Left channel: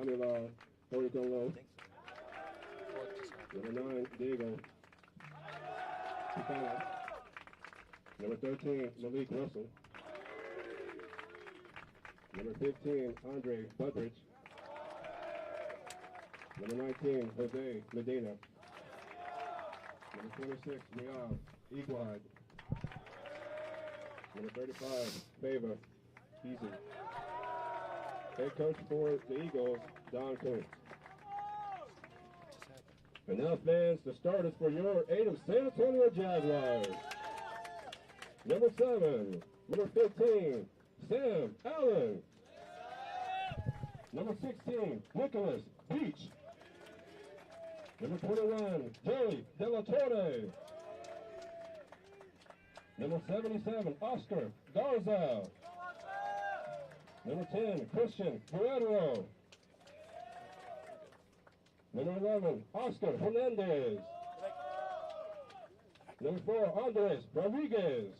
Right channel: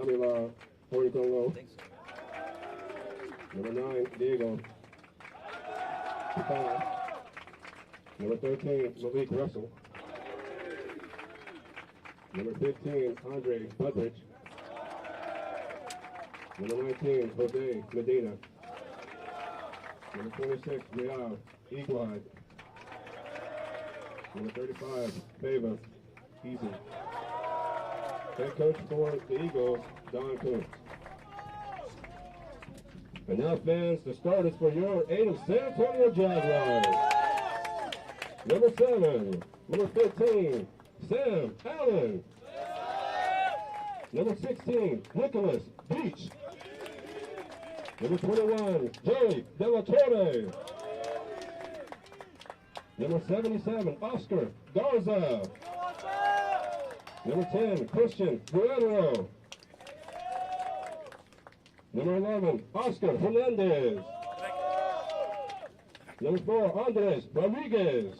Tommy Law, Corey Congo. Number 9, Diego. Number 13, Malik Russell. Number 15, Andre Budrich. Number 19, Jose Medina. Number 26, Real Equine. Number 35, Favor Easy. Head coach for the Eagles, Don Kuntz. And now, fans, the starters for your Eagles San Antonio Jaguars. Number 7, number 15, Sam Allen. Number 16, Nicholas Beach. Number 21, Joey De La Torre. Number 77, Oscar Garza. Number 10, Christian Guerrero. Number 11, Oscar Hernandez. Number 4, Andres Rodriguez.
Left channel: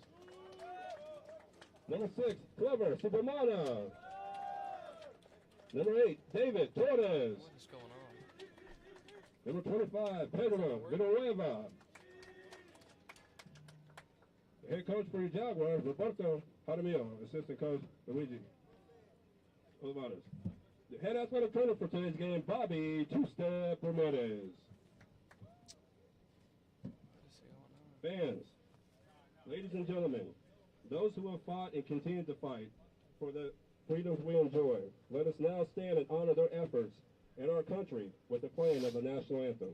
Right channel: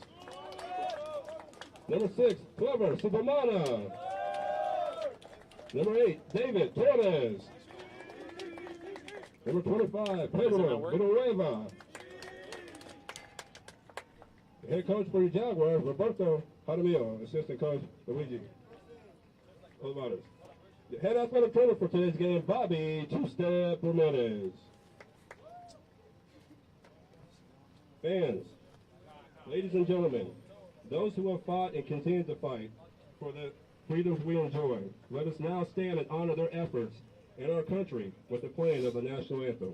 Number 6, Clover Subamana. Number 8, David Torres. Number 25, Pedro Villanueva. Head coach for the Jaguars, Roberto Jaramillo. Assistant coach, Luigi Olivares. The head athletic trainer for today's game, Bobby Two-Step Ramirez. Fans, ladies and gentlemen, those who have fought and continue to fight for the freedoms we enjoy, let us now stand and honor their efforts in our country with the playing of the national anthem.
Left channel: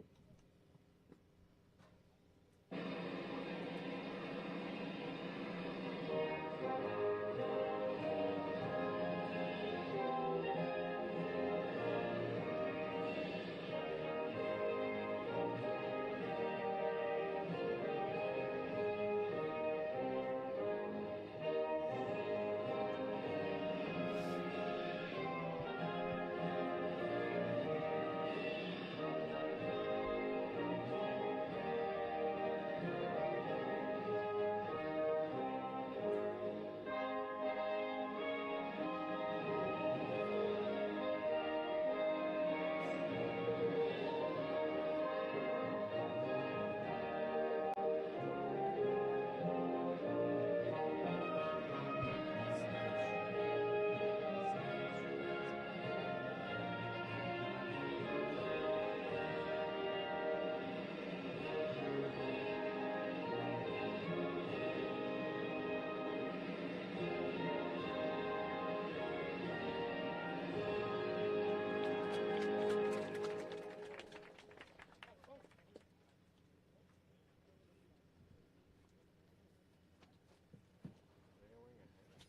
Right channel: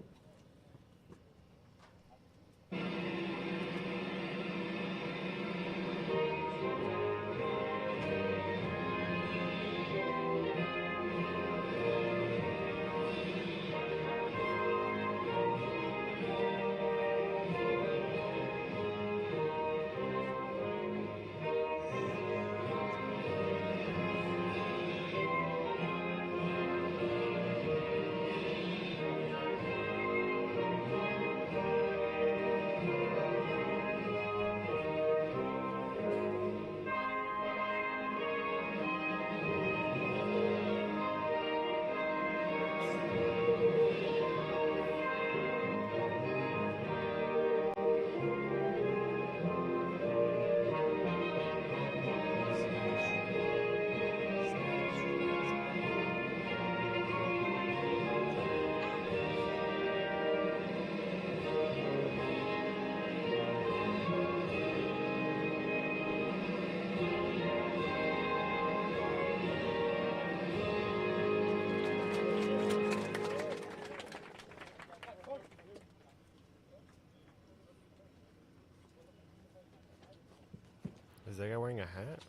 Is that guy wearing a hat?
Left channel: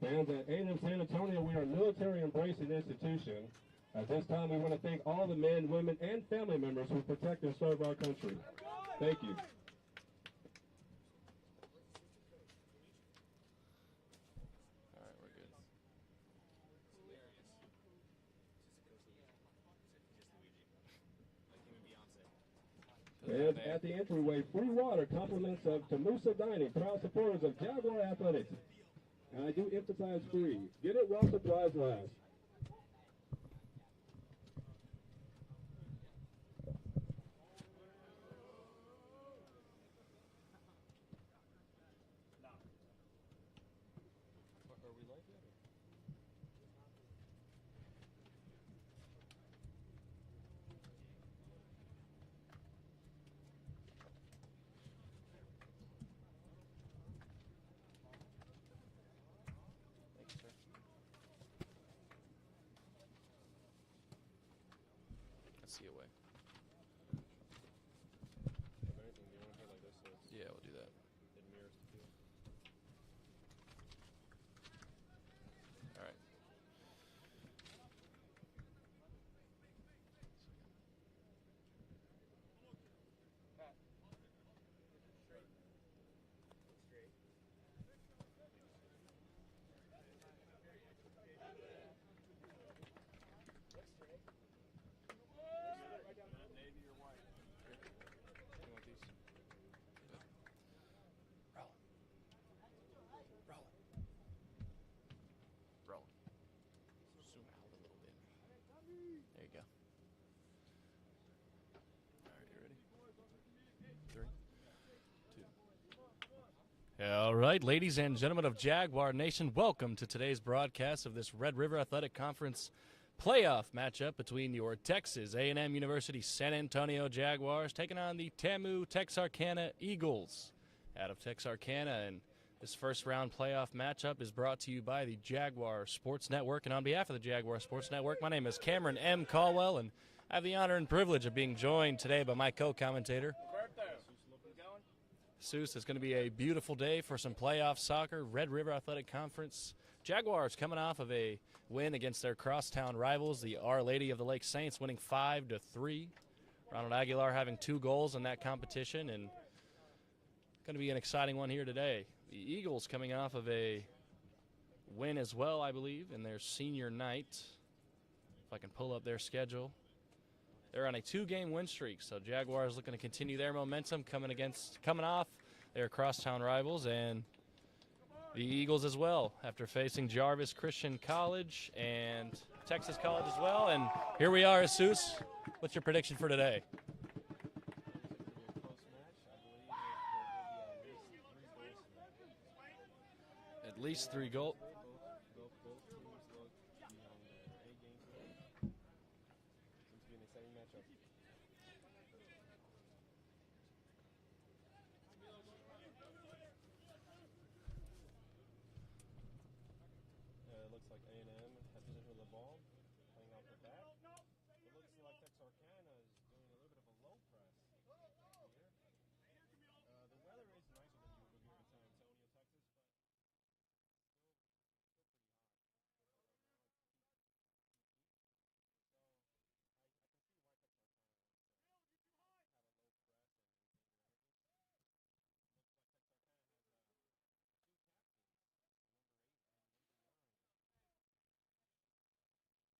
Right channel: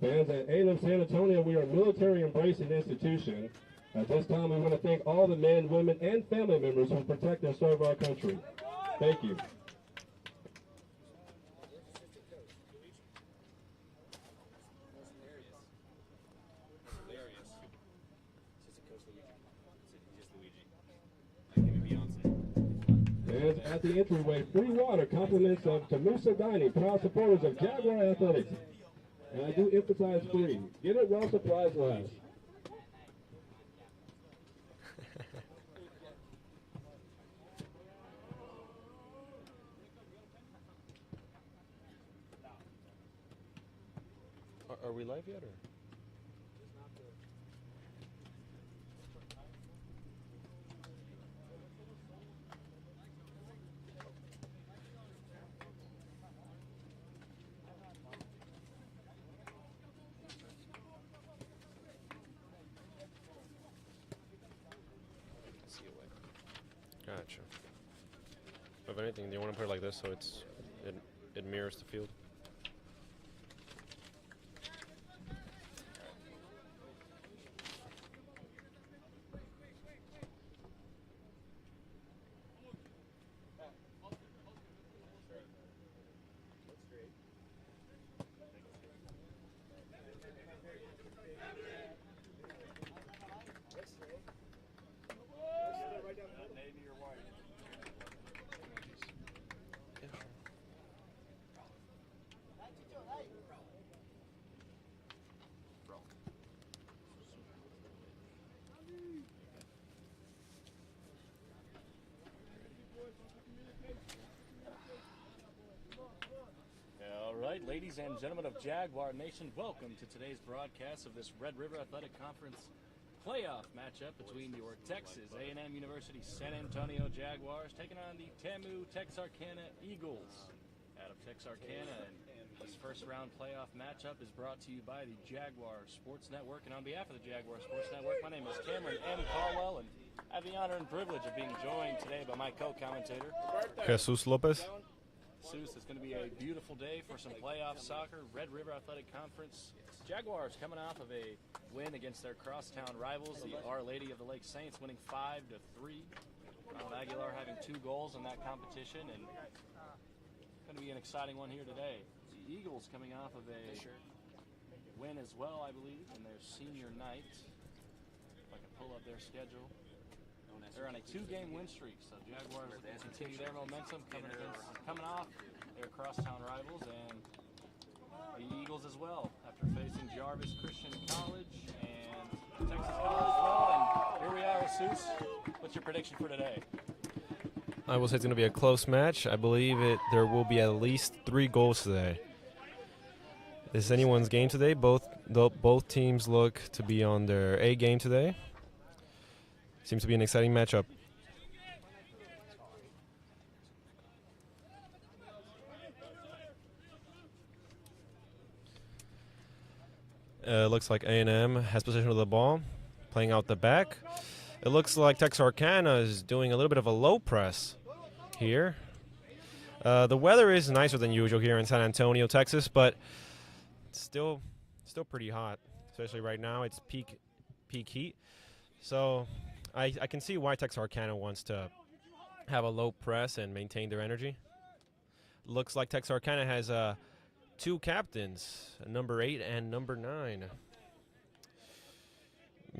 Fans, at A&M San Antonio, we are a military embracing institution. At this time, we want to thank all the men, women, and family members who protect and serve our country. Thank you. Fans, at the entryway, free water, compliments of TAMUSA Dining, proud supporters of Jaguar Athletics. And I do emphasize free. Get it while supplies last. Are we live yet, or? Gotcha. If anything, do you want to put it like this so it mirrors the field? All right, ladies and gentlemen of Jaguar Nation, welcome to today's broadcast of this Red River Athletic Conference playoff matchup between your Texas A&M University San Antonio Jaguars taking on the TAMU-Texarkana Eagles out of Texarkana. And this first round playoff matchup is brought to you by the Jaguar Sports Network. And on behalf of the Jaguar Sports Network, my name is Cameron M. Caldwell, and I have the honor and privilege of being joined today by my co-commentator, Jesus Lopez. Jesus. It's going to be a beautiful day for some playoff soccer. Red River Athletic Conference. Jaguars coming off of a win against their crosstown rivals, the Our Lady of the Lake Saints, winning 5-3. Ronald Aguilar having 2 goals in that competition, and going to be an exciting one here today. The Eagles coming off of a win as well, I believe, in their senior night. If I can pull up their schedule. They're on a 2-game win streak, so Jaguars looking to continue their momentum coming off their crosstown rivals, and the Eagles as well, after facing Jarvis Christian College and Texas College as well. And here we are, Jesus. What's your prediction for today? I will say it's going to be a close match. I believe there will be at least 3 goals today. This is anyone's game today. Both teams look to be on their A game today. Seems to be an exciting matchup. Looks like A&M has possession of the ball, playing out the back. It looks like Texarkana is doing a little bit of a low press here. The weather is nicer than usual here in San Antonio, Texas, but it's still pretty hot, especially right now. It's peak heat. So I can see why Texarkana wants to have a low press and maintain their energy. Looks like Texarkana has 2 captains, number 8 and number 9.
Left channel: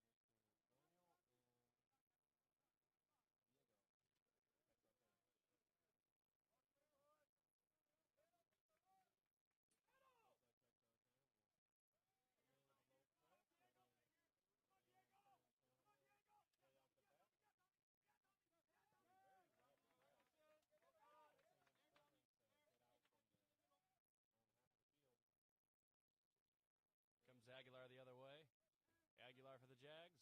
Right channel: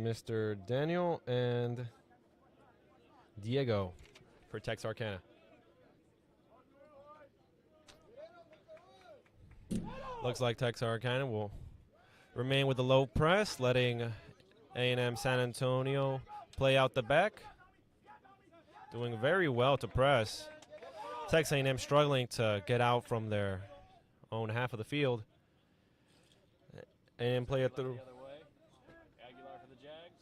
Mr. Daniel and Diego for Texarkana. Looks like Texarkana will remain with the low press, letting A&M San Antonio play out the back. Doing very well to press. Texas A&M struggling to get out from their own half of the field. And play it through. Aguilar for the Jags.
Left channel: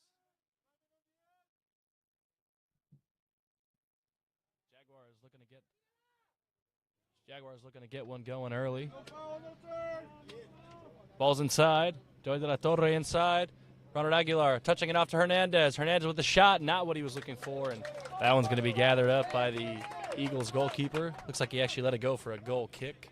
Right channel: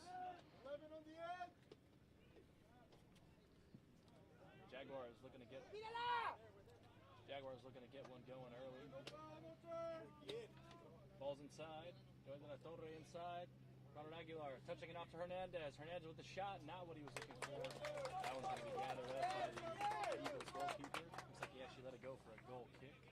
Jaguars looking to get one going early. Ball's inside. Joey de la Torre inside. Ronald Aguilar touching it off to Hernandez. Hernandez with the shot, not what he was looking for, and that one's going to be gathered up by the Eagles goalkeeper. Looks like he actually let it go for a goal kick.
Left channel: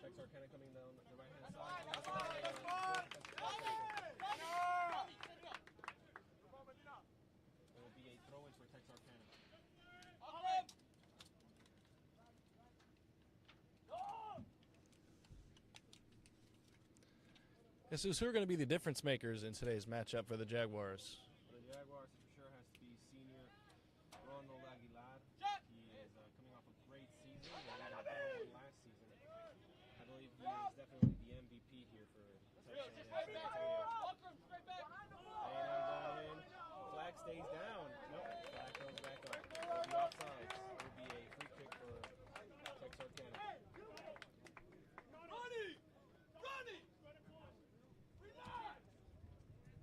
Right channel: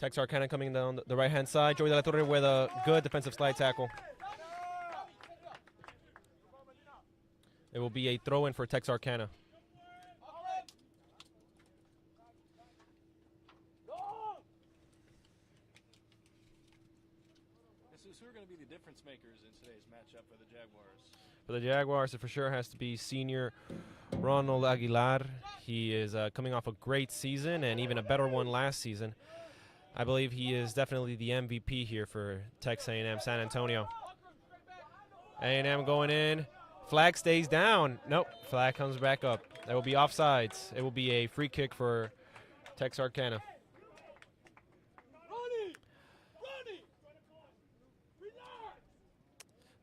Texarkana coming down the right-hand side. Joey de la Torre with a good defensive slide tackle. It will be a throw-in for Texarkana. Jesus, who are going to be the difference makers in today's matchup for the Jaguars? For the Jaguars, it for sure has to be senior Ronald Aguilar. He is coming off a great season and even a better one last season. I believe he is definitely the MVP here for Texas A&M San Antonio. A&M going in. Flag stays down. Nope, flag comes back up. That will be offsides. It will be a free kick for Texarkana.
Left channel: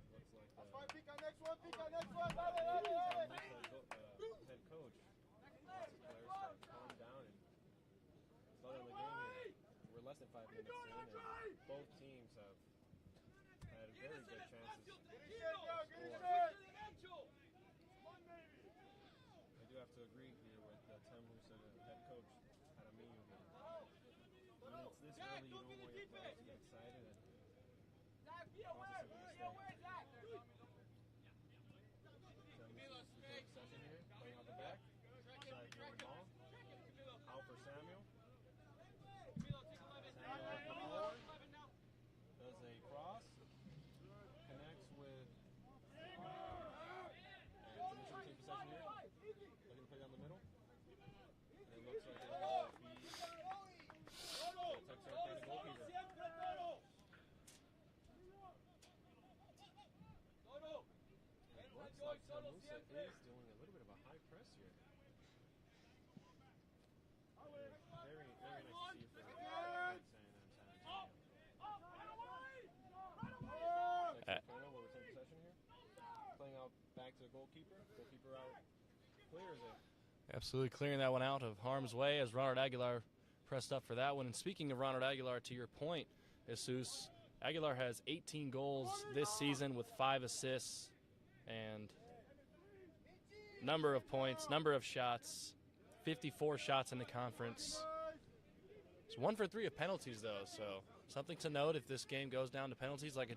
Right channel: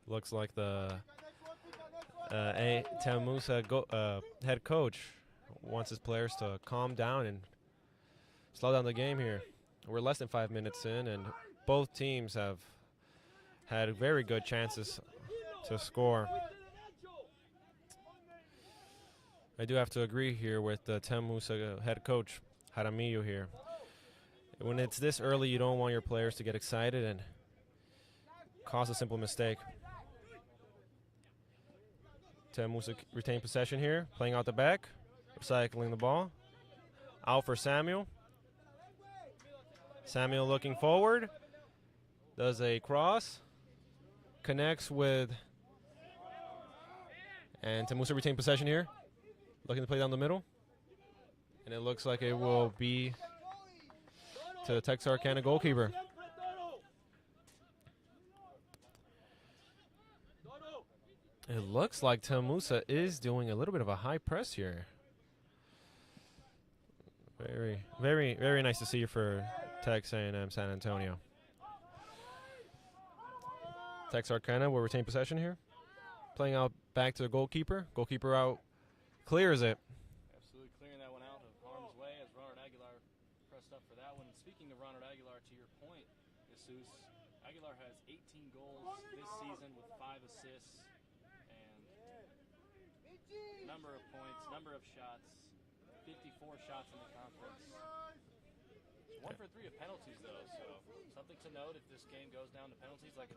Looks like the TAMUSA head coach wants his players to calm down and slow down the game here. We're less than 5 minutes in, and both teams have had very good chances to score. I do have to agree here with the TAMUSA head coach, Jaramillo here. When it's this early, you don't want your players to get excited and cause a simple mistake. TAMUSA retain possession here, playing out the back, recycling the ball. Out for Samuel. Samuel looking forward, does a cross, connects with, and TAMUSA retain possession here, looking to play down the middle. And it looks like it will be to the Texarkana goalkeeper. It looks like TAMUSA is doing a little bit of a high press here. Very nice to see you for Tex A&M San Antonio. Texarkana will retain possession here. Playing out back to the goalkeeper. Goalkeeper out, clears it. Absolutely clearing that one out of harm's way as Ronald Aguilar pressed up for that one. And speaking of Ronald Aguilar, to your point, Jesus, Aguilar has 18 goals this season with 5 assists and number of points, number of shots, 54 shots in the conference. It's 1 for 3 of penalties, though, so something to note if this game goes down to penalties like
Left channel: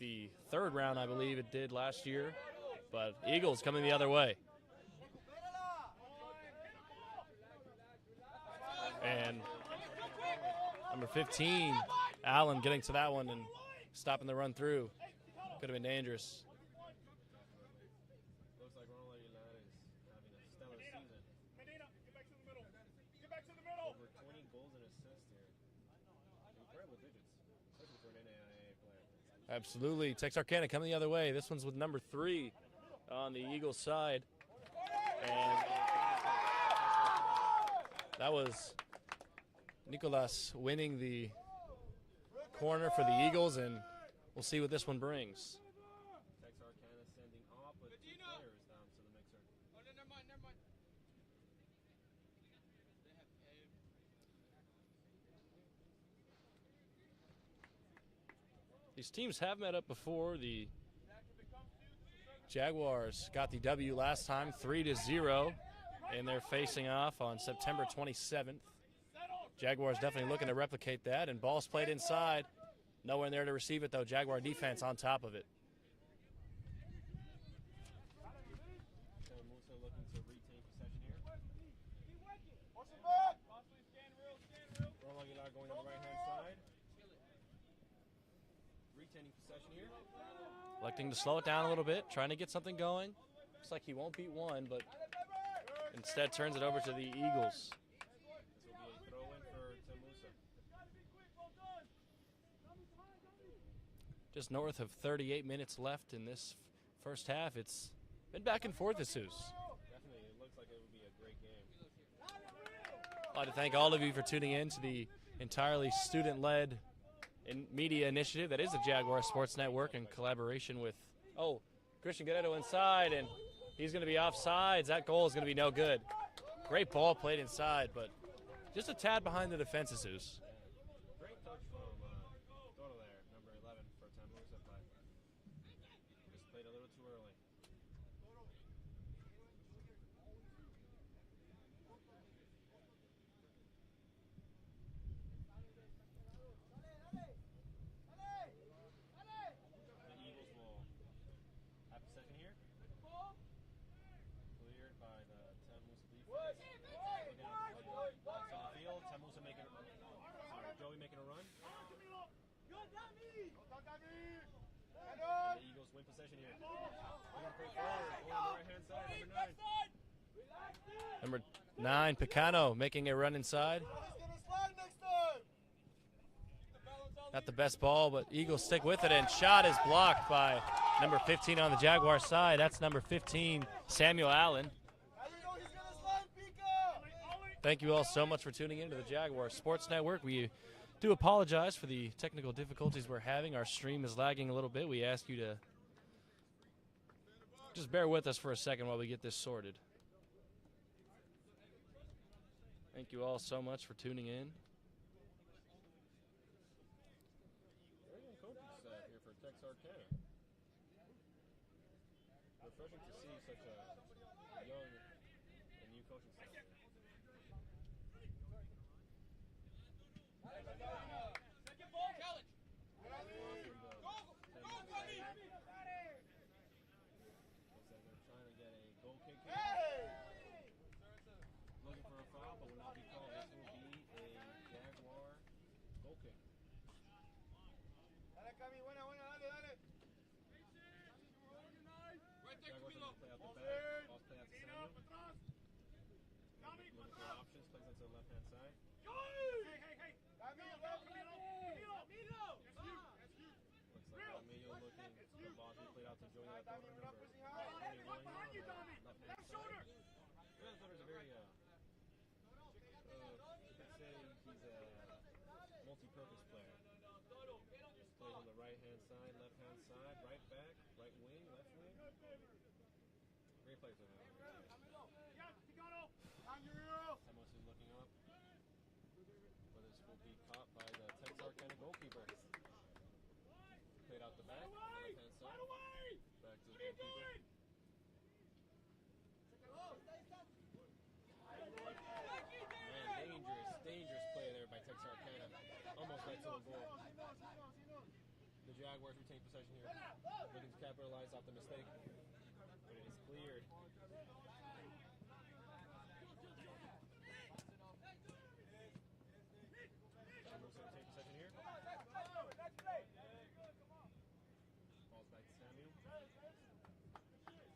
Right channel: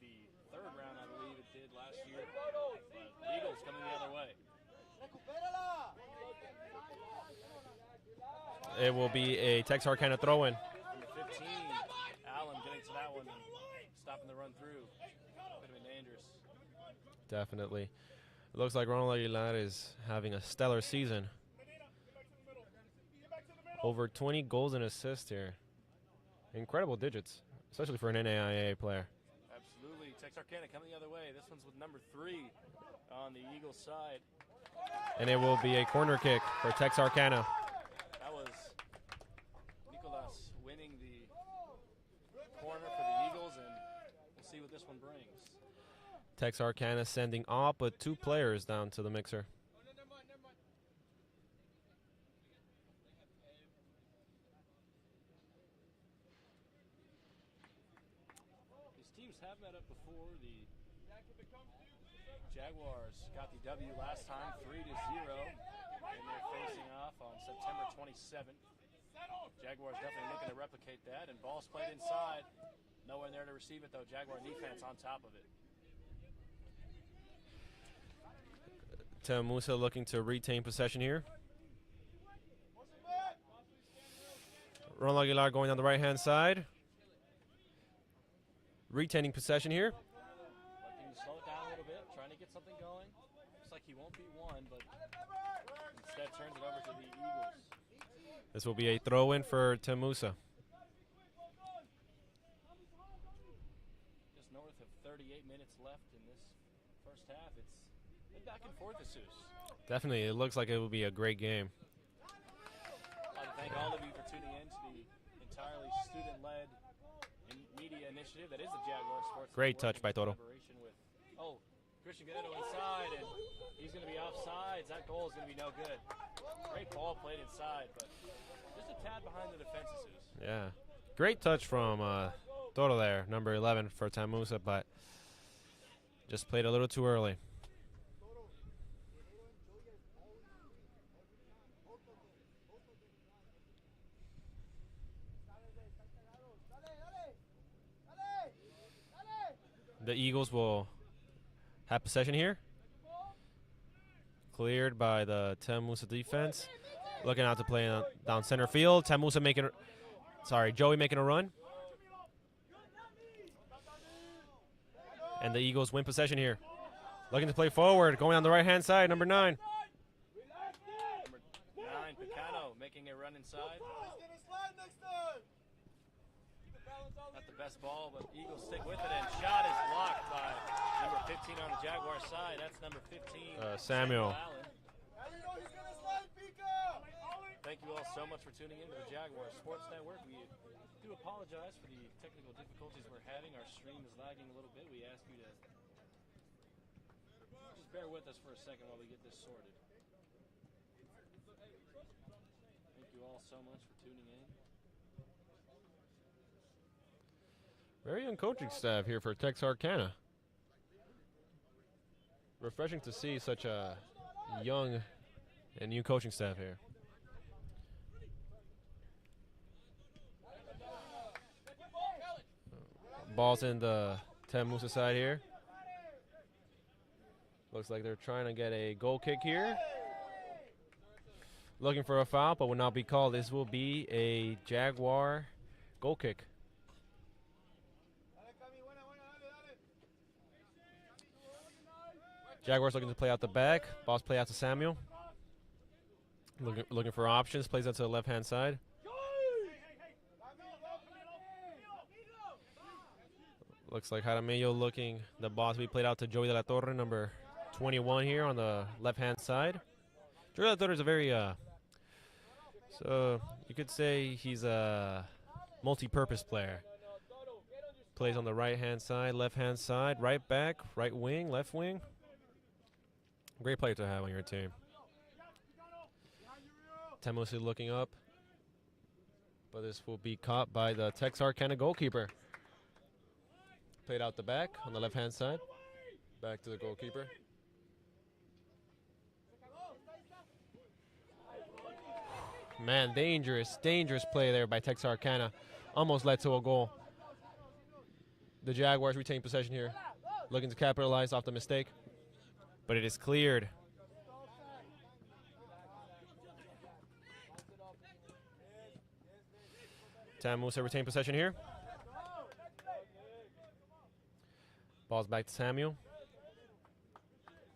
the third round, I believe it did last year. But Eagles coming the other way. It will be a Texarkana throw-in. Number 15, Allen getting to that one and stopping the run through. Could have been dangerous. Definitely. It looks like Ronald Aguilar is having a stellar season. Over 20 goals and assists here. Incredible digits, especially for an NAIA player. Absolutely. Texarkana coming the other way. This one's with number 3 on the Eagles side. And it will be a corner kick for Texarkana. That was Nicolas winning the corner for the Eagles, and we'll see what this one brings. Texarkana sending all but 2 players down to the mixer. These teams have met up before. The Jaguars got the W last time, 3-0, and they're facing off on September 27th. Jaguars definitely looking to replicate that, and ball's played inside. Nowhere there to receive it, though. Jaguar defense on top of it. TAMUSA looking to retain possession here. Ronald Aguilar going on the right-hand side. Retaining possession here. Electing to slow it down a little bit, trying to get something going. Looks like he won't beat one, but instead turns it over to the Eagles. This will be a throw-in for TAMUSA. Just north of 38 minutes left in this first half. It's been back and forth, Jesus. Definitely, it looks like it will be a great game. I'd like to thank all of you for tuning in to the entirely student-led media initiative that is the Jaguar Sports Network. Great touch by Toro. Collaboration with, Christian Guerrero inside, and he's going to be offsides. That goal is going to be no good. Great ball played inside, but just a tad behind the defenses. Yeah, great touch from Toro there, number 11 for TAMUSA, but just played a little too early. The Eagles will have possession here. Cleared by the TAMUSA defense. Looking out to play down center field. TAMUSA Joey making a run. And the Eagles win possession here. Looking to play forward, going on the right-hand side, number 9. Number 9, Picano, making a run inside. Not the best ball, but Eagles stick with it, and shot is blocked by number 15 on the Jaguar side. That's number 15, Samuel Allen. Thank you all so much for tuning in to the Jaguar Sports Network. We do apologize for the technical difficulties we're having. Our stream is lagging a little bit. We ask you to just bear with us for a second while we get this sorted. Thank you all so much for tuning in. Very young coaching staff here for Texarkana. Refreshing to see such a young and new coaching staff here. Ball's in the TAMUSA side here. Looks like they're trying to get a goal kick here. Looking for a foul, but will not be called. This will be a Jaguar goal kick. Jaguars looking to play out the back. Ball's play out to Samuel. Looking for options. Plays out to the left-hand side. Looks like Jaramillo looking the ball to be played out to Joey de la Torre, number 21 here on the left-hand side. Joey de la Torre is a very, so you could say he's a multi-purpose player. Plays on the right-hand side, left-hand side, right back, right wing, left wing. Great player to have on your team. TAMUSA looking up, but this will be caught by the Texarkana goalkeeper. Played out the back on the left-hand side. Back to the goalkeeper. Man, dangerous play there by Texarkana. Almost led to a goal. The Jaguars retain possession here, looking to capitalize off the mistake, but it is cleared. TAMUSA retain possession here. Ball's back to Samuel.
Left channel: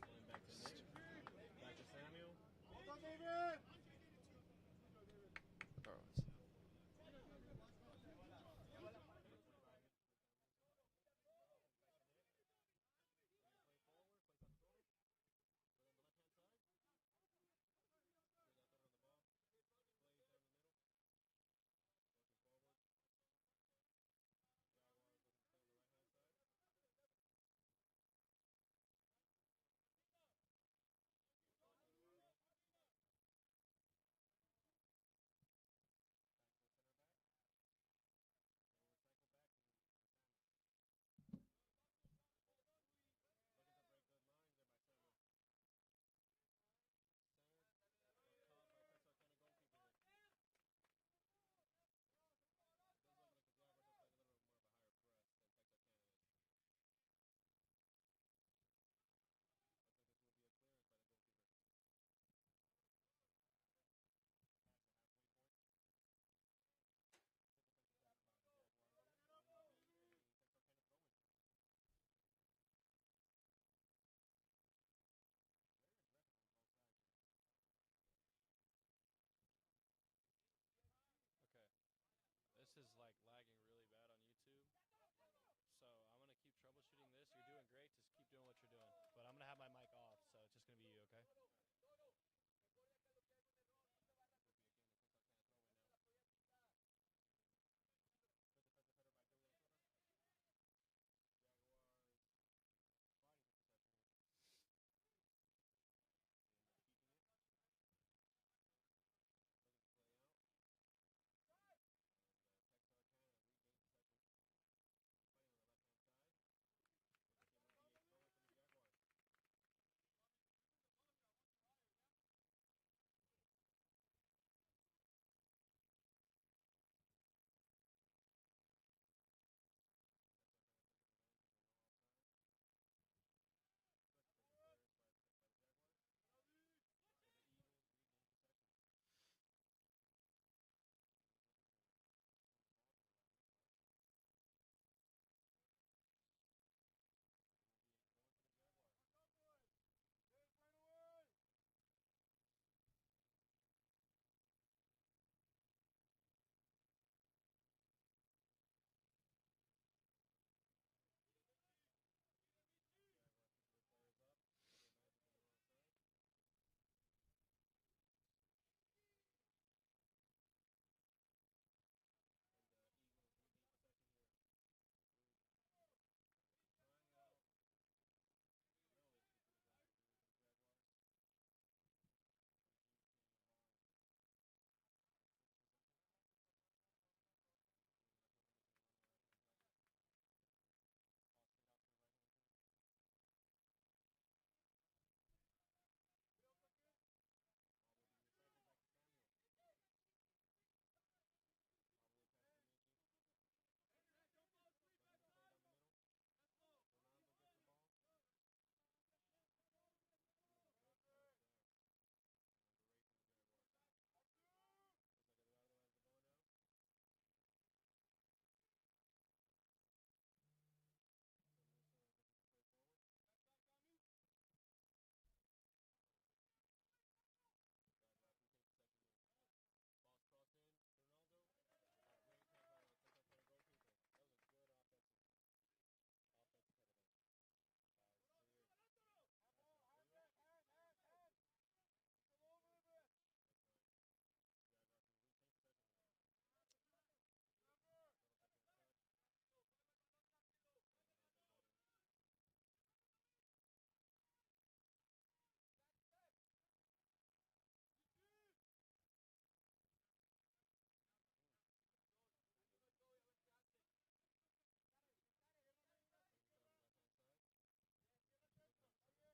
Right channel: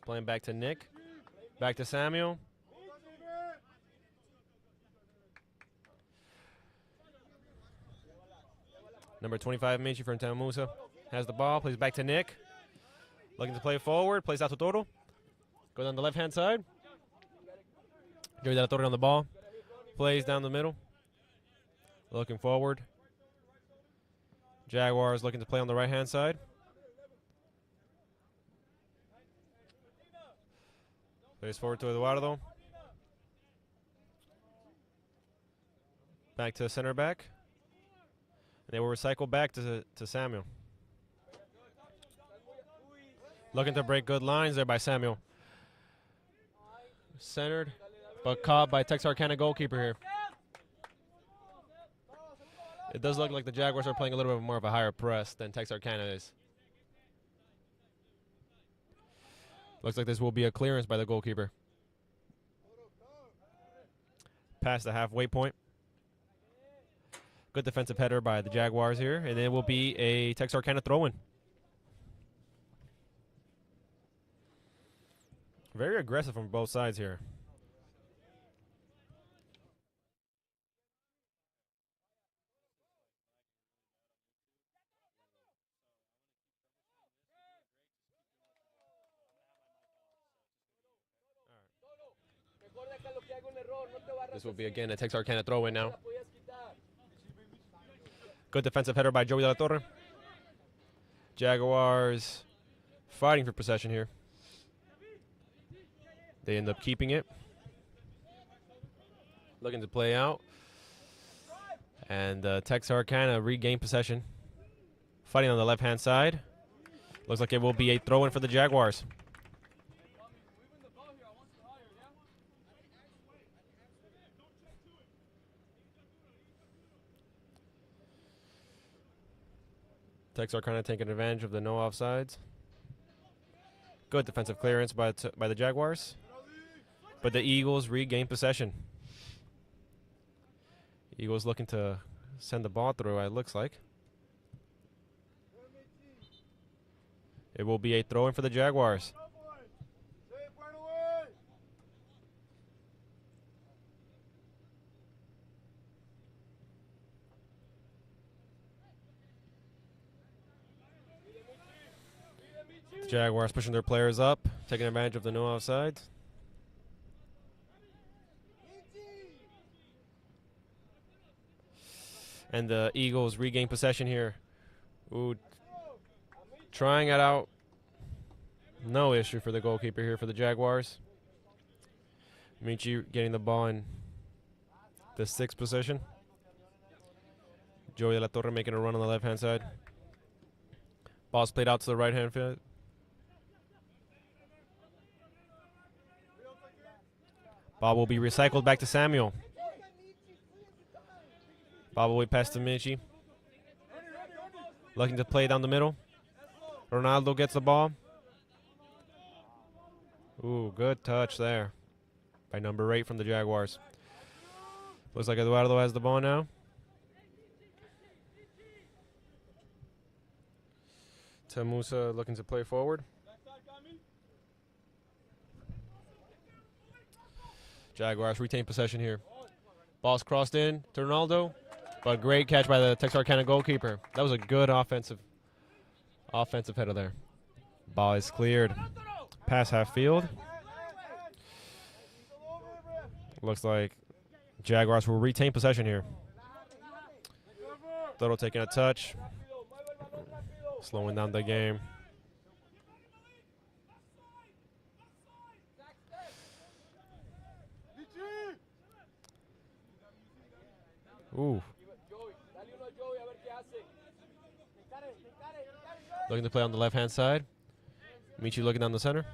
Playing back to Nick. Back to Samuel. Number 25, Michi from TAMUSA has the ball. Plays back to Nick. Looking to play forward. Plays out to Toro. Go down the left-hand side. Joey de la Torre on the ball. Plays down the middle. Looking forward. Jaguars looking to play on the right-hand side. Plays forward to Eduardo. Back to the center back. And they will recycle back to Samuel. Looking to break good lines there by Samuel. Centered, but caught by Texarkana goalkeeper here. It does look like the Jaguars are playing a little bit more of a higher press than Texarkana is. Looks like this will be a clearance by the goalkeeper. Past the halfway point. Good defensive header by the Jaguars here, and it will be a Texarkana throw-in. Very aggressive from both sides here. This will be again a Texarkana throw-in now. Good defensive header by Joey de la Torre. Jaguars fighting for possession here. They end up keeping it. Looking to play out. And Texarkana regain possession. Fighting on the left-hand side. Looks like it will be a throw-in for the Jaguars. Texarkana taking advantage of the no offsides. Good defensive clearance by the Jaguars. But the Eagles regain possession. Eagles looking to send the ball through, it looks like. It will be a throw-in for the Jaguars. Jaguars pushing their players up, taking advantage of the no offsides. And the Eagles regain possession here. Ooh, trying it out. No issue for the goalkeeper here for the Jaguars. Michi getting the ball in the 6th position. Joey de la Torre making a run on the left-hand side. Ball's played out to the right-hand field. Ball will be recycled back to Samuel. Ball will be passed to Michi. Looking to play down the middle. Ronaldo gets the ball. Ooh, good touch there by number 8 from the Jaguars. Looks like Eduardo has the ball now. TAMUSA looking to play forward. Jaguars retain possession here. Ball's crossed in to Ronaldo, but great catch by the Texarkana goalkeeper. That was a good offensive header there. Ball is cleared. Pass half field. Looks like Jaguars will retain possession here. Toro taking a touch. Slowing down the game. Ooh. Looking to play on the left-hand side. Michi looking down the center.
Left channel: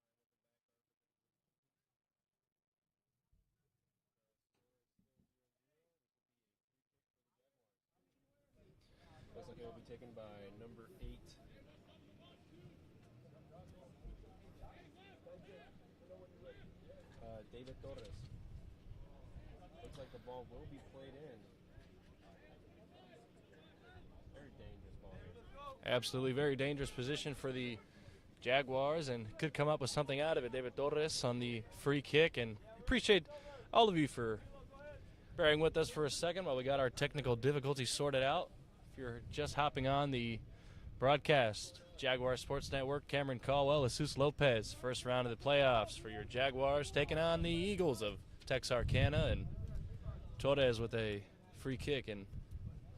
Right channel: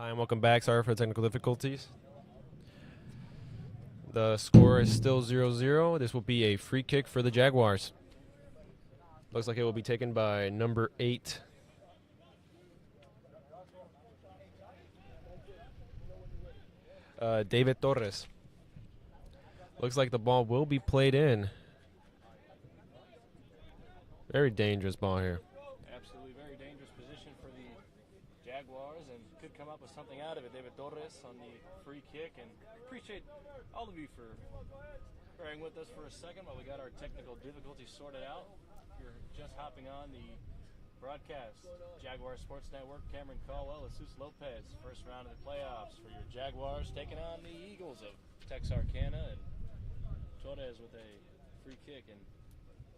Hi and welcome back. Sorry for the technical difficulties. The score is still 0-0. This will be a free kick for the Jaguars. Looks like it will be taken by number 8. David Torres. Looks like the ball will be played in. Very dangerous ball here. Absolutely very dangerous position for the Jaguars, and could come up with something out of it. David Torres on the free kick, and appreciate all of you for bearing with us for a second while we got our technical difficulties sorted out. If you're just hopping on the broadcast, Jaguar Sports Network, Cameron Caldwell, Jesus Lopez, first round of the playoffs for your Jaguars, taking on the Eagles of Texarkana, and Torres with a free kick, and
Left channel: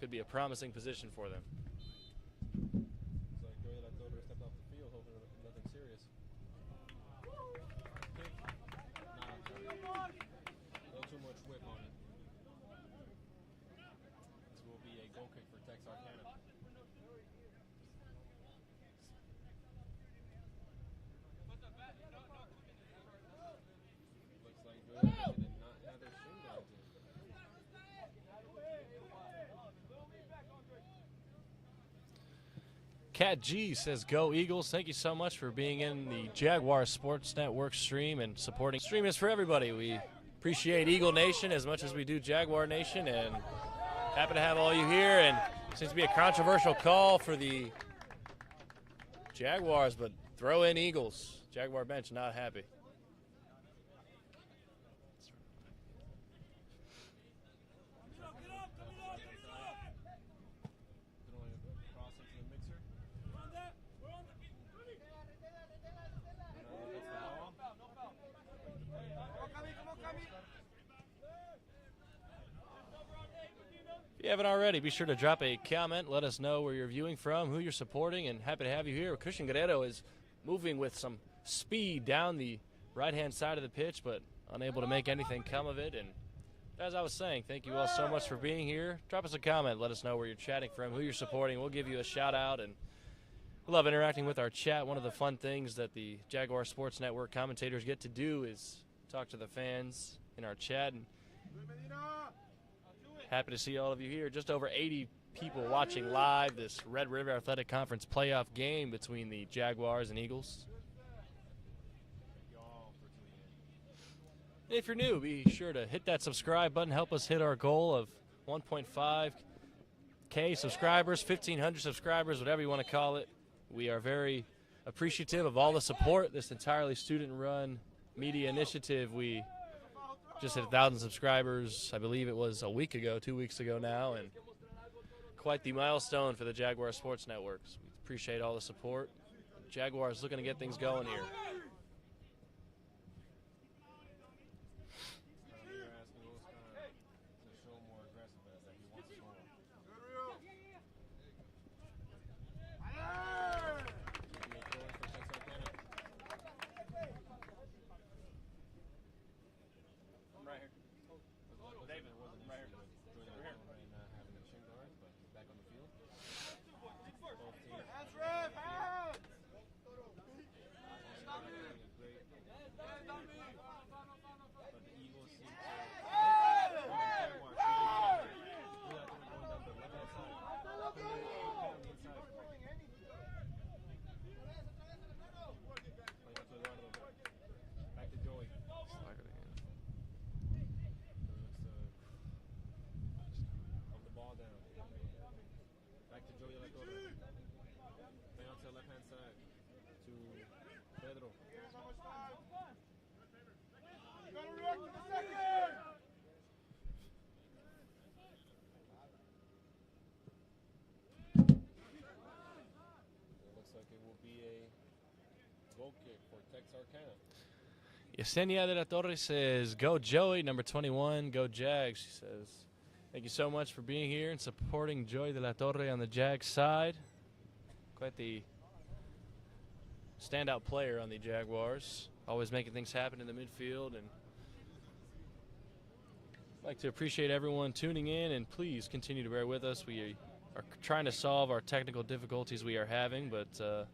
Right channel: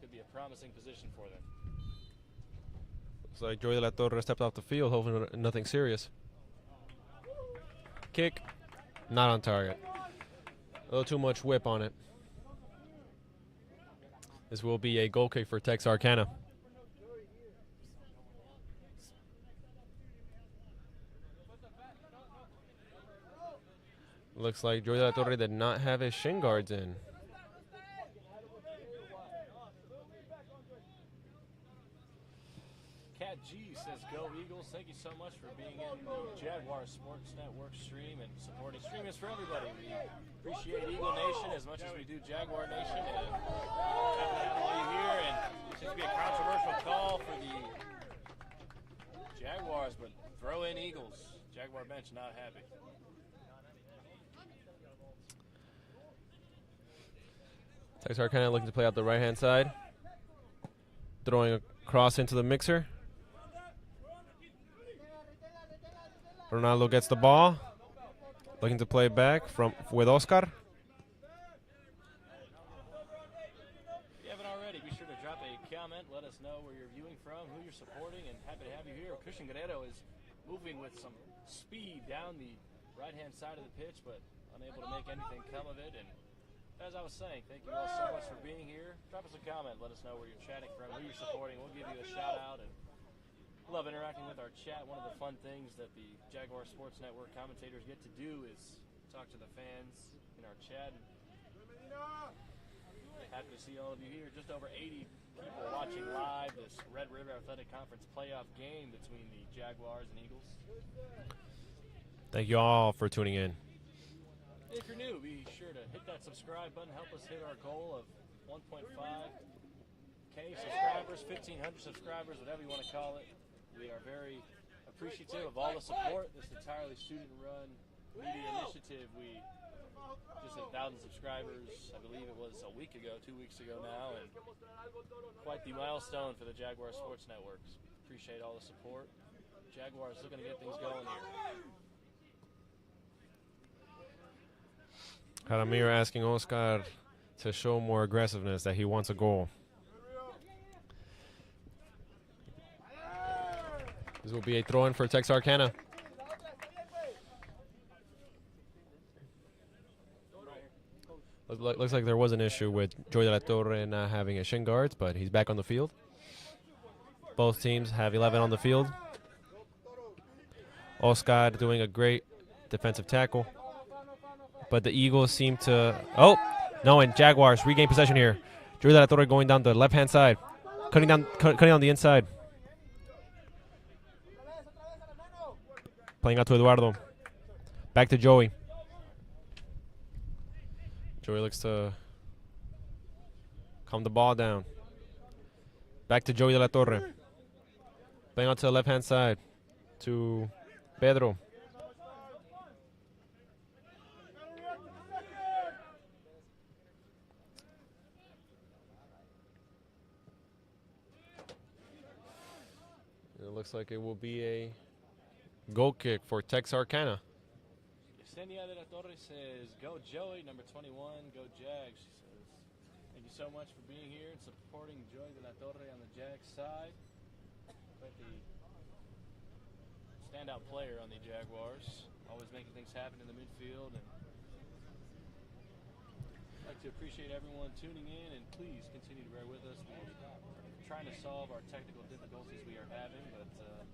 could be a promising position for them. Looks like Joey de la Torre stepped off the field, hoping nothing serious. Kick, not on target. A little too much whip on it. This will be a goal kick for Texarkana. Looks like Joey de la Torre did not have his shin guards in. Cat G says, "Go Eagles." Thank you so much for being in the Jaguar Sports Network stream and supporting. Stream is for everybody. We appreciate Eagle Nation as much as we do Jaguar Nation, and happy to have all you here. And it seems to be a controversial call for the Jaguars, but throw in Eagles. Jaguar bench not happy. Texarkana looking to play out the right-hand side. Throwing a cross into the mixer. Ronaldo gets the ball. Looking to play back with Oscar. If you haven't already, be sure to drop a comment. Let us know where you're viewing from, who you're supporting, and happy to have you here. Christian Guerrero is moving with some speed down the right-hand side of the pitch, but unable to make anything come of it. And as I was saying, thank you all so much for being here. Drop us a comment. Let us know where you're chatting from, who you're supporting. We'll give you a shout-out, and we love interacting with our chat. One of the fun things that the Jaguar Sports Network commentators get to do is talk to the fans in our chat. And happy to see all of you here. Just over 80 people watching live this Red River Athletic Conference playoff game between the Jaguars and Eagles. Thank you all for tuning in. If you're new, be sure to hit that subscribe button. Help us hit our goal of 1.5 1,500 subscribers, 1,500 subscribers, whatever you want to call it. We are very appreciative of all the support. This entirely student-run media initiative. We just hit 1,000 subscribers, I believe it was a week ago, 2 weeks ago now, and quite the milestone for the Jaguar Sports Network. We appreciate all the support. Jaguars looking to get things going here. Jaramir asking Oscar to show more aggressiveness, that he wants a goal. This will be a throw-in for Texarkana. Looks like there was an issue with Joy de la Torre not having a shin guards, but he's back on the field. Both teams have 11 on the field. Oscar doing a great defensive tackle. But the Eagles seem to... Oh, no, and Jaguars regain possession here. Joy de la Torre going down the left-hand side. Cutting on the inside. Playing out to Eduardo. Back to Joey. Joey looks to calm the ball down. Back to Joey de la Torre. Playing out to the left-hand side to Pedro. It looks like it will be a goal kick for Texarkana. Yesenia de la Torre says, "Go Joey." Number 21, "Go Jags." She says, "Thank you so much for being here and supporting Joey de la Torre on the Jags side." Quite the standout player on the Jaguars, always making things happen in the midfield. And I'd like to appreciate everyone tuning in, and please continue to bear with us. We are trying to solve our technical difficulties we are having, but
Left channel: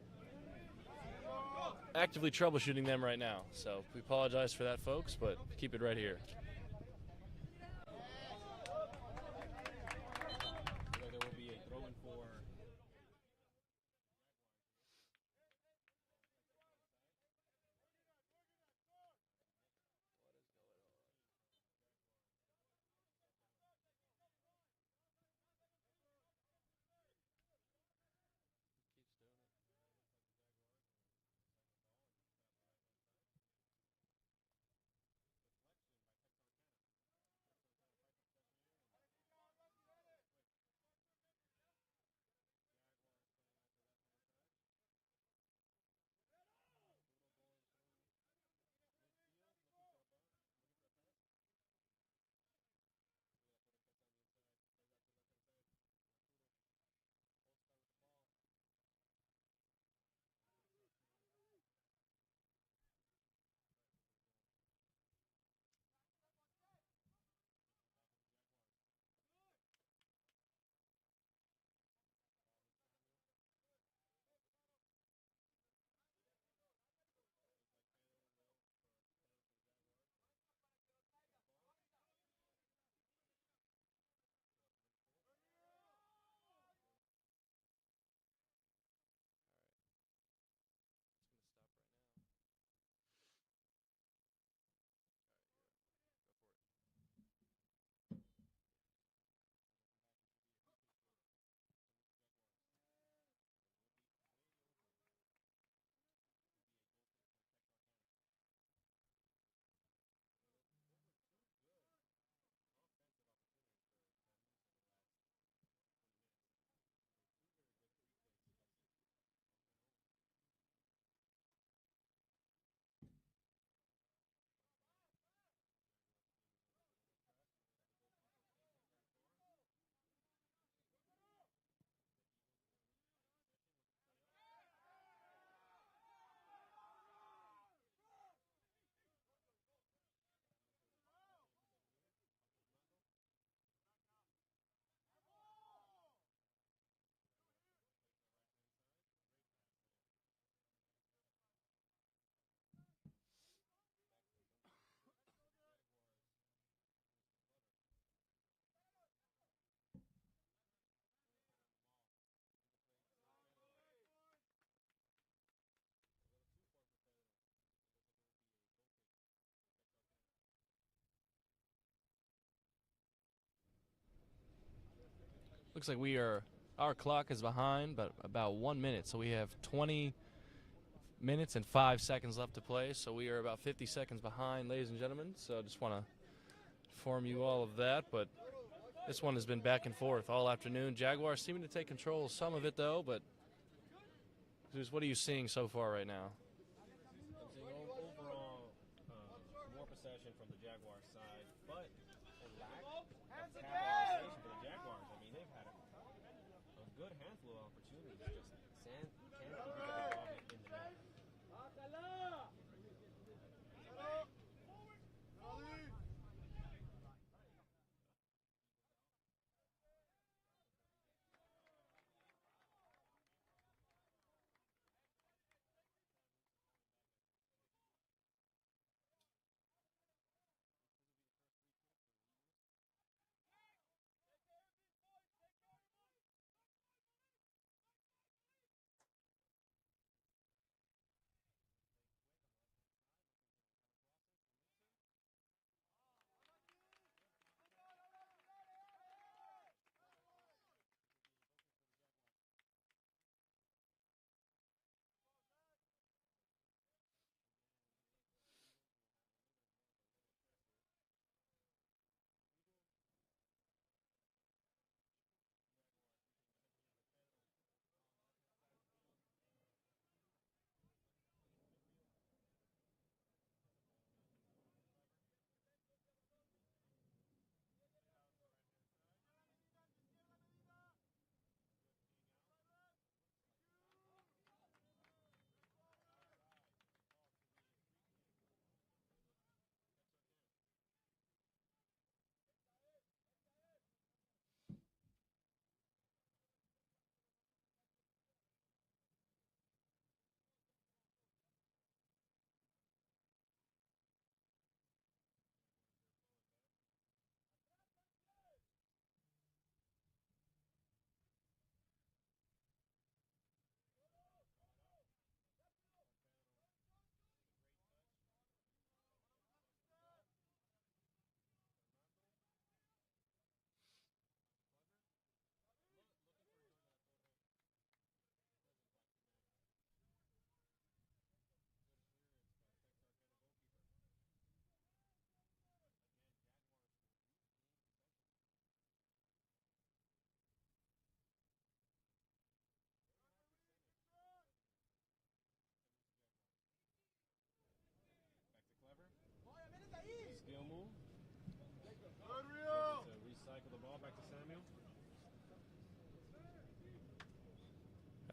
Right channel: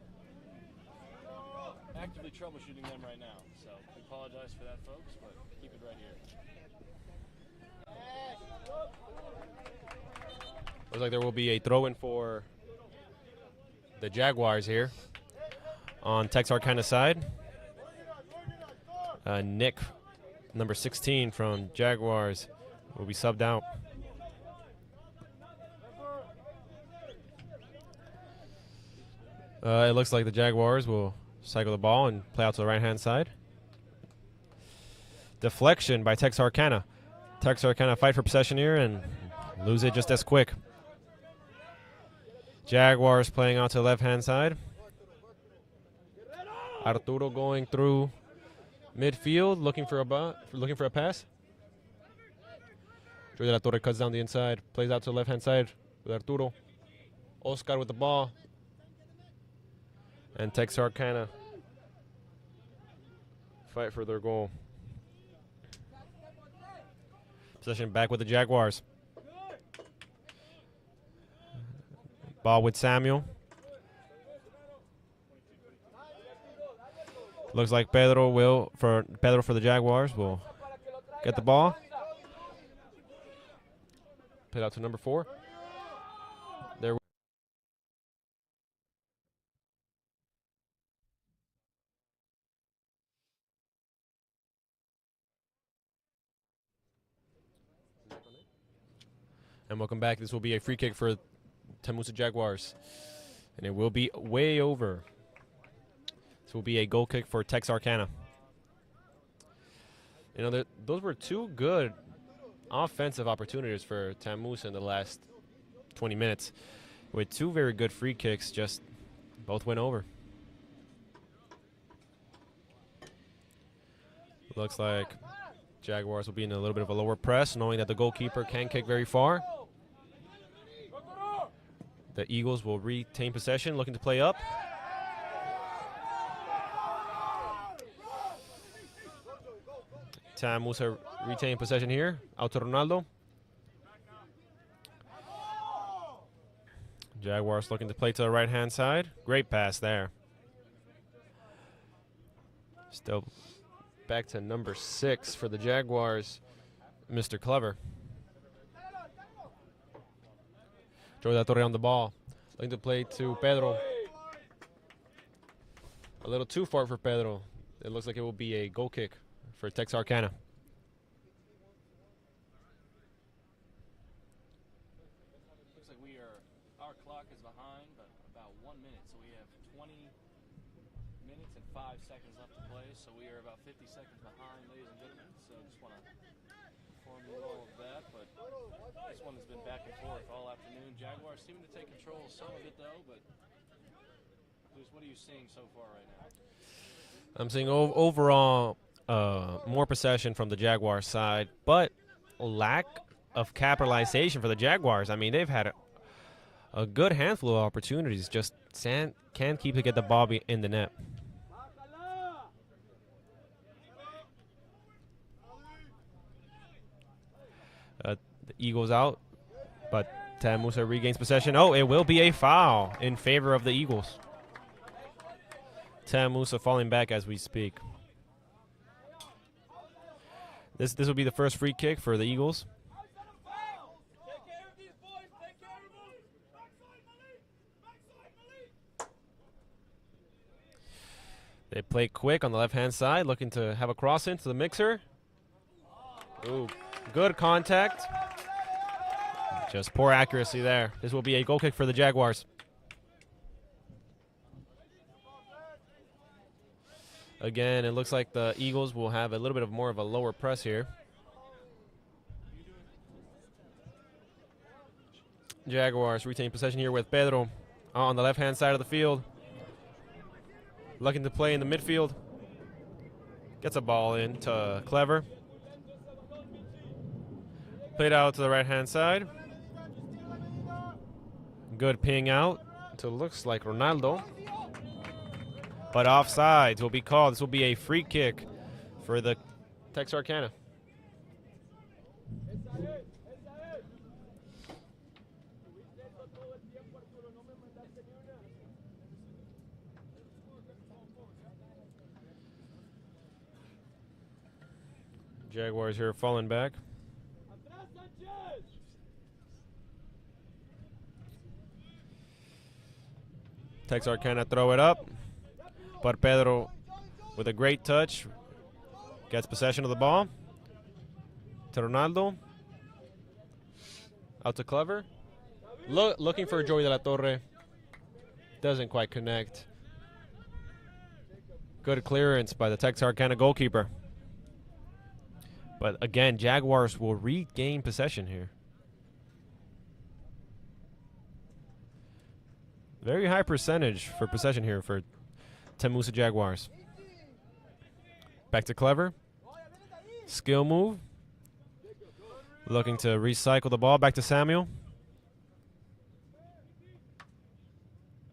actively troubleshooting them right now. So we apologize for that, folks, but keep it right here. Looks like there will be a throw-in for the Jaguars here on Texarkana side. Nick, number 16 from Jaguars, will be subbed out. It looks like the Jaguars will cycle the ball and play out to the right-hand side. Deflection by Texarkana. Texarkana fight for possession here and lose it just as quick. Jaguars playing out to the left-hand side. Arturo going through midfield, looking for a pass. Joy de la Torre cuts down the inside, plays out to the left-hand side with Arturo. Oscar with the ball. And Texarkana fight for their goal. Possession back with the Jaguars. Ball with Samuel. Looks like Pedro for the Jaguars will get the ball. Put out to number 4. There. And welcome back. This will be a free kick for TAMUSA Jaguars. And it will be way over. This will be a goal kick for Texarkana. You know, those were 2 good offensive opportunities for TAMUSA in the last 20 minutes. With 2 very good free kicks, just both went over. Looks like Jaguars will be in a little bit of a lower press, knowing that the goalkeeper can kick very far. The Eagles will retain possession, looking to play up. TAMUSA retain possession here. Out to Ronaldo. Jaguars looking to play to the right-hand side. Great pass there. Still back to number 6 for the Jaguars, Mr. Clever. Joey de la Torre on the ball. Looking to play to Pedro. A little too far for Pedro. It looks like it will be a goal kick for Texarkana. Looks like our clock is behind, but about 1 minute. So we have 20 minutes and 5 seconds left to play. So we are about 50 seconds behind, ladies and gentlemen. So I just want to inform you all of that. But this one has been back and forth all afternoon. Jaguars seeming to take control of some of it, though. But Zeus, what are you seeing so far right now? I'm seeing overall more possession from the Jaguars side, but lack of capitalization for the Jaguars. I mean, they've had a good handful of opportunities, just can't keep to get the ball in the net. The Eagles out, but TAMUSA regains possession. Oh, it will be a foul in favor of the Eagles. TAMUSA falling back as we speak. This will be the first free kick for the Eagles. They play quick on the left-hand side, looking to have a cross into the mixer. Ooh, good contact. Just poor accuracy there. This will be a goal kick for the Jaguars. Again, it looks like the Eagles will have a little bit of more of a lower press here. Jaguars retain possession here with Pedro on the left-hand side of the field. Looking to play in the midfield. Gets a ball in to Clever. Played out to the right-hand side. Good ping out to looks like Ronaldo. But offsides will be called. This will be a free kick for the Texarkana. Jaguars here falling back. Texarkana throw it up. But Pedro, with a great touch, gets possession of the ball. To Ronaldo. Out to Clever. Looking for Joey de la Torre. Doesn't quite connect. Good clearance by the Texarkana goalkeeper. But again, Jaguars will regain possession here. Very high percentage for possession here for TAMUSA Jaguars. Back to Clever. Skill move. Looking to recycle the ball. Back to Samuel.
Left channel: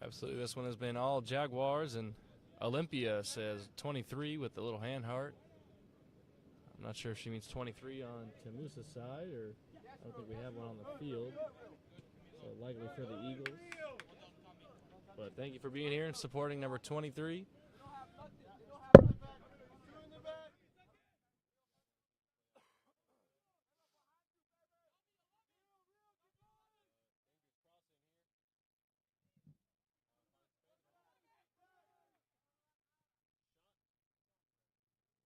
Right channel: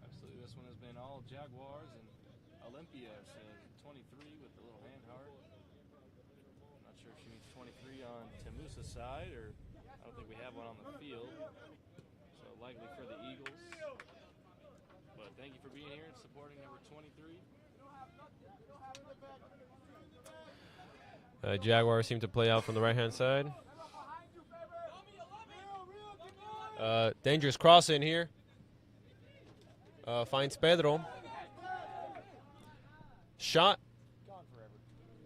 Absolutely. This one has been all Jaguars, and Olympia says 23 with the little hand heart. I'm not sure if she means 23 on TAMUSA's side, or I don't think we have one on the field. So likely for the Eagles. But thank you for being here and supporting number 23. Jaguars seem to play out from the right-hand side. Dangerous cross in here. Finds Pedro. Shot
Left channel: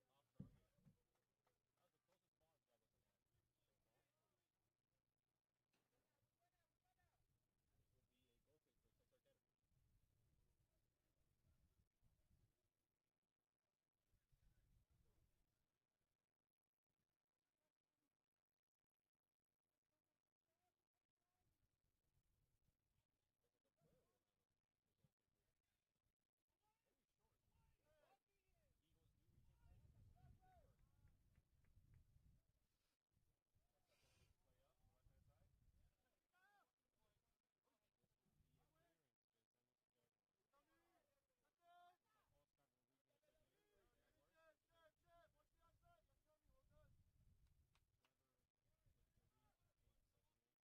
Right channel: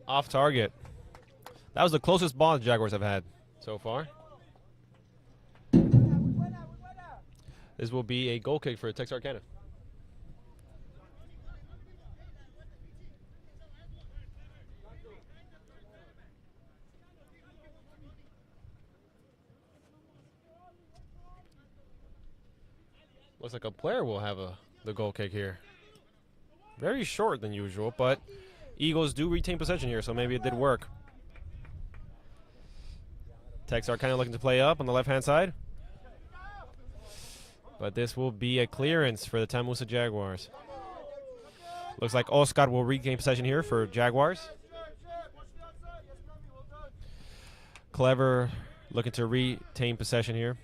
off target. That was the closest ball the Jaguars have had so far. This will be a goal kick for Texarkana. Looks like a player will have the goal kick here. Very short than usual, but Eagles do retain possession here, so maybe it did work. Texarkana looking to play up on the left-hand side. But this will be a clearance for the TAMUSA Jaguars. Looks like Oscar will regain possession here for Jaguars. Clever looking to retain possession here.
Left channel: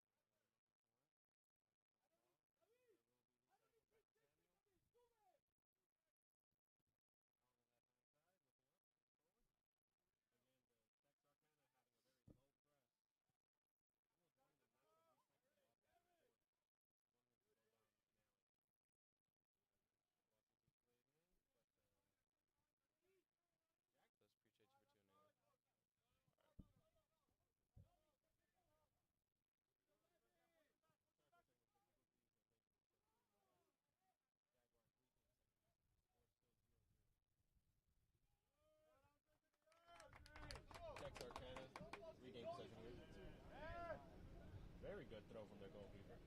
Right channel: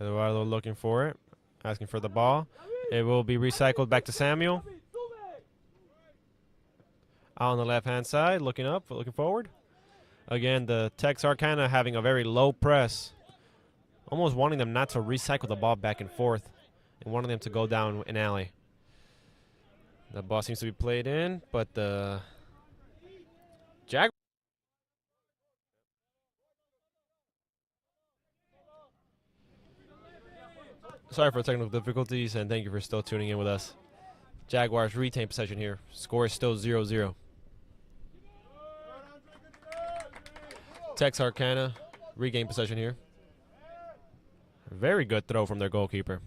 Eduardo looking for it, asking for the ball. It will be recycled back to Samuel. Out on the left-hand side, looking up, looking forward. Again, the Texarkana having a very low press. Almost wanting them not to recycle the ball back and forth and wanting them to go down an alley. The ball seems to be played in, but the Jaguars sorry for technical difficulties, and thank you for still tuning in with us. Jaguars retain possession here. Score is still 0-0. Texarkana regain possession here. Very good throw from their goalkeeper.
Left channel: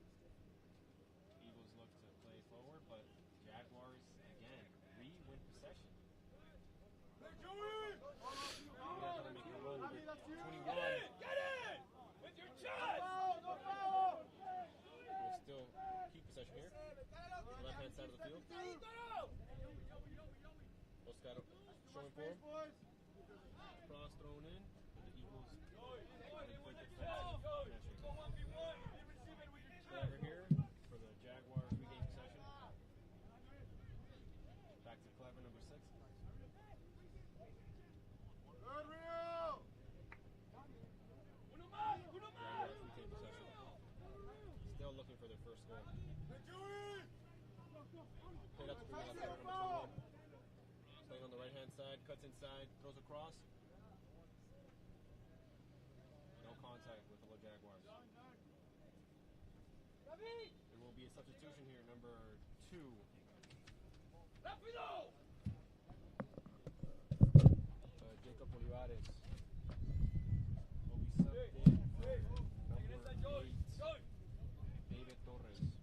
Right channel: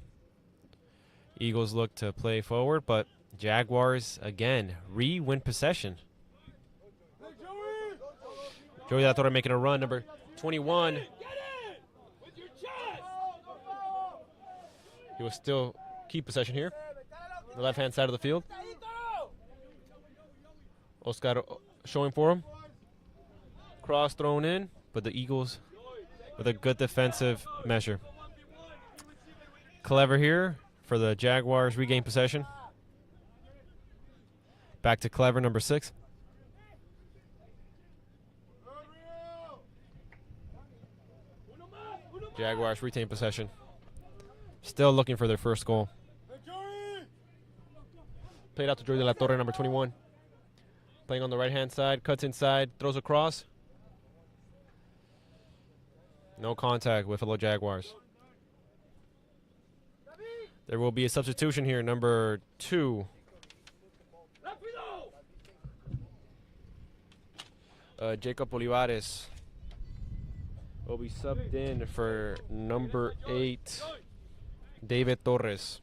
Eagles look to play forward, but Jaguars, again, re-win possession. Joey La Torre making a run, number 21. He will still keep possession here. The left-hand side of the field. Oscar showing for him. Cross thrown in, but the Eagles with a good defensive measure. Clever here for the Jaguars regain possession. Back to Clever, number 6. Jaguars retain possession. Still looking for their first goal. Played out to Joey La Torre, number 21. Playing on the right-hand side, cuts inside, throws across. No contact with fellow Jaguars. There will be a substitution here, number 2. Jacob Olivares will be subbed in for number 8, David Torres.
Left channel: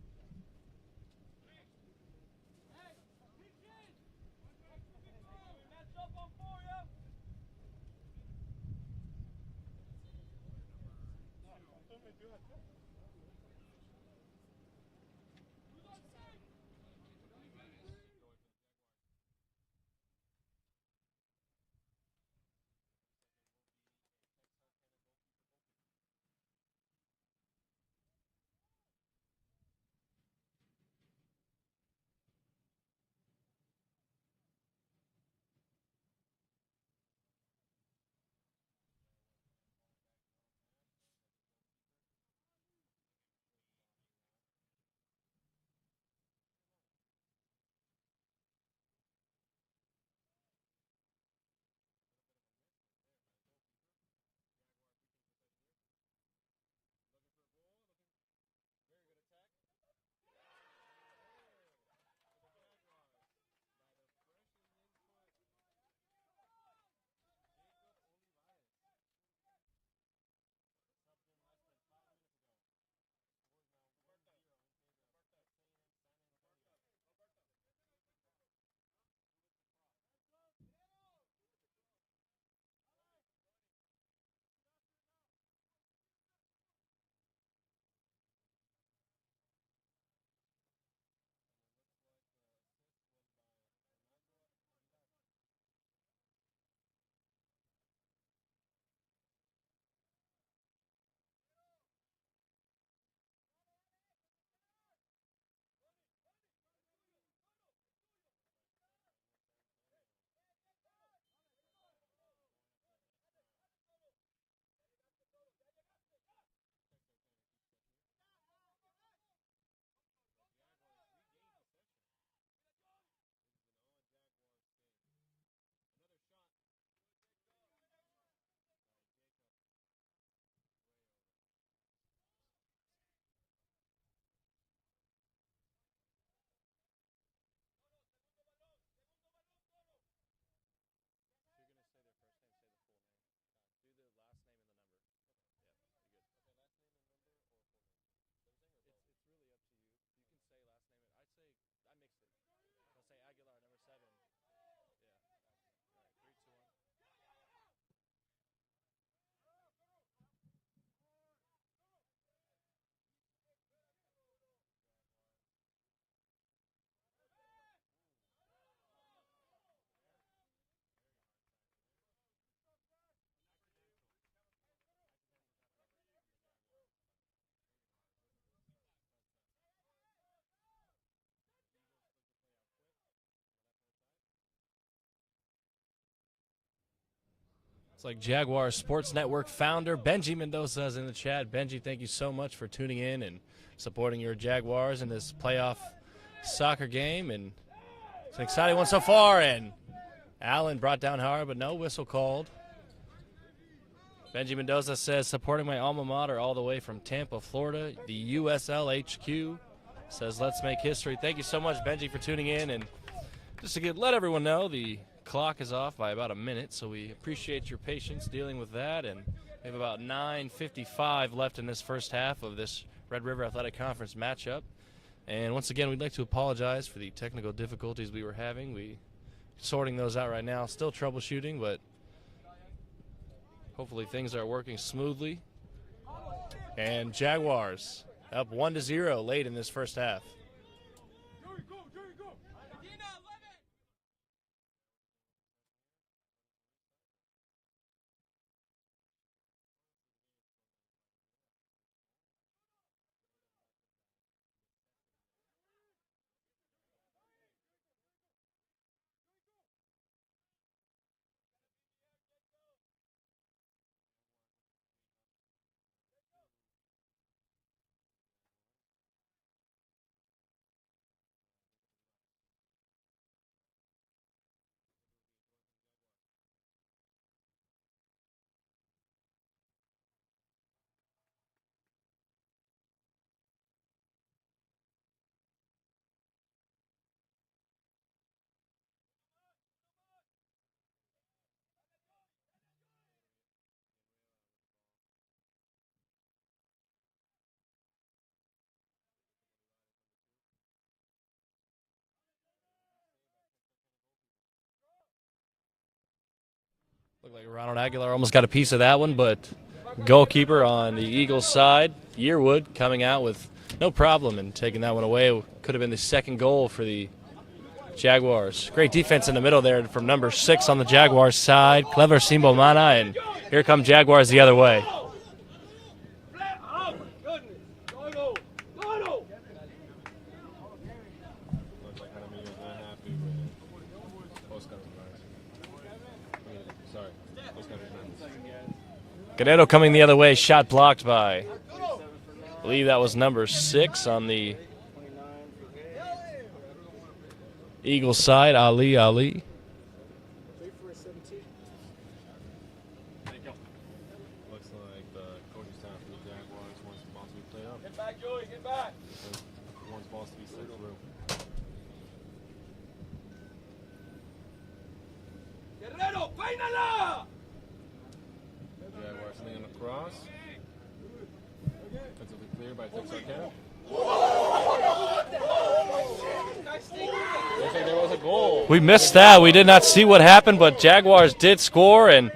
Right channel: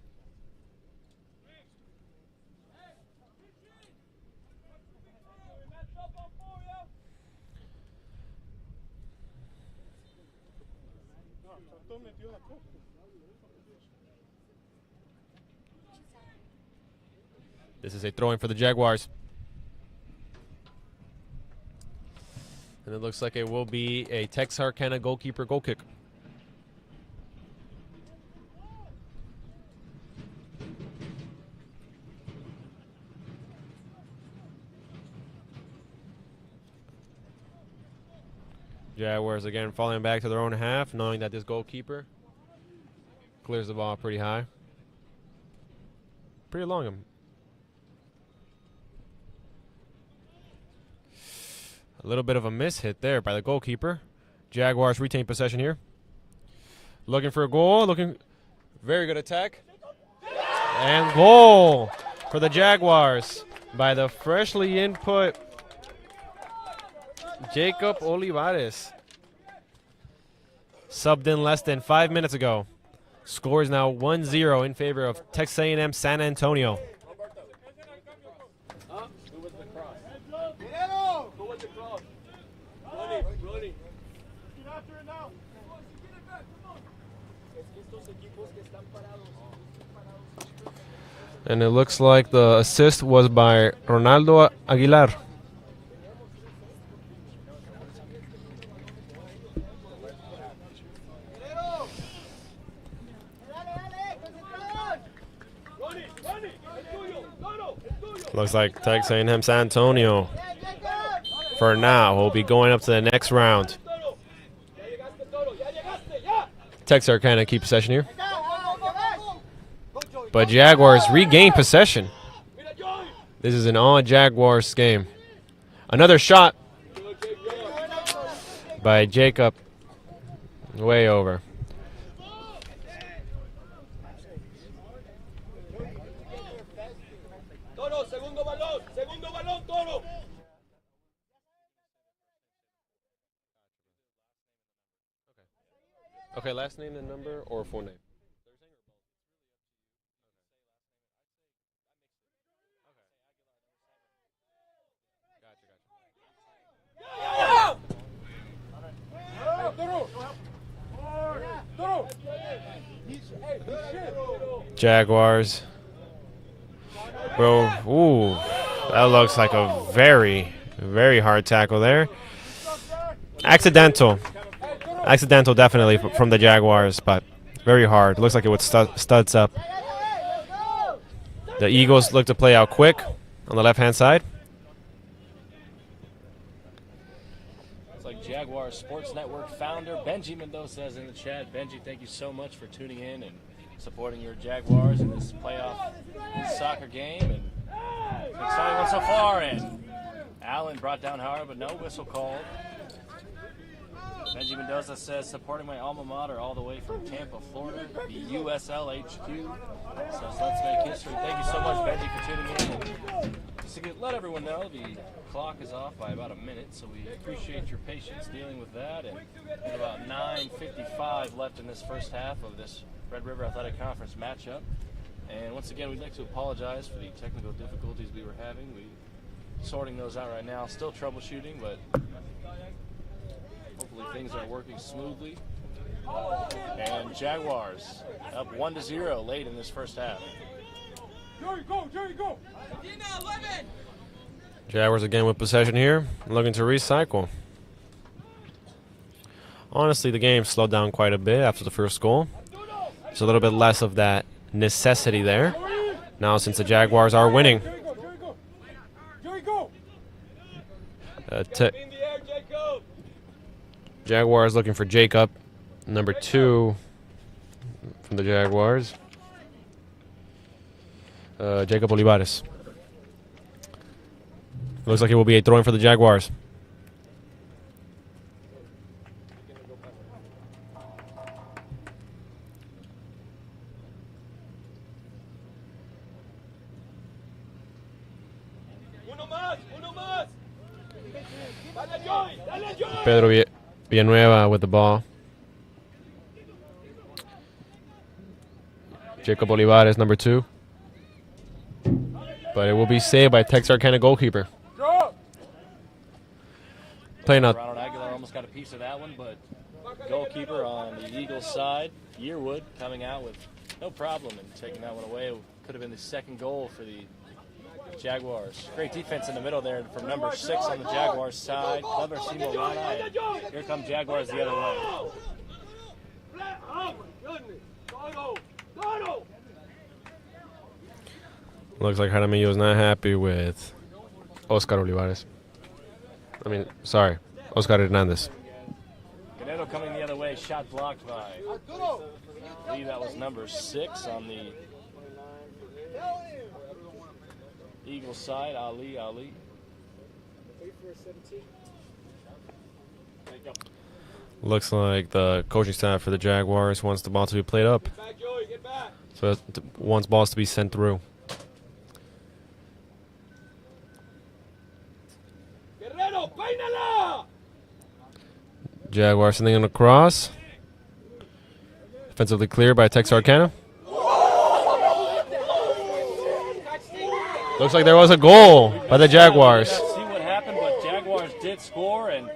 This is a throw-in for the Jaguars. And it looks like it will be a Texarkana goalkeeper goal kick. Jaguars again falling back to their own half, knowing that this goalkeeper clears the ball pretty high. Pretty long. A little bit of a miss hit there by the goalkeeper. Jaguars retain possession here. Looking for a goal. Very good attack. And goal for the Jaguars by the freshly input Jacob Olivares. Subbed in less than 5 minutes ago. Score is now 1-0 in favor of Texas A&M San Antonio. And it looks like the assist was by Ronaldo Aguilar. Looks like Texas A&M San Antonio, for now, will be going up to the next round. Texarkana keep possession here. But Jaguars regain possession. This is an all-Jaguars game. Another shot by Jacob. Way over. Okay, last name and number or full name? Jaguars. Bro, ooh, that looks like a very, very hard tackle there. Accidental definitely from the Jaguars, but very hard. Looks like it would studs up. The Eagles look to play out quick on the left-hand side. It's like Jaguar Sports Network founder Benji Mendoza is in the chat. Benji, thank you so much for tuning in and supporting your Jaguars in this playoff soccer game. And it's an exciting one so far. And Allen brought down hard, but no whistle called. Benji Mendoza says, supporting my alma mater all the way from Tampa, Florida, the USL HQ. Says, let's make history. Thank you so much, Benji, for tuning in. And just to let everyone know, the clock is off by about a minute, so we appreciate your patience dealing with that. And we have about 9:55 left in this first half of this Red River Athletic Conference matchup. And once again, we'd like to apologize for the technical difficulties we were having. We're sorting those out right now, still troubleshooting, but hopefully things are working smoothly. And Jaguars up 1-0 late in this first half. Jaguars again with possession here, looking to recycle. Honestly, the game slowed down quite a bit after the first goal. There's a little bit less of that necessity there. Now, since the Jaguars are winning. Jaguars looking for Jacob, number 2 from the Jaguars. Jacob Olivares. Looks like it will be a throw-in for the Jaguars. Pedro Villanueva with the ball. Jacob Olivares, number 2. But it will be saved by Texarkana goalkeeper. Playing out. Ronald Aguilar almost got a piece of that one, but goalkeeper on the Eagles side, Yearwood, coming out with no problem and taking that one away. Could have been the second goal for the Jaguars. Great defense in the middle there from number 6 on the Jaguars side, Clever Simbomana, and here come Jaguars the other way. Looks like Jaramillo is not happy with Oscar Olivares. Oscar Hernandez. Guerrero coming the other way, shot blocked by, I believe that was number 6 on the Eagles side, Ali. Looks like the coaching staff for the Jaguars wants the ball to be played up. But wants balls to be sent through. Jaguars sending on a cross. Defensively cleared by Texarkana. Looks like there was a goal. We missed that. We did not see what happened, but Jaguars did score, and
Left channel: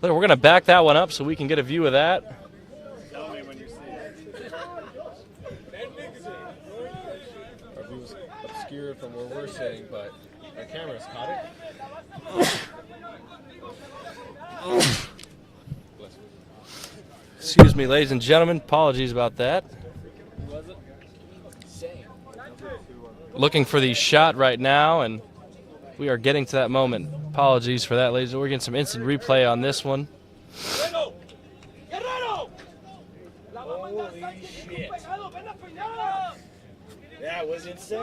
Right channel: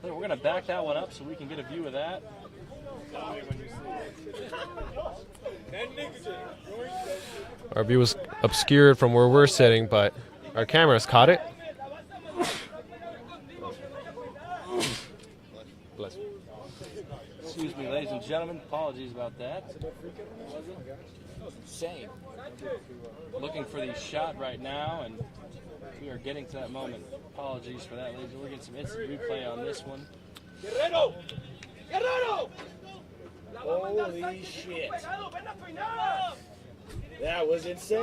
we're going to back that one up so we can get a view of that. Our view was obscured from where we're sitting, but our cameras caught it. Excuse me, ladies and gentlemen. Apologies about that. Looking for the shot right now, and we are getting to that moment. Apologies for that, ladies. We're getting some instant replay on this one. Holy shit. That was insane.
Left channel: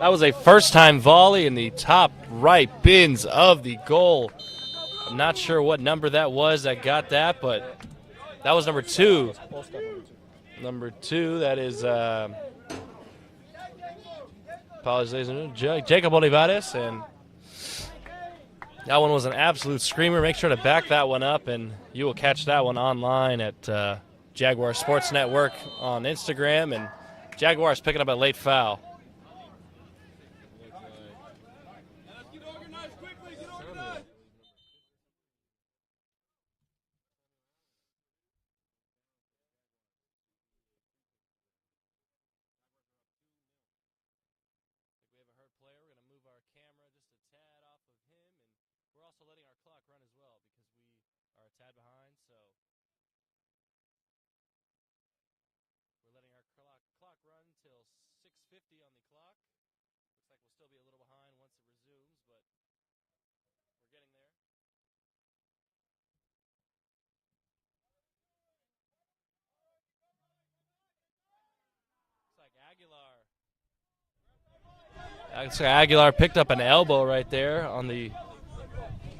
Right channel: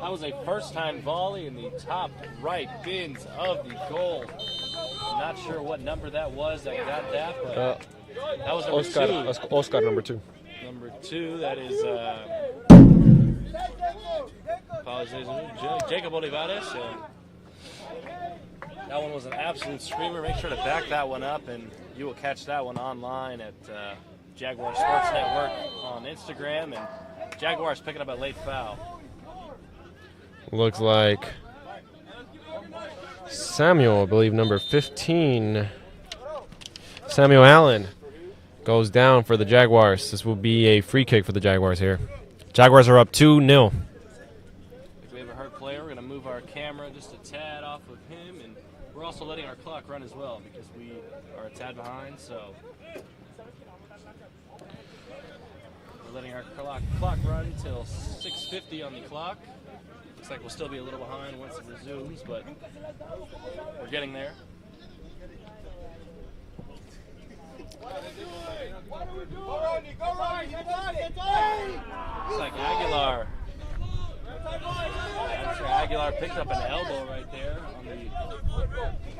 That was a first-time volley in the top right bins of the goal. I'm not sure what number that was that got that, but that was number Oscar, 2. Oscar, number 2. Number 2, that is apologies, Jacob Olivares, and that one was an absolute screamer. Make sure to back that one up, and you will catch that one online at Jaguar Sports Network on Instagram, and Jaguars picking up a late foul. Looks like Samuel, I believe number 15, Samuel Allen, goes down for the Jaguars. This will be a free kick for the Jaguars here. Jaguars are up 2-0. If we have a hurt player, we're going to move our camera just a tad off of him, and we're also letting our clock run as well because we are a tad behind, so we're letting our clock run until 6:50 on the clock. Looks like we'll still be a little behind once it resumes, but we're getting there. Looks like Aguilar picked up an elbow right there on the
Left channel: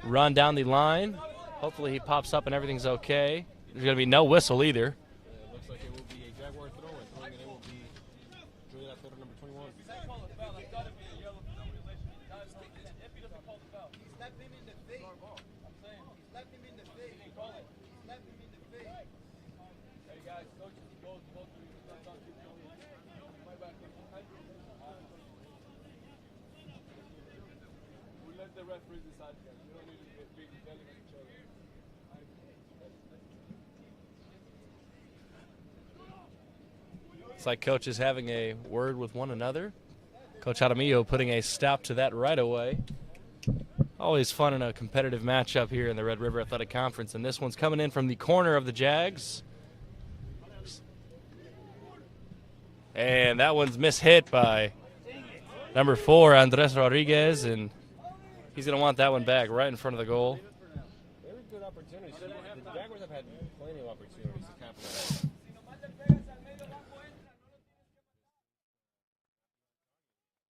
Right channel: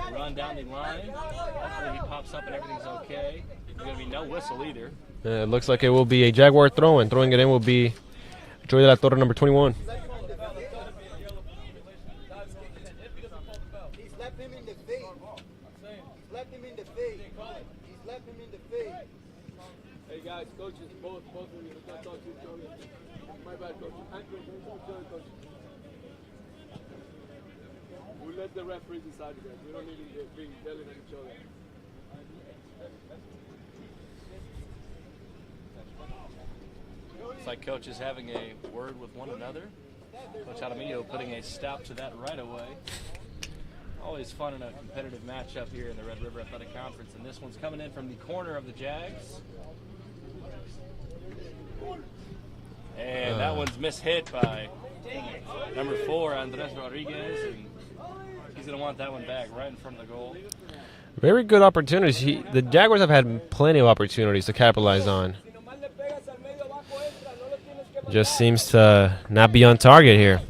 run down the line. Hopefully he pops up and everything's okay. There's going to be no whistle either. It looks like it will be a Jaguar throw-in. Throwing it in will be Joy de la Torre, number 21. Let the referees decide again. We don't need to be yelling at each other. It's like coaches having a word with one another. Coach Jaramillo putting a stop to that right away. Always fun in a competitive matchup here in the Red River Athletic Conference, and this one's coming in from the corner of the Jags. And that one's mishit by number 4, Andres Rodriguez, and he's going to want that one back right in front of the goal. Very good opportunities. The Jaguars have had plenty of opportunities to capitalize on. Just seems to not be on target here.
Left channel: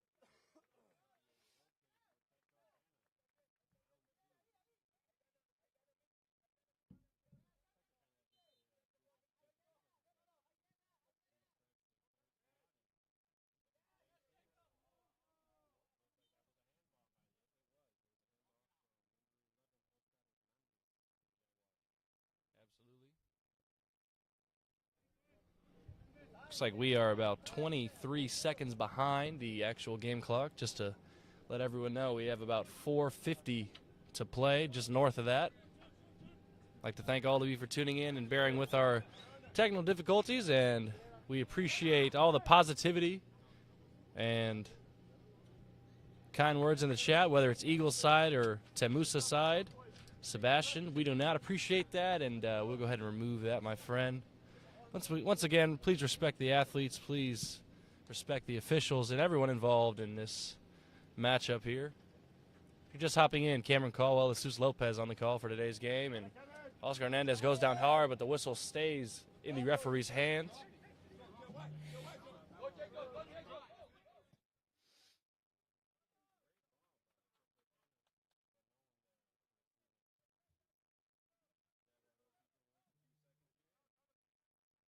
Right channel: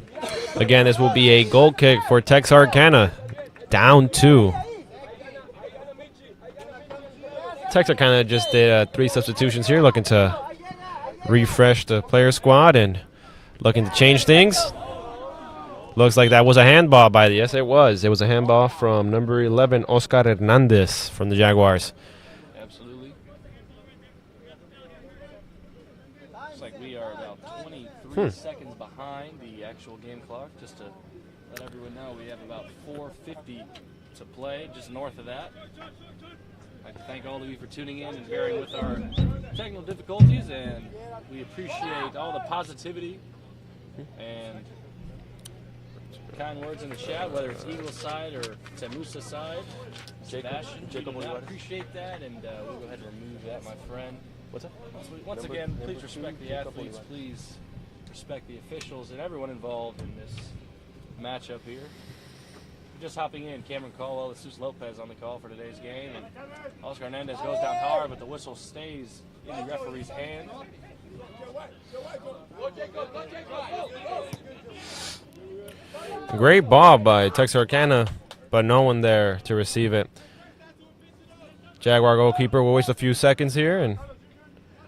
Again, this will be a goal kick for Texarkana. Down 2. Texarkana just did 3 substitutions here, looking to refresh the player squad and looking to change things. Looks like that was a handball by the, yes it was. It was a handball from number 11, Oscar Hernandez from the Jaguars. Absolutely. Looks like we are about 23 seconds behind the actual game clock. Just to let everyone know, we have about 4:50 to play, just north of that. I'd like to thank all of you for tuning in and bearing with our technical difficulties, and we appreciate all the positivity and kind words in the chat, whether it's Eagles side or TAMUSA side. Sebastian, we do not appreciate that, and we'll go ahead and remove that, my friend. What's that? Once again, please respect the athletes, please respect the officials and everyone involved in this matchup here. We're just hopping in. Cameron Caldwell, Jesus Lopez on the call for today's game, and Oscar Hernandez goes down hard, but the whistle stays in the referee's hand. Great ball by Texarkana, but no one there to receive it. Jaguar goalkeeper will waste a few seconds here and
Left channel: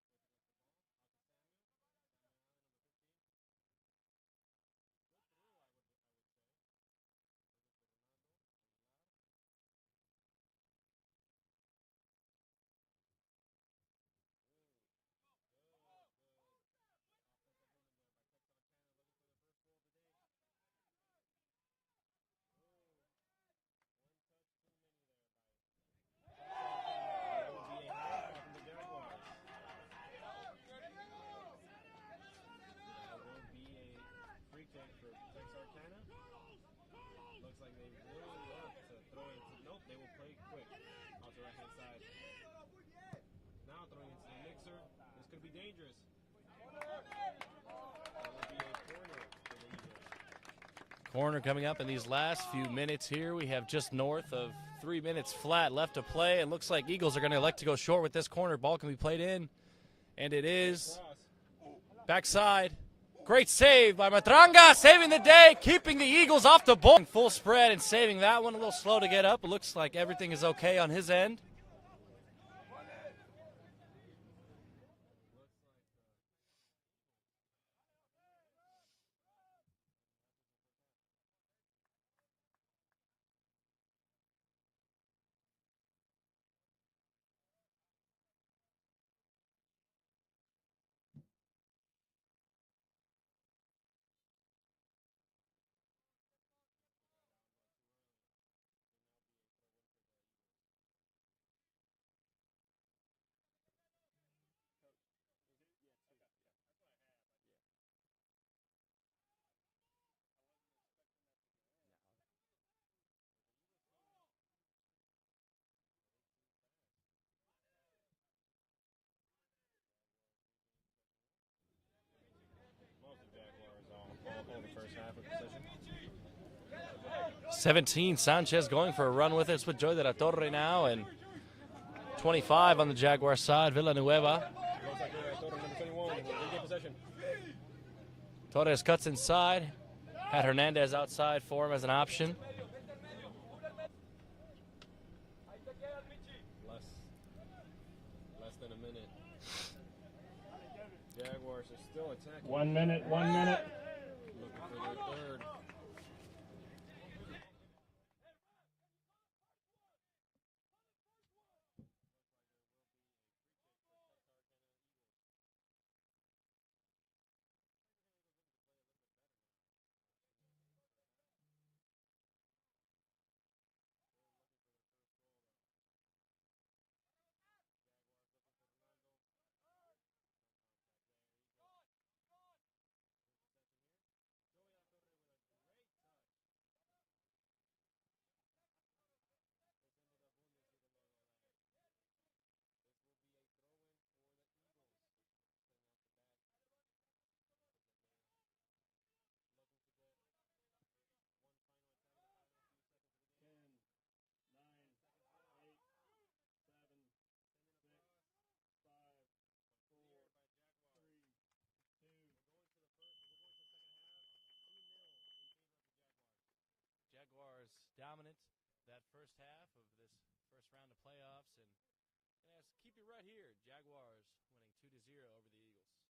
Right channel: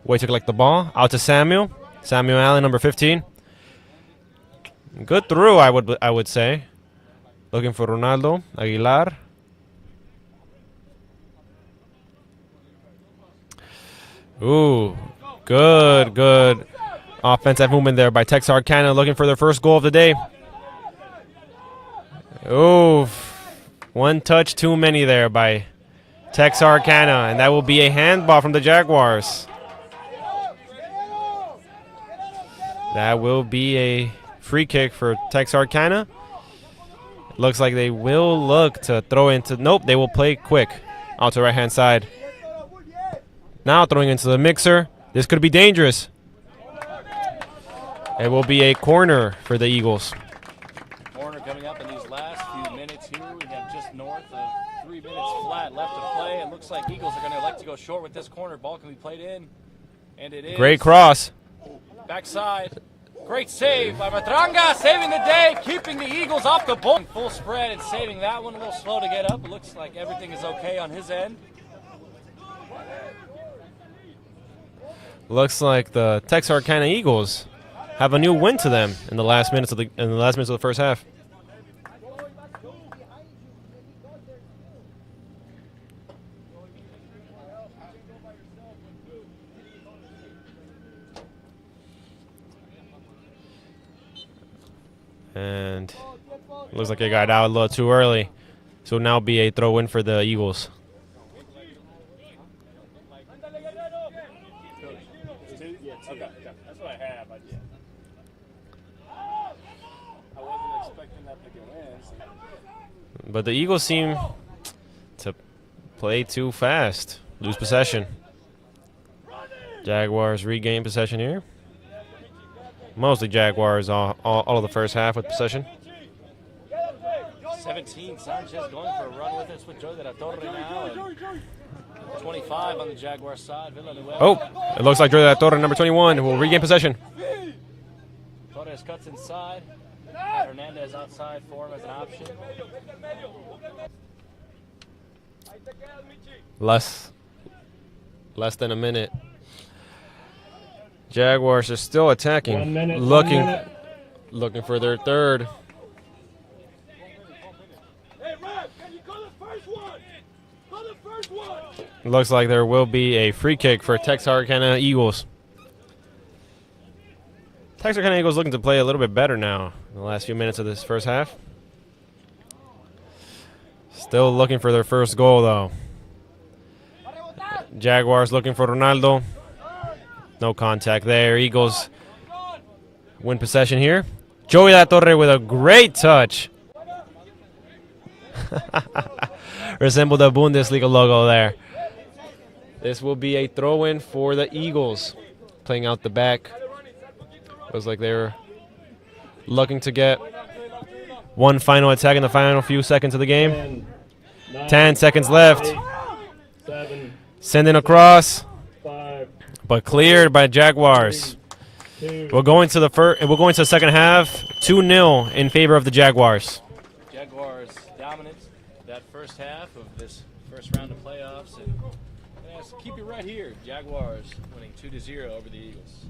wait to collect the ball. Out to Samuel. Samuel Allen, number 15. Good through, I would say. Looking for Ronaldo Aguilar. Ooh, good offensive movement there by Texarkana, looking for their first goal of the day. Ooh, one touch too many there by Texarkana, and that will be a handball from the Jaguars. That will be a free kick for Texarkana. Looks like they will look to throw into, nope, they will play quick out to the right-hand side. Now throwing into the mixer. This could be dangerous. It will be a corner for the Eagles. Corner coming up in these last few minutes here. We have just north of 3 minutes flat left to play. It looks like Eagles are going to elect to go short with this corner. Ball can be played in, and it is. Great cross. Backside. Great save by Matranga, saving the day, keeping the Eagles off the ball. Full spread and saving that one. A little slow to get up. It looks like everything is okay on his end. Looks like the Texarkana Eagles have a new win to them in the last minutes of the first half. And looks like it got out a little too early. So now be a throw-in for the Eagles. But the Eagles seem to play too fast. Lose possession. Jaguars regain possession here. Mostly Jaguars all of the first half with possession. 17, Sanchez going for a run with it. It's with Joy de la Torre now. And 25 on the Jaguar side, Villanueva. Oh, it looks like Joy de la Torre, number 21, will regain possession. Torres cuts inside. Had Hernandez outside for him as an option. Less than a minute. Jaguars are still attacking, 1 minute. looking for their third. Looks like there will be a free kick for Texarkana Eagles. Texarkana Eagles looking to play a little bit better now in the last few minutes of this first half. Still looking for their first goal, though. Jaguars looking for Ronaldo. No contact there. Eagles win possession here. Joey La Torre with a great touch. Resembled the Bundesliga logo there. This will be a throw-in for the Eagles. Playing out the back. Looks like they're looking to get one final attack in the final few seconds of the game. 10 seconds left. 7, Sending across, 5, but cleared by Jaguars. 2, We're going to the second half. 2-0 in favor of the Jaguars. Jaguars dominant that first half of this first round of playoffs. And keep it right here. Jaguars winning 2-0 over the Eagles.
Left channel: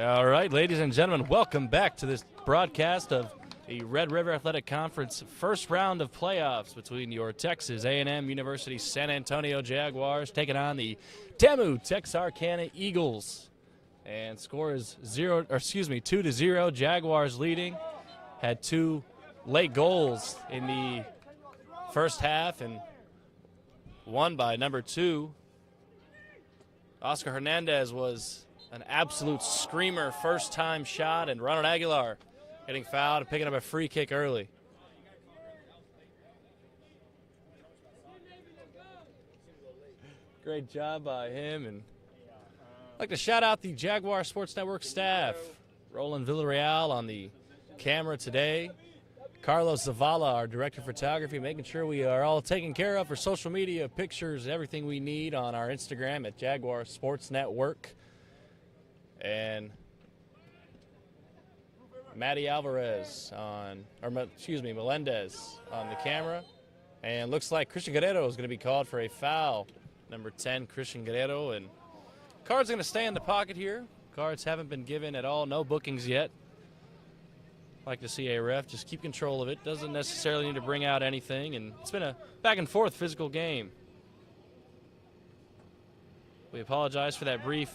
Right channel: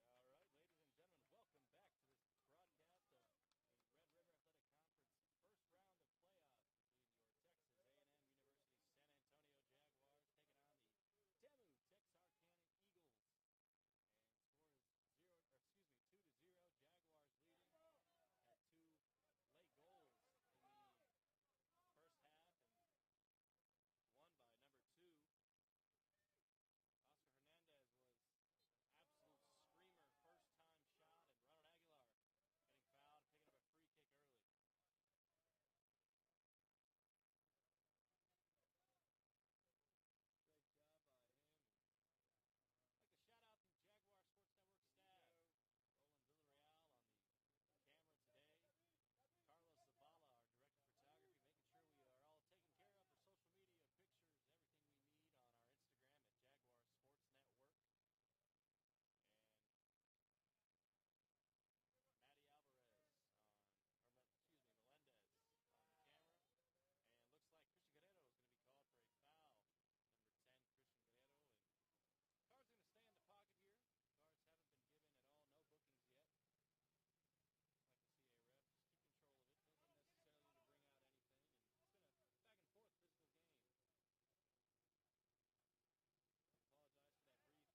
All right, ladies and gentlemen, welcome back to this broadcast of the Red River Athletic Conference first round of playoffs between your Texas A&M University San Antonio Jaguars taking on the TAMU-Texarkana Eagles. And score is 2-0. Jaguars leading. Had 2 late goals in the first half and won by number 2. Oscar Hernandez was an absolute screamer first-time shot, and Ronald Aguilar getting fouled and picking up a free kick early. Great job by him. And I'd like to shout out the Jaguar Sports Network staff. Roland Villarreal on the camera today. Carlos Zavala, our director of photography, making sure we are all taken care of for social media, pictures, everything we need on our Instagram at Jaguar Sports Network. And Matty Alvarez Melendez on the camera. And looks like Christian Guerrero is going to be called for a foul. Number 10, Christian Guerrero. And Card's going to stay in the pocket here. Cards haven't been given at all. No bookings yet. Like to see a ref just keep control of it. Doesn't necessarily need to bring out anything. And it's been a back and forth physical game. We apologize for that brief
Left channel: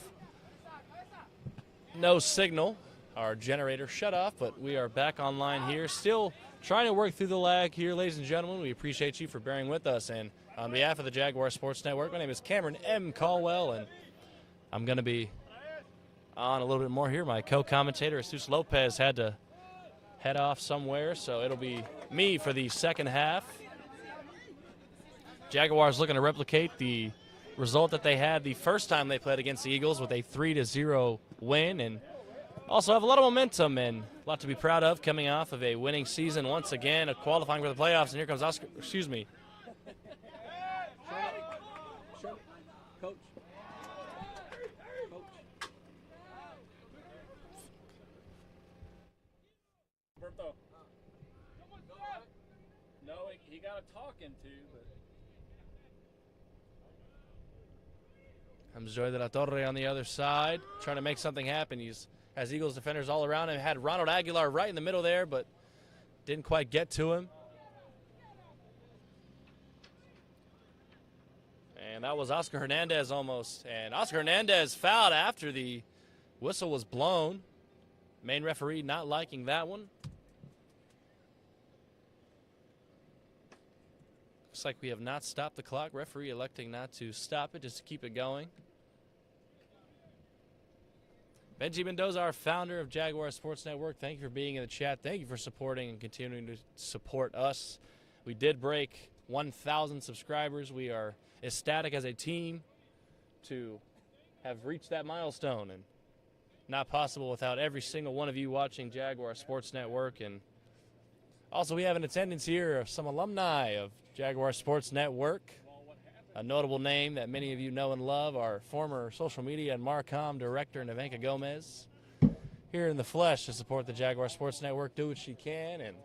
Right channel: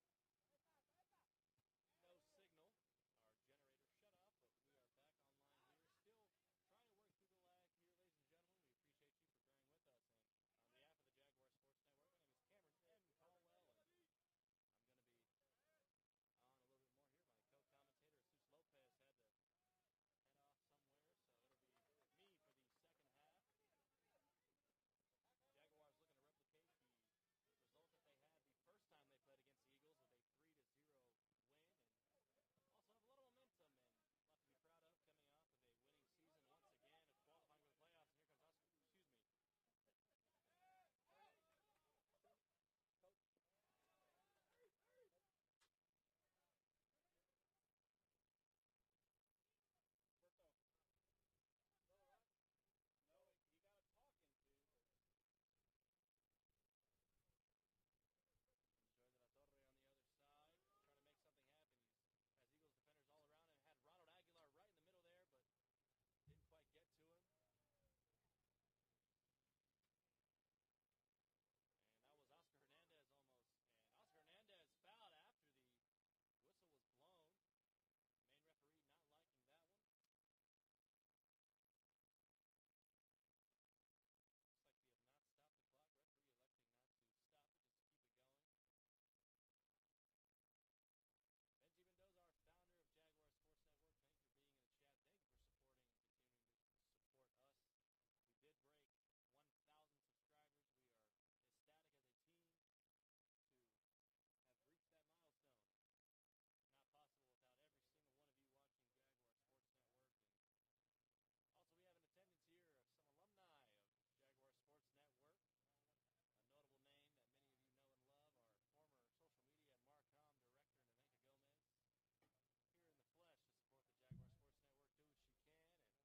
no signal. Our generator shut off, but we are back online here. Still trying to work through the lag here, ladies and gentlemen. We appreciate you for bearing with us. And on behalf of the Jaguar Sports Network, my name is Cameron M. Caldwell, and I'm going to be on a little bit more here. My co-commentator, Jesus Lopez, had to head off somewhere, so it'll be me for the second half. Jaguars looking to replicate the result that they had the first time they played against the Eagles with a 3-0 win, and also have a lot of momentum and a lot to be proud of coming off of a winning season once again, qualifying for the playoffs. And here comes Oscar, Coach. Berto. No, he got a talking to, but. comes Joy de la Torre on the other side, trying to make something happen. He's has Eagles defenders all around him. Had Ronald Aguilar right in the middle there, but didn't quite get to him. And that was Oscar Hernandez almost. And Oscar Hernandez fouled after the whistle was blown. Main referee not liking that one. Looks like we have not stopped the clock. Referee electing not to stop it, just to keep it going. Benji Mendoza, our founder of Jaguar Sports Network, thank you for being in the chat. Thank you for supporting and continuing to support us. We did break 1,000 subscribers. We are ecstatic as a team to have reached that milestone, and not possible without every single one of you watching Jaguar Sports Network. And also we have in attendance here some alumni of Jaguar Sports Network. A notable name that many of you know and love, our former social media and Marcom director, Nevenka Gomez, here in the flesh to support the Jaguar Sports Network, do what she can, and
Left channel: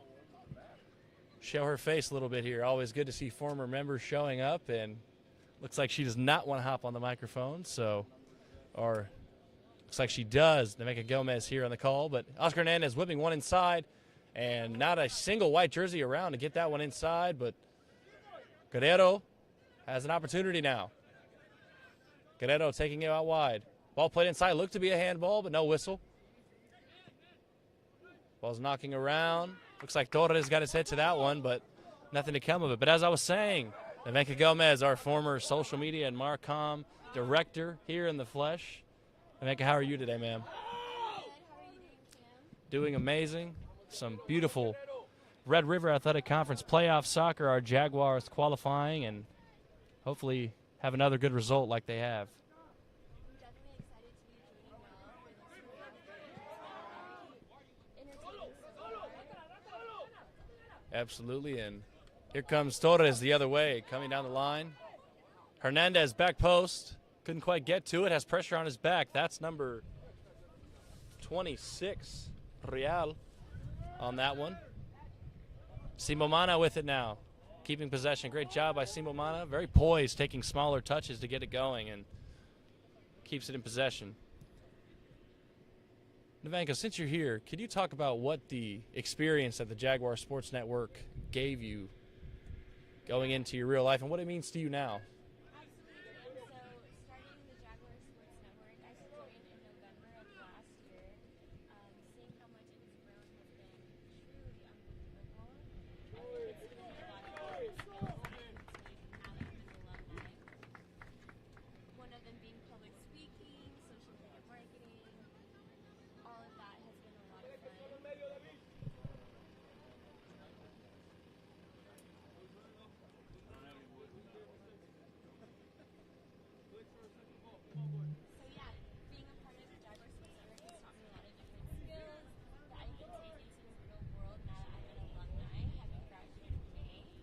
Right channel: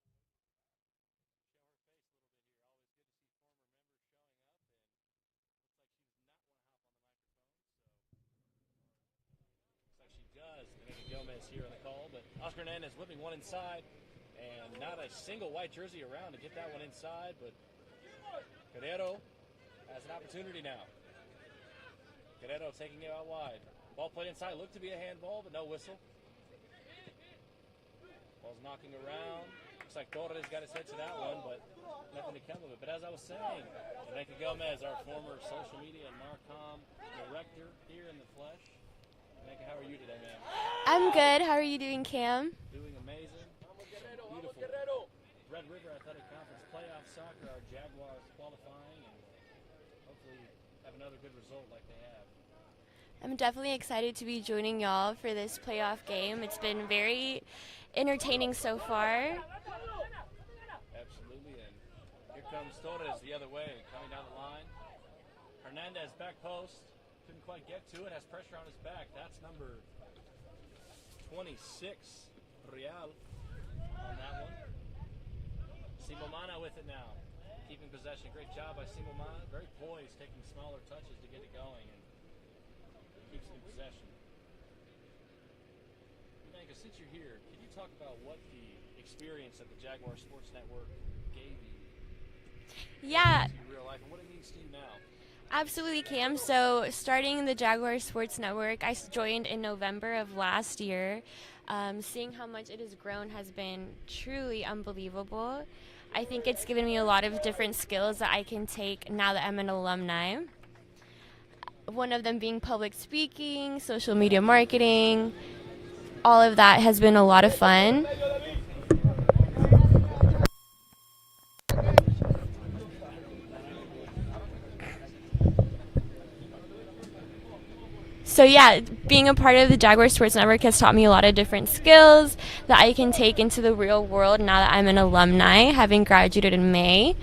show her face a little bit here. Always good to see former members showing up, and looks like she does not want to hop on the microphone, or looks like she does. Nevenka Gomez here on the call, but Oscar Hernandez whipping one inside, and not a single white jersey around to get that one inside, but Guerrero has an opportunity now. Guerrero taking it out wide. Ball played inside, looked to be a handball, but no whistle. Ball's knocking around. Looks like Torres got his head to that one, but nothing to come of it. But as I was saying, Nevenka Gomez, our former social media and Marcom director here in the flesh. Nevenka, how are you today, ma'am? I'm good. How are you doing, Cam? Doing amazing. Some beautiful Red River Athletic Conference playoff soccer. Our Jaguars qualifying and hopefully have another good result like they have. I'm definitely excited to be joining y'all for this playoff game. It's been very entertaining so far. Absolutely, and here comes Torres the other way, coming down the line. Hernandez back post, couldn't quite get to it, has pressure on his back. That's number 26, Real, on that one. Simomana with it now, keeping possession. Great job by Simomana, very poised, taking smaller touches to get it going, and keeps it in possession. Nevenka, since you're here, could you talk about what the experience at the Jaguar Sports Network gave you going into your real life and what it means to you now? Absolutely, Cam. So starting the Jaguar Sports Network, I joined in November of last year. Seeing how much it has grown has been truly unbelievable. I think it's given me a lot of different skills that I can take now that I'm an alumni. One of them being public speaking, social media marketing. All of that has been a lot of fun. So yeah, being a part of the Jaguar Sports Network has taught me a lot of different skills that I can take into the real world now that I'm an alumni, having graduated in May.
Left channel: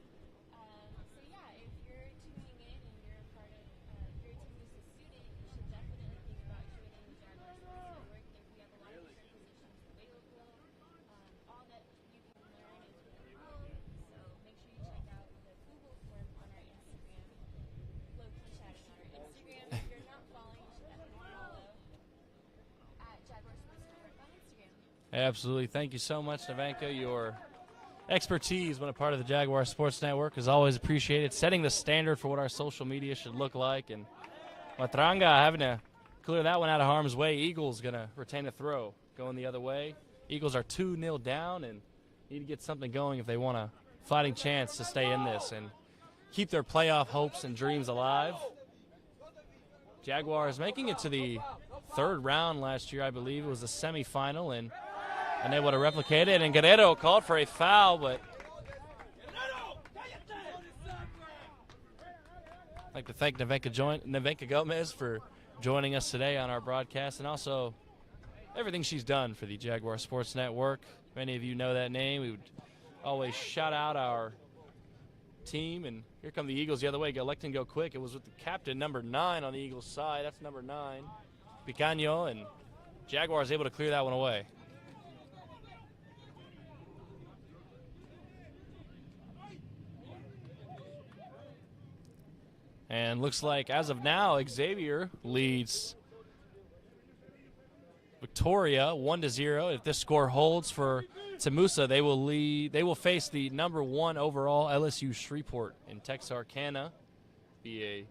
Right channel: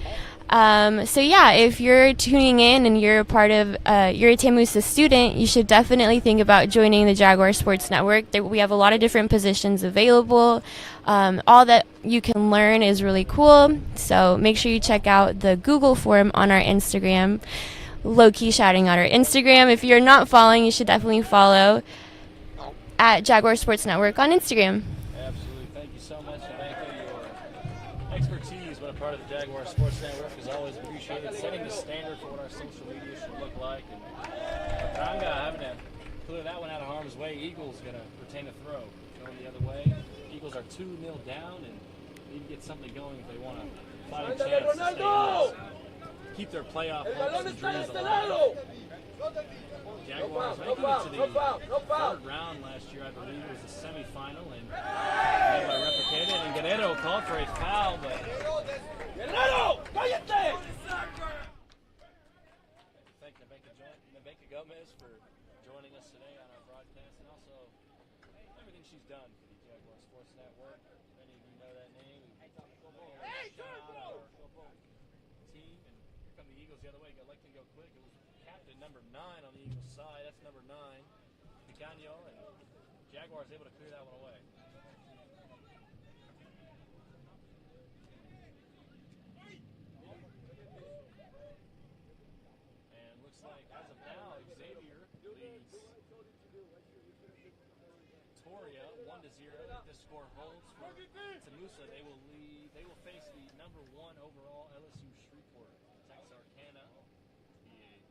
So yeah, if you're tuning in and you're a part of, you're a TAMUSA student, you should definitely think about joining the Jaguar Sports Network. We have a lot of different positions available. All that you can learn is really cool. So make sure you check out the Google form on our Instagram. Low-key shouting out our Instagram. If you're not following, you should definitely follow at Jaguar Sports Network on Instagram. Absolutely. Thank you so much, Nevenka. Your expertise when a part of the Jaguar Sports Network is always appreciated, setting the standard for what our social media should look like. And Matranga having to clear that one out of harm's way. Eagles going to retain a throw, going the other way. Eagles are 2-0 down and need to get something going if they want a fighting chance to stay in this and keep their playoff hopes and dreams alive. Jaguars making it to the third round last year, I believe. It was the semifinal, and they would have replicated it. And Guerrero called for a foul, but I'd like to thank Nevenka Gomez for joining us today on our broadcast, and also everything she's done for the Jaguar Sports Network. Many of you know that name. We would always shout out our team, and here come the Eagles the other way. Electing go quick. It was with the captain, number 9 on the Eagles side. That's number 9, Picaño, and Jaguars able to clear that one away. And looks like as of now, Xavier leads Victoria 1-0. If this score holds for TAMUSA, they will face the number 1 overall LSU Shreveport in Texarkana. Be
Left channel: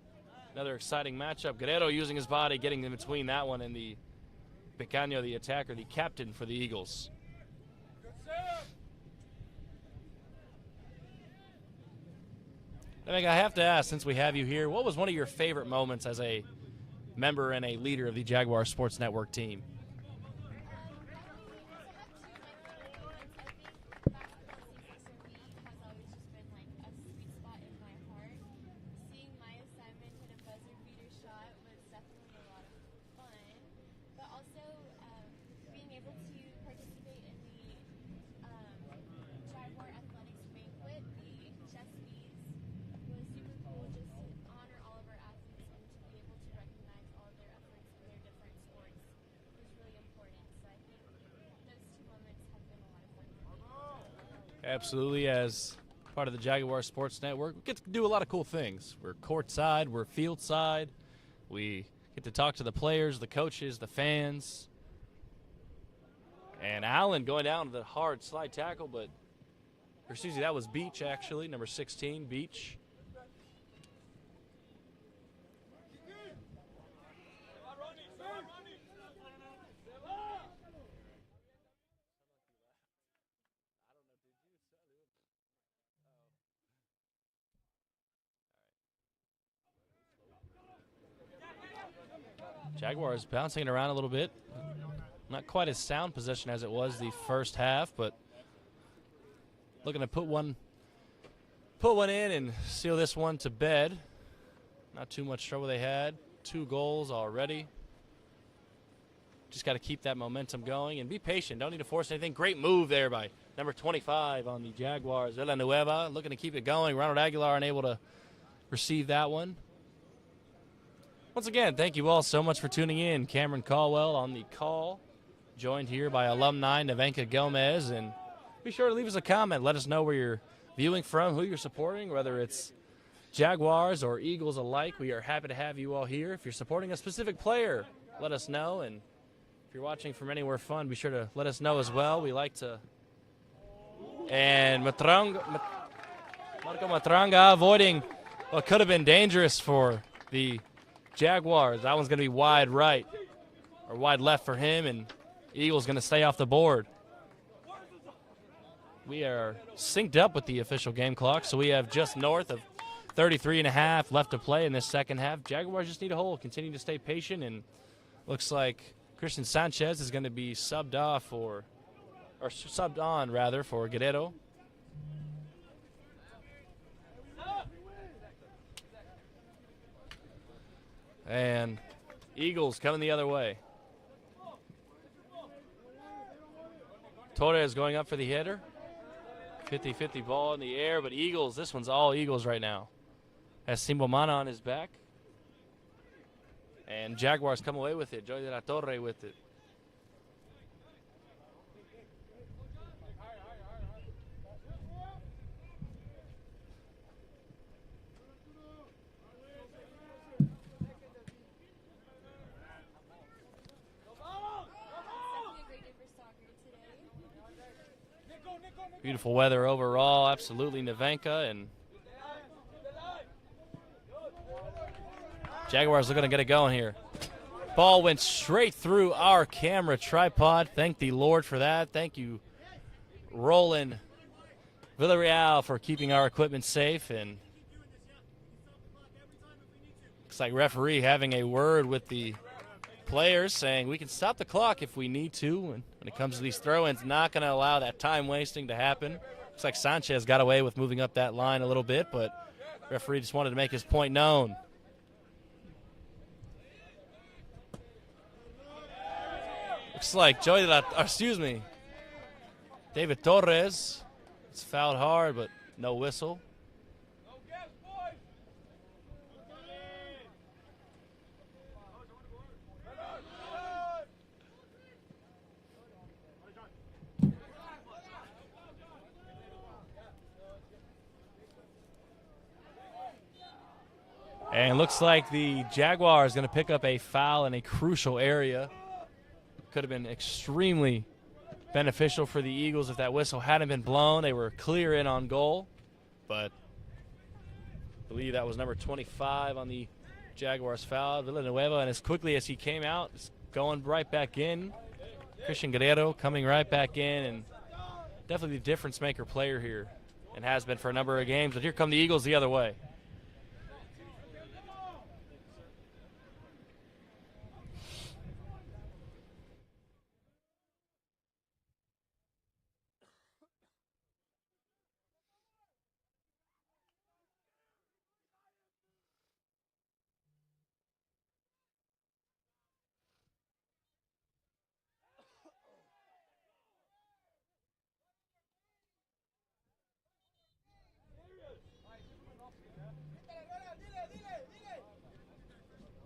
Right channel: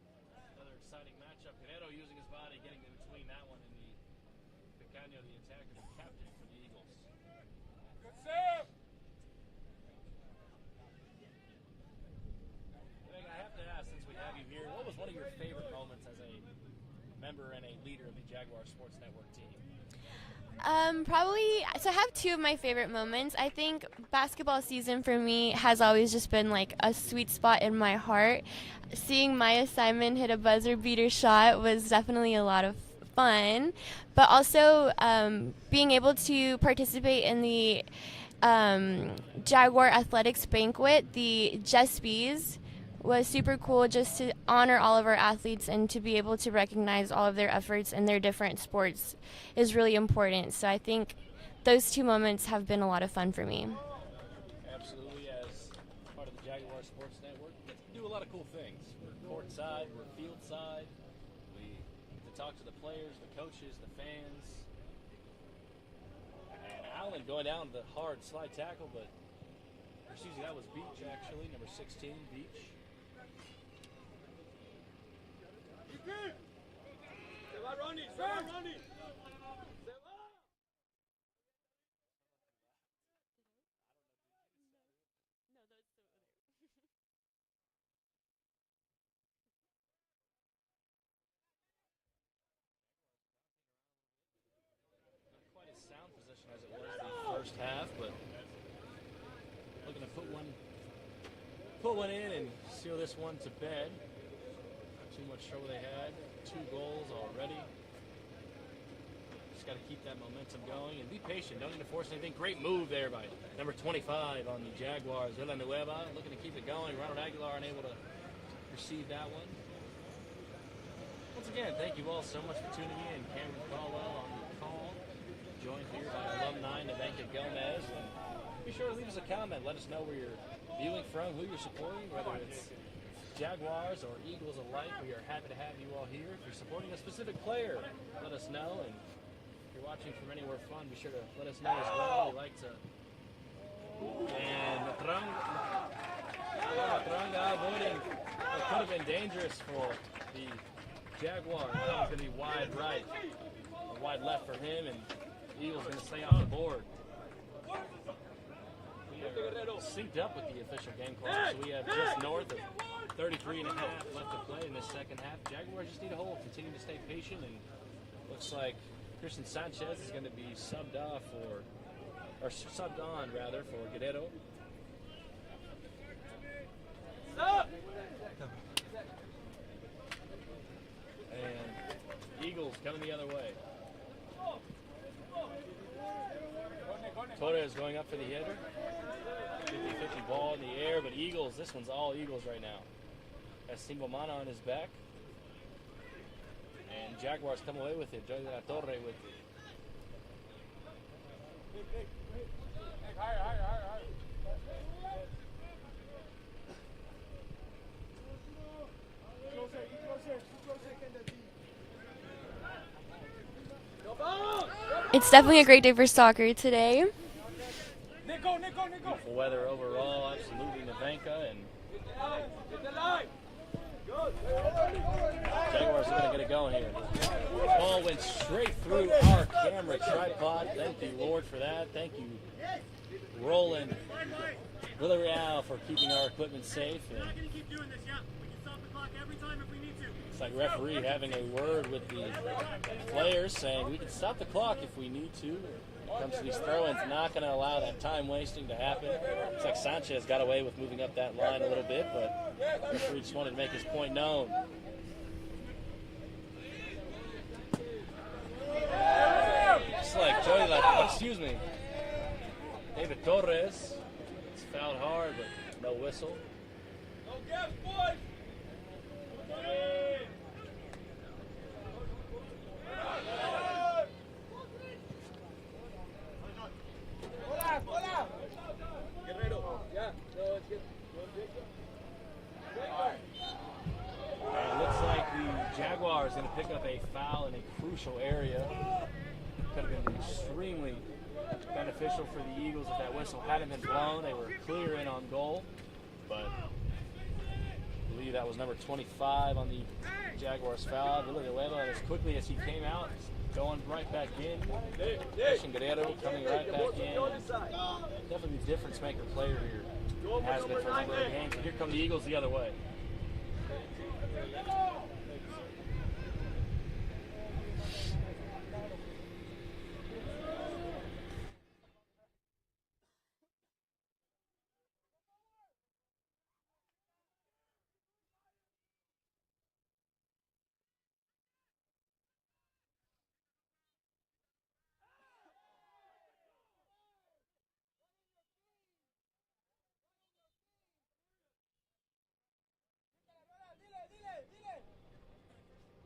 another exciting matchup. Guerrero using his body, getting in between that one and the Picaño, the attacker, the captain for the Eagles. I think I have to ask, since we have you here, what was one of your favorite moments as a member and a leader of the Jaguar Sports Network team? Probably, so I have 2 of my favorite moments. I think basketball season for me has always just been like a sweet spot in my heart. Seeing Maya Simon hit a buzzer beater shot was definitely a lot of fun, but also being able to participate in the Jaguar Athletics Banquet, the Jespies, was super cool, just to honor all of our athletes and to be able to recognize all of their efforts in their different sports is really important. So I think those 2 moments have been a lot of fun for me. Absolutely. As part of the Jaguar Sports Network, we get to do a lot of cool things. We're courtside, we're field side. We get to talk to the players, the coaches, the fans. And Allen going down the hard slide tackle, but or Susie, that was Beach actually, number 16, Beach. Jaguars bouncing it around a little bit. Not quite as sound possession as it was the first half, but looking to put one in and seal this one to bed. Not too much trouble they had. 2 goals already. Just got to keep that momentum going and be patient. Don't need to force anything. Great move there by number 25 on the Jaguars. Villanueva looking to keep it going. Ronald Aguilar unable to receive that one. Once again, thank you all so much for tuning in. Cameron Caldwell on the call, joined here by alumni Nevenka Gomez. And be sure to leave us a comment. Let us know where you're viewing from, who you're supporting, whether it's Jaguars or Eagles alike. We are happy to have you all here. If you're supporting a specific player, let us know. And If you're watching from anywhere fun, be sure to let us know as well. We like to. And Matranga avoiding what could have been dangerous for the Jaguars. That one's going to be wide right or wide left for him, and Eagles going to stay off the board. We are synced up with the official game clock, so we have just north of 33.5 left to play in this second half. Jaguars just need a hold, continue to stay patient, and looks like Christian Sanchez is going to be subbed off or subbed on rather for Guerrero. And Eagles coming the other way. Torres going up for the hitter. 50-50 ball in the air, but Eagles, this one's all Eagles right now. Has Simbomana on his back. And Jaguars come away with it. Joy de la Torre with it. It's definitely a great day for soccer today. Beautiful weather overall, absolutely Nevenka, and Jaguars are going to get it going here. Ball went straight through our camera tripod. Thank the Lord for that. Thank you, Roland Villarreal, for keeping our equipment safe. And looks like referee having a word with the players saying we can stop the clock if we need to. When it comes to these throw-ins, not going to allow that time wasting to happen. Looks like Sanchez got away with moving up that line a little bit, but referee just wanted to make his point known. Looks like David Torres. It's fouled hard, but no whistle. And it looks like the Jaguars going to pick up a foul in a crucial area. Could have been extremely beneficial for the Eagles if that whistle hadn't been blown. They were clear in on goal, but I believe that was number 25 on the Jaguars foul, Villanueva, and as quickly as he came out, going right back in. Christian Guerrero coming right back in, and definitely the difference maker player here, and has been for a number of games. But here come the Eagles the other way.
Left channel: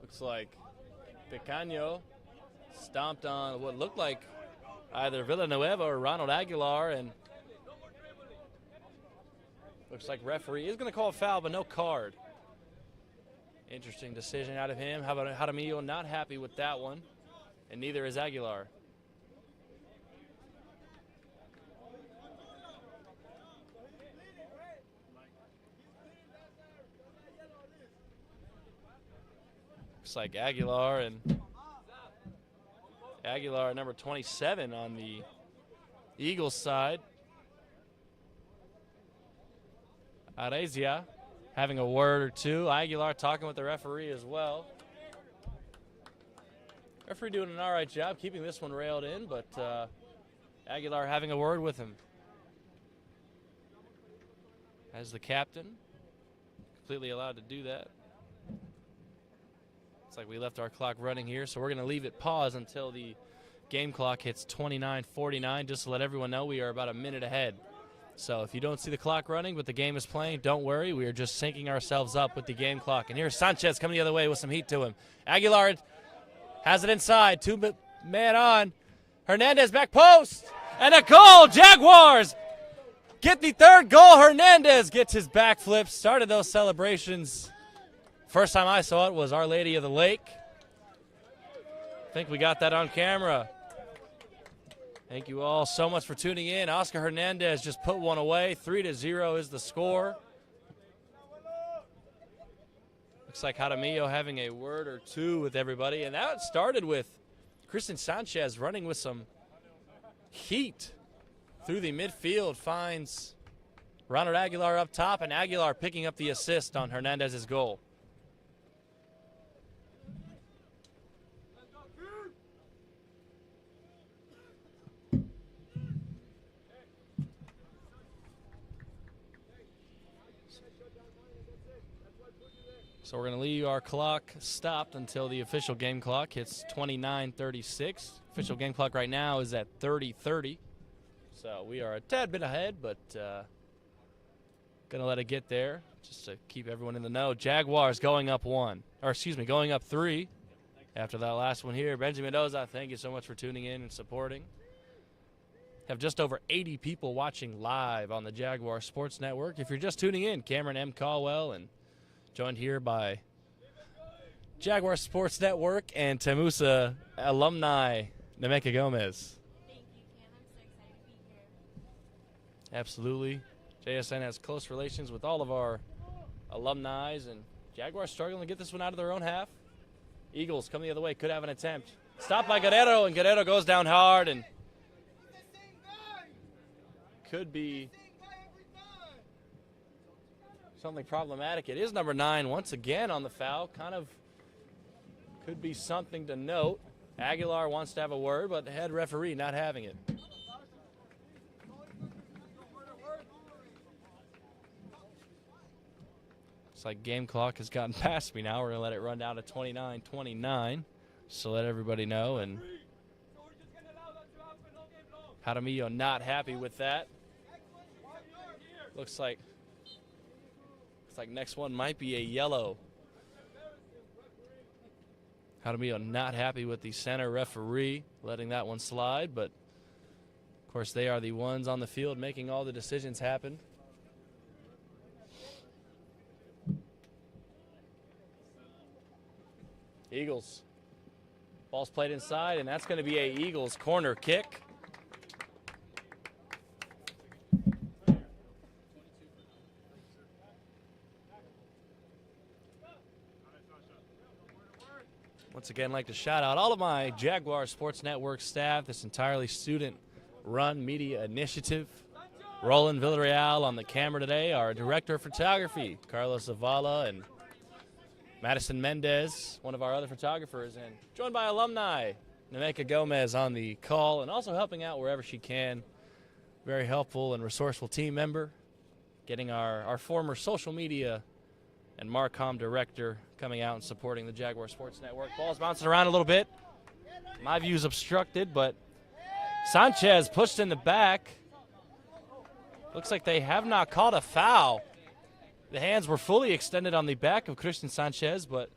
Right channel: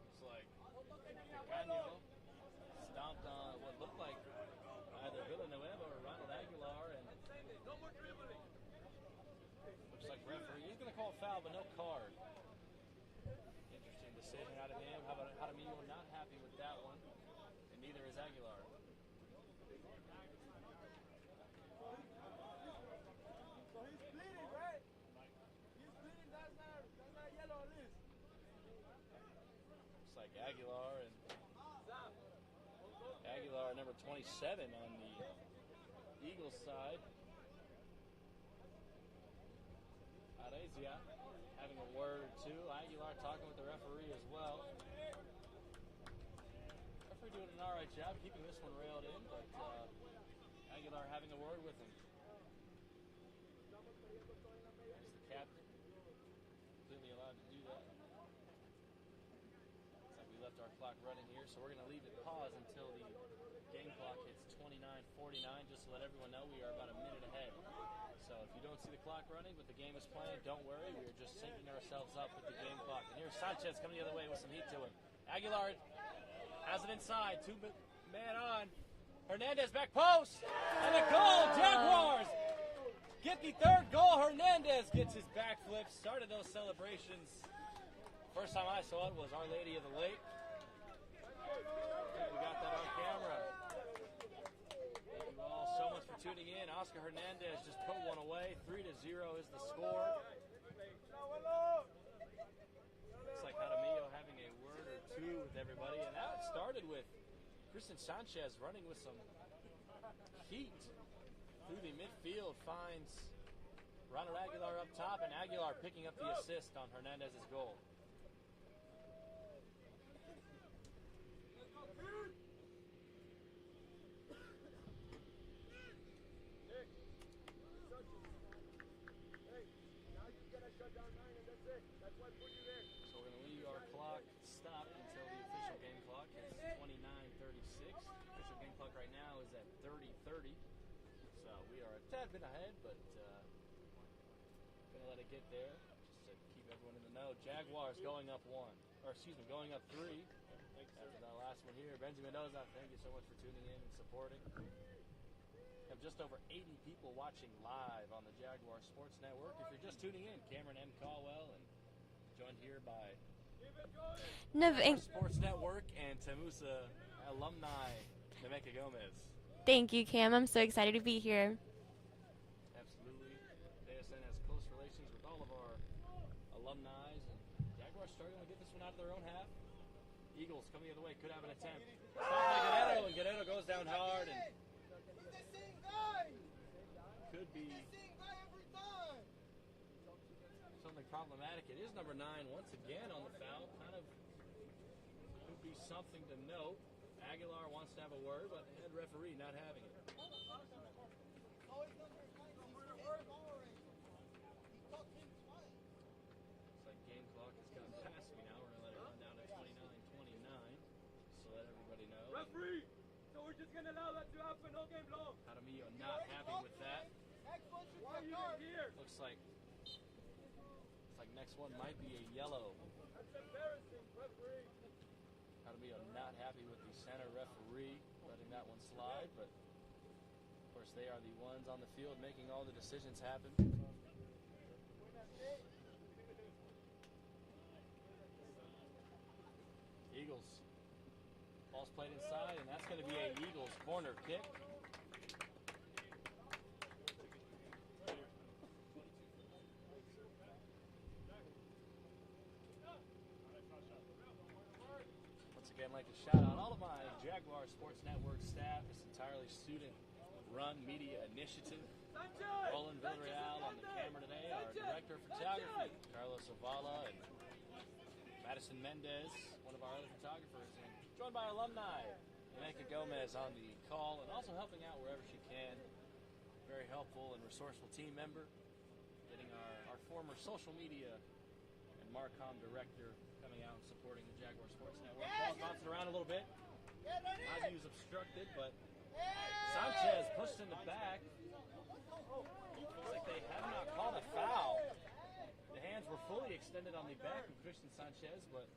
Looks like Picaño stomped on what looked like either Villanueva or Ronald Aguilar, and looks like referee is going to call a foul, but no card. Interesting decision out of him. How about Jaramillo? Not happy with that one, and neither is Aguilar. Looks like Aguilar number 27 on the Eagles side. Arezia having a word or two. Aguilar talking with the referee as well. Referee doing an all right job keeping this one railed in, but Aguilar having a word with him. As the captain, completely allowed to do that. Looks like we left our clock running here, so we're going to leave it pause until the game clock hits 29:49. Just to let everyone know, we are about a minute ahead. So if you don't see the clock running but the game is playing, don't worry. We are just syncing ourselves up with the game clock. And here's Sanchez coming the other way with some heat to him. Aguilar has it inside. Two-man on. Hernandez back post. And a goal. Jaguars get the third goal. Hernandez gets his backflip. Started those celebrations. First time I saw it was Our Lady of the Lake. think we got that on camera. Thank you all so much for tuning in. Oscar Hernandez just put one away. 3-0 is the score. Looks like Jaramillo having a word or two with everybody. And that started with Kristen Sanchez running with some heat through the midfield. Finds Ronald Aguilar up top, and Aguilar picking up the assist on Hernandez's goal. So we're going to leave our clock stopped until the official game clock hits 29:36. Official game clock right now is at 30:30. So we are a tad bit ahead, but going to let it get there just to keep everyone in the know. Jaguars going up going up 3 after that last one here. Benjamin Mendoza, thank you so much for tuning in and supporting. Have just over 80 people watching live on the Jaguar Sports Network. If you're just tuning in, Cameron M. Caldwell, and joined here by Jaguar Sports Network and TAMUSA alumni, Nemeka Gomez. Thank you, Cam. I'm so excited to be here. Absolutely. JSN has close relations with all of our alumni, and Jaguars struggling to get this one out of their own half. Eagles coming the other way, could have an attempt. Stopped by Guerrero, and Guerrero goes down hard, and could be something problematic. It is number 9 once again on the foul. Kind of could be something to note. Aguilar wants to have a word, but the head referee not having it. Looks like game clock has gotten past me now. We're going to let it run down to 29:29. So let everybody know. And Jaramillo not happy with that. Looks like next one might be a yellow. Jaramillo not happy with the center referee letting that one slide, but of course they are the ones on the field making all the decisions happen. Eagles. Ball's played inside, and that's going to be a Eagles corner kick. Once again, I'd like to shout out all of my Jaguar Sports Network staff, this entirely student-run media initiative. Roland Villarreal on the camera today, our director of photography, Carlos Zavala, and Madison Mendez, one of our other photographers, and joined by alumni, Nemeka Gomez on the call, and also helping out wherever she can. Very helpful and resourceful team member, getting our former social media and Marcom director coming out and supporting the Jaguar Sports Network. Ball's bouncing around a little bit. My view's obstructed, but Sanchez pushed in the back. Looks like they have not called a foul. The hands were fully extended on the back of Christian Sanchez, but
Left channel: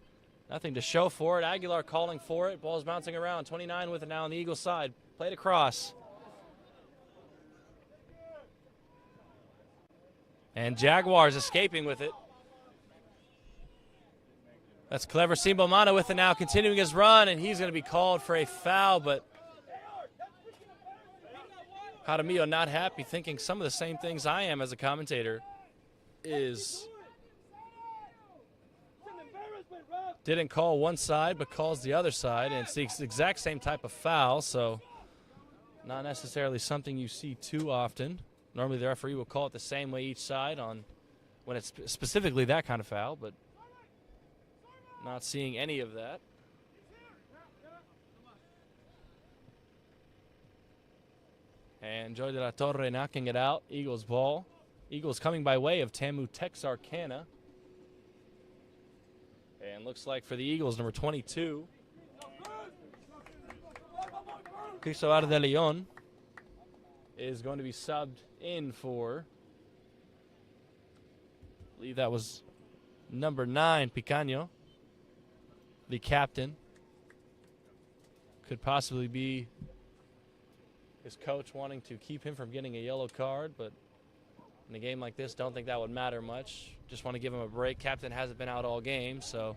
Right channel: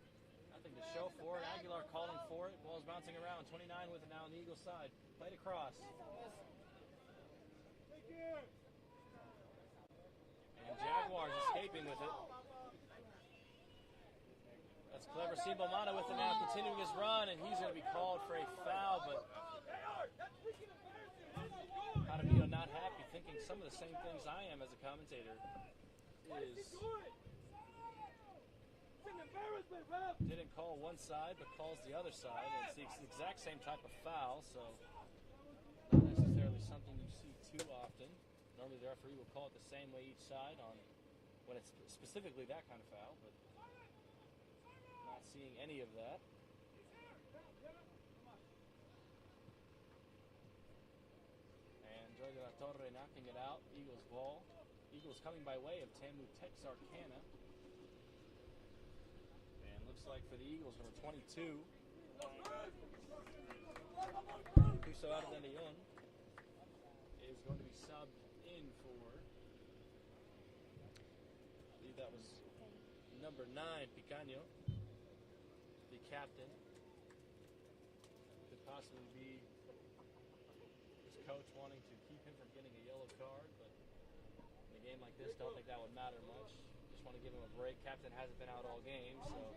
nothing to show for it. Aguilar calling for it. Ball's bouncing around. 29 with it now on the Eagles side. Played across. And Jaguars escaping with it. That's clever. Simbomana with it now, continuing his run, and he's going to be called for a foul, but Jaramillo not happy, thinking some of the same things I am as a commentator. Didn't call one side, but calls the other side, and it's the exact same type of foul, so not necessarily something you see too often. Normally the referee will call it the same way each side when it's specifically that kind of foul, but not seeing any of that. And Joy de la Torre knocking it out. Eagles ball. Eagles coming by way of TAMU-Texarkana. And looks like for the Eagles, number 22, Cristobar de Leon is going to be subbed in for, I believe that was number 9, Picaño, the captain. Could possibly be his coach wanting to keep him from getting a yellow card, but in a game like this, don't think that would matter much. Just want to give him a break. Captain hasn't been out all game, so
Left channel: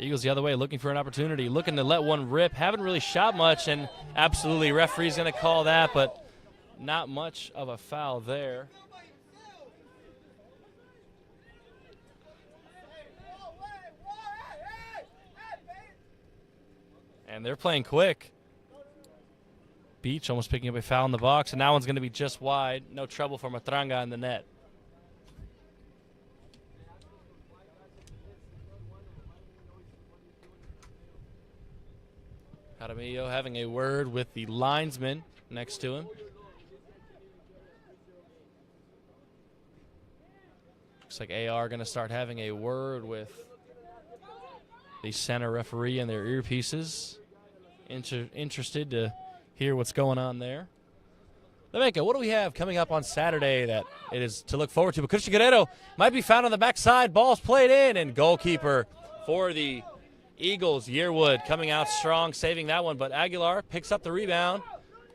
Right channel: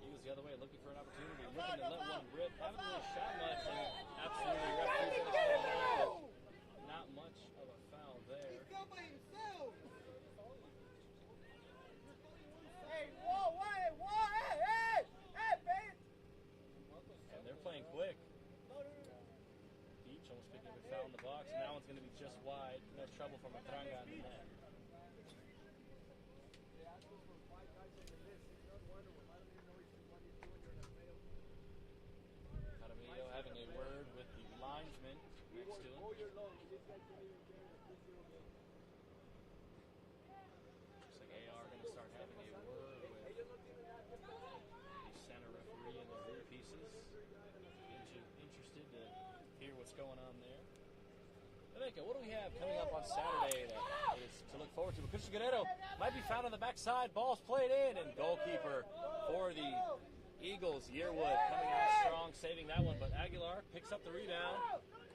Eagles the other way, looking for an opportunity, looking to let one rip. Haven't really shot much, and absolutely referee's going to call that, but not much of a foul there. And they're playing quick. Beach almost picking up a foul in the box, and that one's going to be just wide. No trouble for Matranga in the net. Jaramillo having a word with the linesman next to him. Looks like AR going to start having a word with the center referee in their earpieces. Interested to hear what's going on there. Levenka, what do we have coming up on Saturday that it is to look forward to? But Christian Guerrero might be found on the backside. Ball's played in, and goalkeeper for the Eagles, Yearwood, coming out strong, saving that one. But Aguilar picks up the rebound,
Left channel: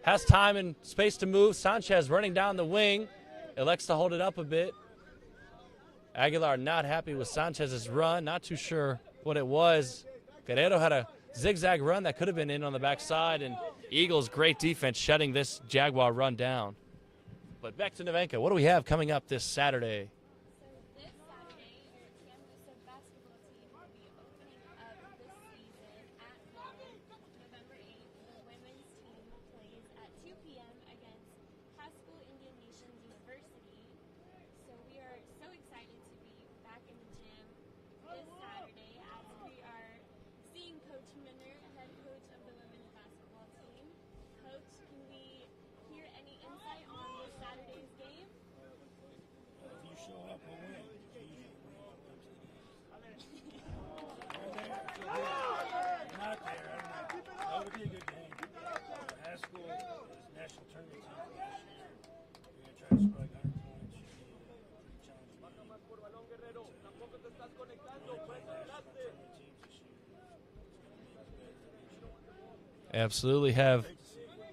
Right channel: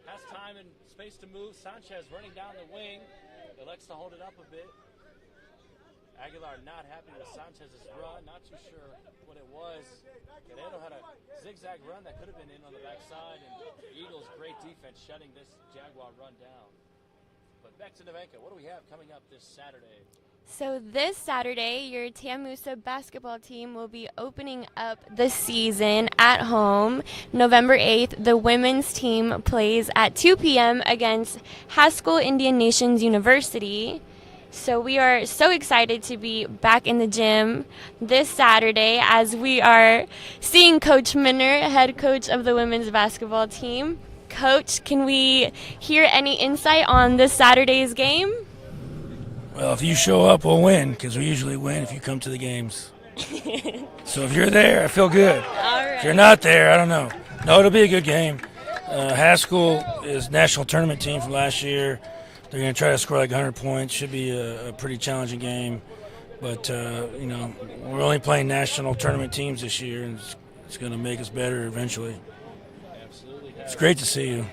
has time and space to move. Sanchez running down the wing, elects to hold it up a bit. Aguilar not happy with Sanchez's run, not too sure what it was. Guerrero had a zigzag run that could have been in on the backside, and Eagles, great defense, shutting this Jaguar run down. But back to Nevenka, what do we have coming up this Saturday? So this Saturday, your TAMUSA basketball team will be opening up the season at home. November 8th, the women's team plays at 2 p.m. against Haskell Indian Nations University. So we are so excited to be back in the gym this Saturday as we are seeing Coach Minner, head coach of the women's basketball team. Coach, can we hear any insight on this Saturday's game? Well, if you show up, we'll win, because we usually win if you come to the games. So if you're there, I feel good. All right. If you're not there, I don't know. No, it'll be a good game. Haskell is national tournament team from last year. They're going to try to score like 100 points. Should be a pretty challenging game. But, we're only playing national tournament teams this year, and it's going to make us better eventually. Absolutely. It's great to see you.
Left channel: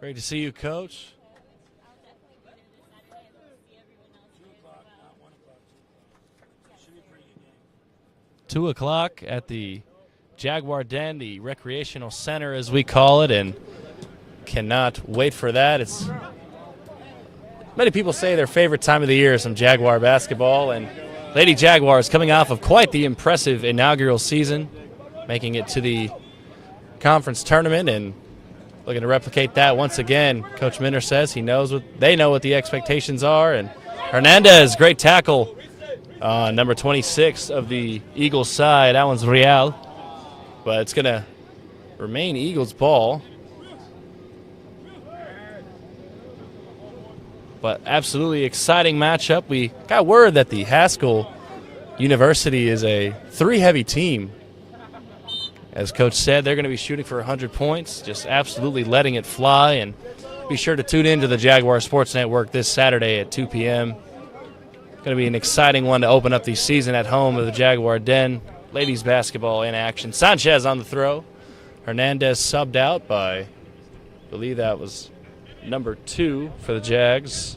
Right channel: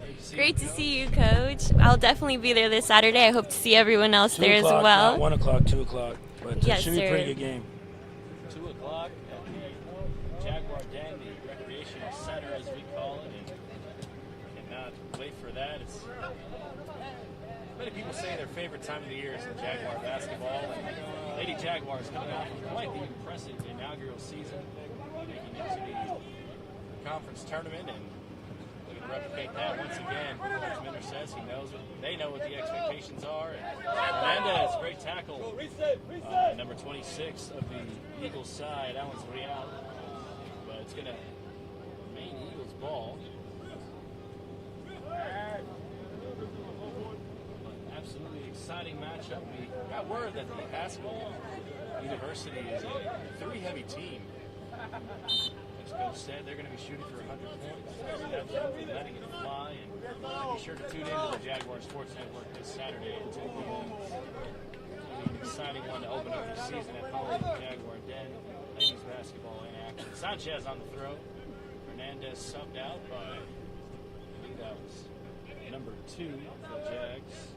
Great to see Great you, Coach. to see you, Coach. I'll definitely be there this Saturday. I hope to see everyone else there as well. Not 1 o'clock, 2 o'clock. But Yes, it should be a sir. pretty good game. 2 o'clock at the Jaguar Den, the recreational center as we call it, and cannot wait for that. It's many people say their favorite time of the year is some Jaguar basketball, and Lady Jaguars coming off of quite the impressive inaugural season, making it to the conference tournament and looking to replicate that once again. Coach Minner says they know what the expectations are, and Hernandez, great tackle, number 26 of the Eagles side. That one's Real, but it's going to remain Eagles ball. But absolutely exciting matchup. We got word that the Haskell University is a 3-heavy team. As Coach said, they're going to be shooting for 100 points, just absolutely letting it fly. And be sure to tune in to the Jaguar Sports Network this Saturday at 2 p.m. Going to be an exciting one to open up the season at home of the Jaguar Den. Ladies basketball in action. Sanchez on the throw. Hernandez subbed out by, I believe that was number 2 for the Jags.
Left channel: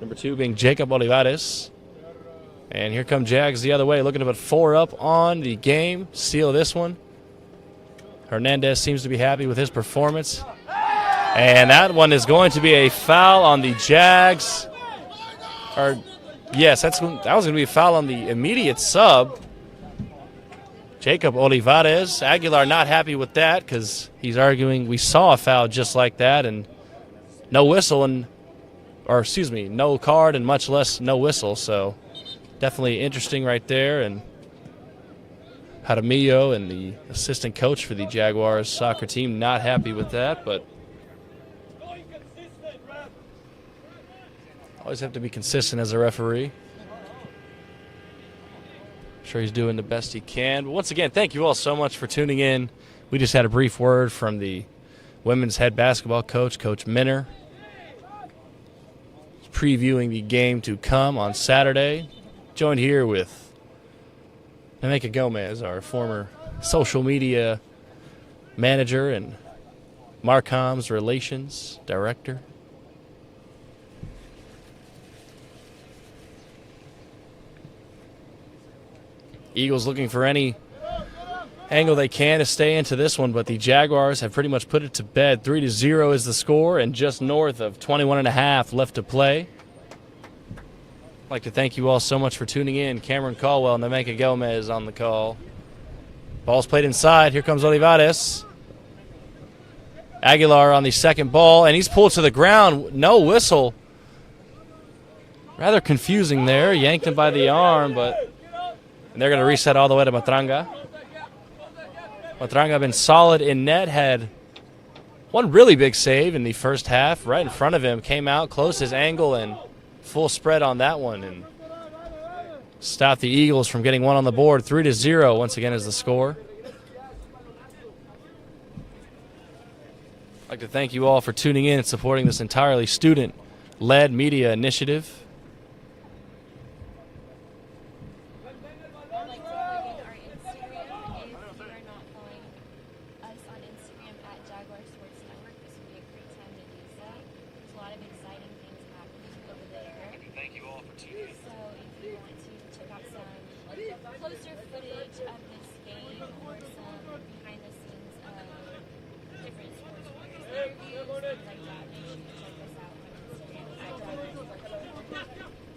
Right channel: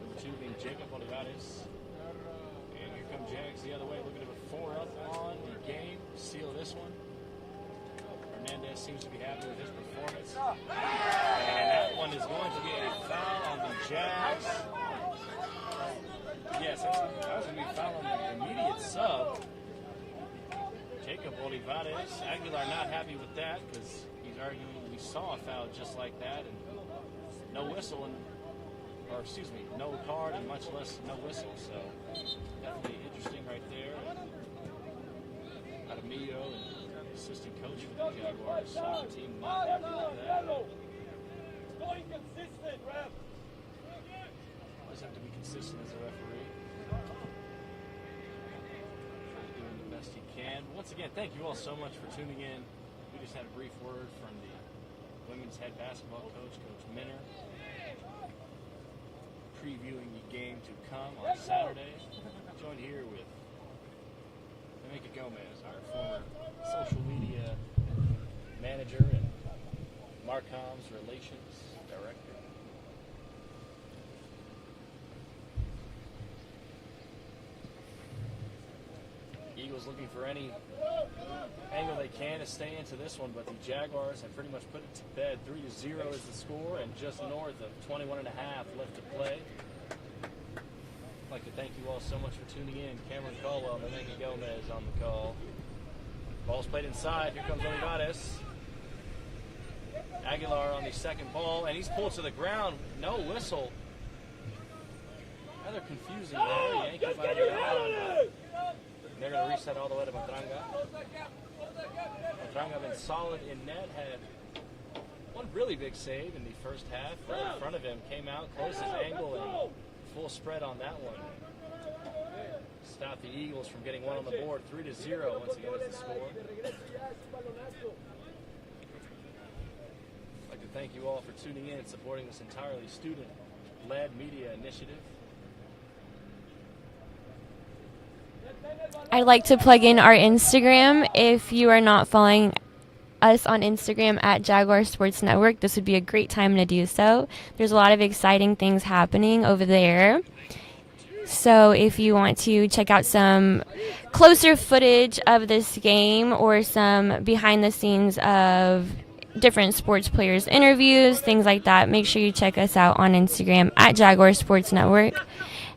Number 2 being Jacob Olivares. And here come Jags the other way, looking to put 4 up on the game. Seal this one. Hernandez seems to be happy with his performance. And that one is going to be a foul on the Jags. Yes, that was going to be a foul on the immediate sub. Jacob Olivares. Aguilar not happy with that because he's arguing we saw a foul just like that and no whistle no card and much less no whistle. So definitely interesting right there. And Jaramillo and the assistant coach for the Jaguars soccer team not happy with that, but always have to be consistent as a referee. I'm sure he's doing the best he can. But once again, thank you all so much for tuning in. We just had a brief word from the women's head basketball coach, Coach Minner, previewing the game to come on Saturday. Joined here with Nemeka Gomez, our former social media manager and Marcom's relations director. Eagles looking for any angle they can to stay into this one, but the Jaguars have pretty much put it to bed. 3-0 is the score, and just north of 21.5 left to play. I'd like to thank you all so much for tuning in. Cameron Caldwell and Nemeka Gomez on the call. Ball's played inside. Here comes Olivares. Aguilar on the second ball, and he's pulled to the ground. No whistle. Rather confusing there. Yanked him by the arm, but they're going to reset all the way to Matranga. Matranga been solid in net, had one really big save in the first half right in front of him, came out, closed his angle, and full spread on that one, and stopped the Eagles from getting one on the board. 3-0 once again is the score. I'd like to thank you all for tuning in and supporting this entirely student-led media initiative. I'd like to plug in our Instagram. If you are not following us on Instagram at Jaguar Sports Network, this would be a great time to do so. There's a lot of exciting things happening over there. So if you want to check out some closer footage of this game or some behind the scenes of different sports players' interviews, things like that, make sure you check us out on Instagram at Jaguar Sports Network.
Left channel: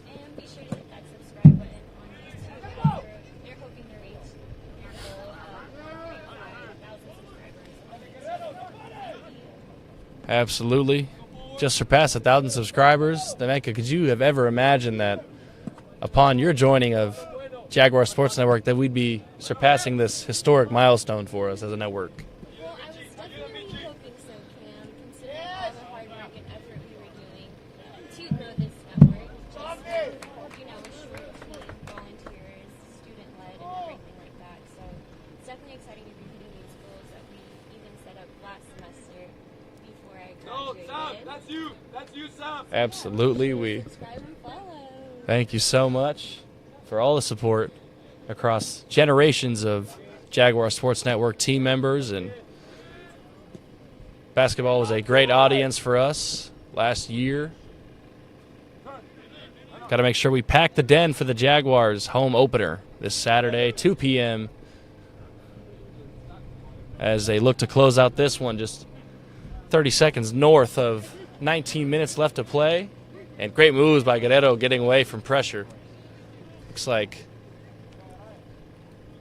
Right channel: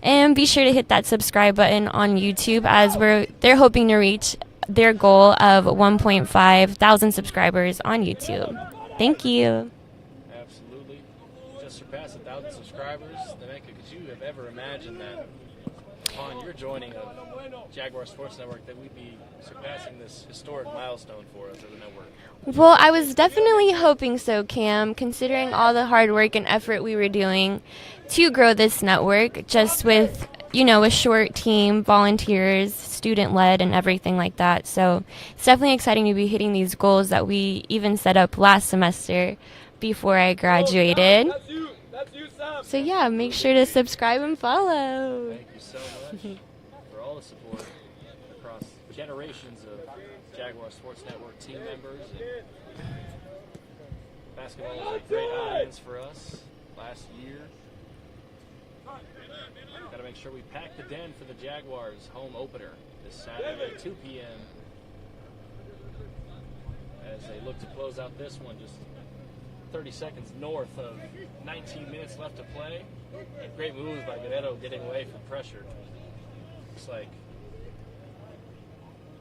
And be sure to hit that subscribe button on YouTube, as they're hoping to reach their goal of 1.5 thousand subscribers on YouTube. Thank you. Absolutely. Just surpassed 1,000 subscribers. Nemeka, could you have ever imagined that upon your joining of Jaguar Sports Network that we'd be surpassing this historic milestone for us as a network? Well, I was definitely hoping so, Cam, considering all the hard work and effort we were doing to grow this network, just with, a short team, volunteers, student-led, and everything like that. So it's definitely exciting to be hitting these goals that we even set up last semester before I graduated. So yeah, make sure to subscribe and follow. Thank you so much for all the support across generations of Jaguar Sports Network team members, and basketball was a great audience for us last year. Got to make sure we pack the den for the Jaguars home opener this Saturday, 2 p.m. as they look to close out this one, just 30 seconds north of 19 minutes left to play. And great moves by Guerrero getting away from pressure. Looks like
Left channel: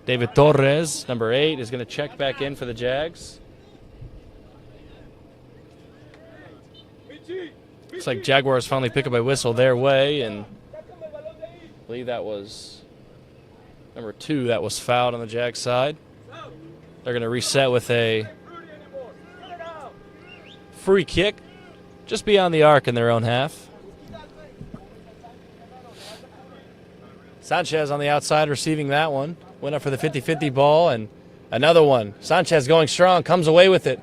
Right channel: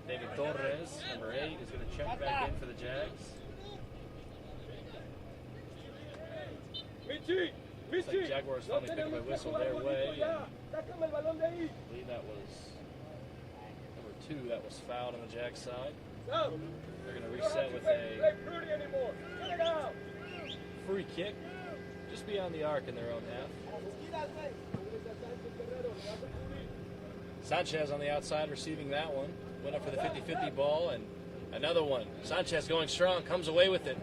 David Torres, number 8, is going to check back in for the Jags. Looks like Jaguars finally pick up a whistle their way, and I believe that was number 2 that was fouled on the Jag side. They're going to reset with a free kick just beyond the arc in their own half. Sanchez on the outside receiving that one. Went up for the 50-50 ball, and another one. Sanchez going strong, comes away with it.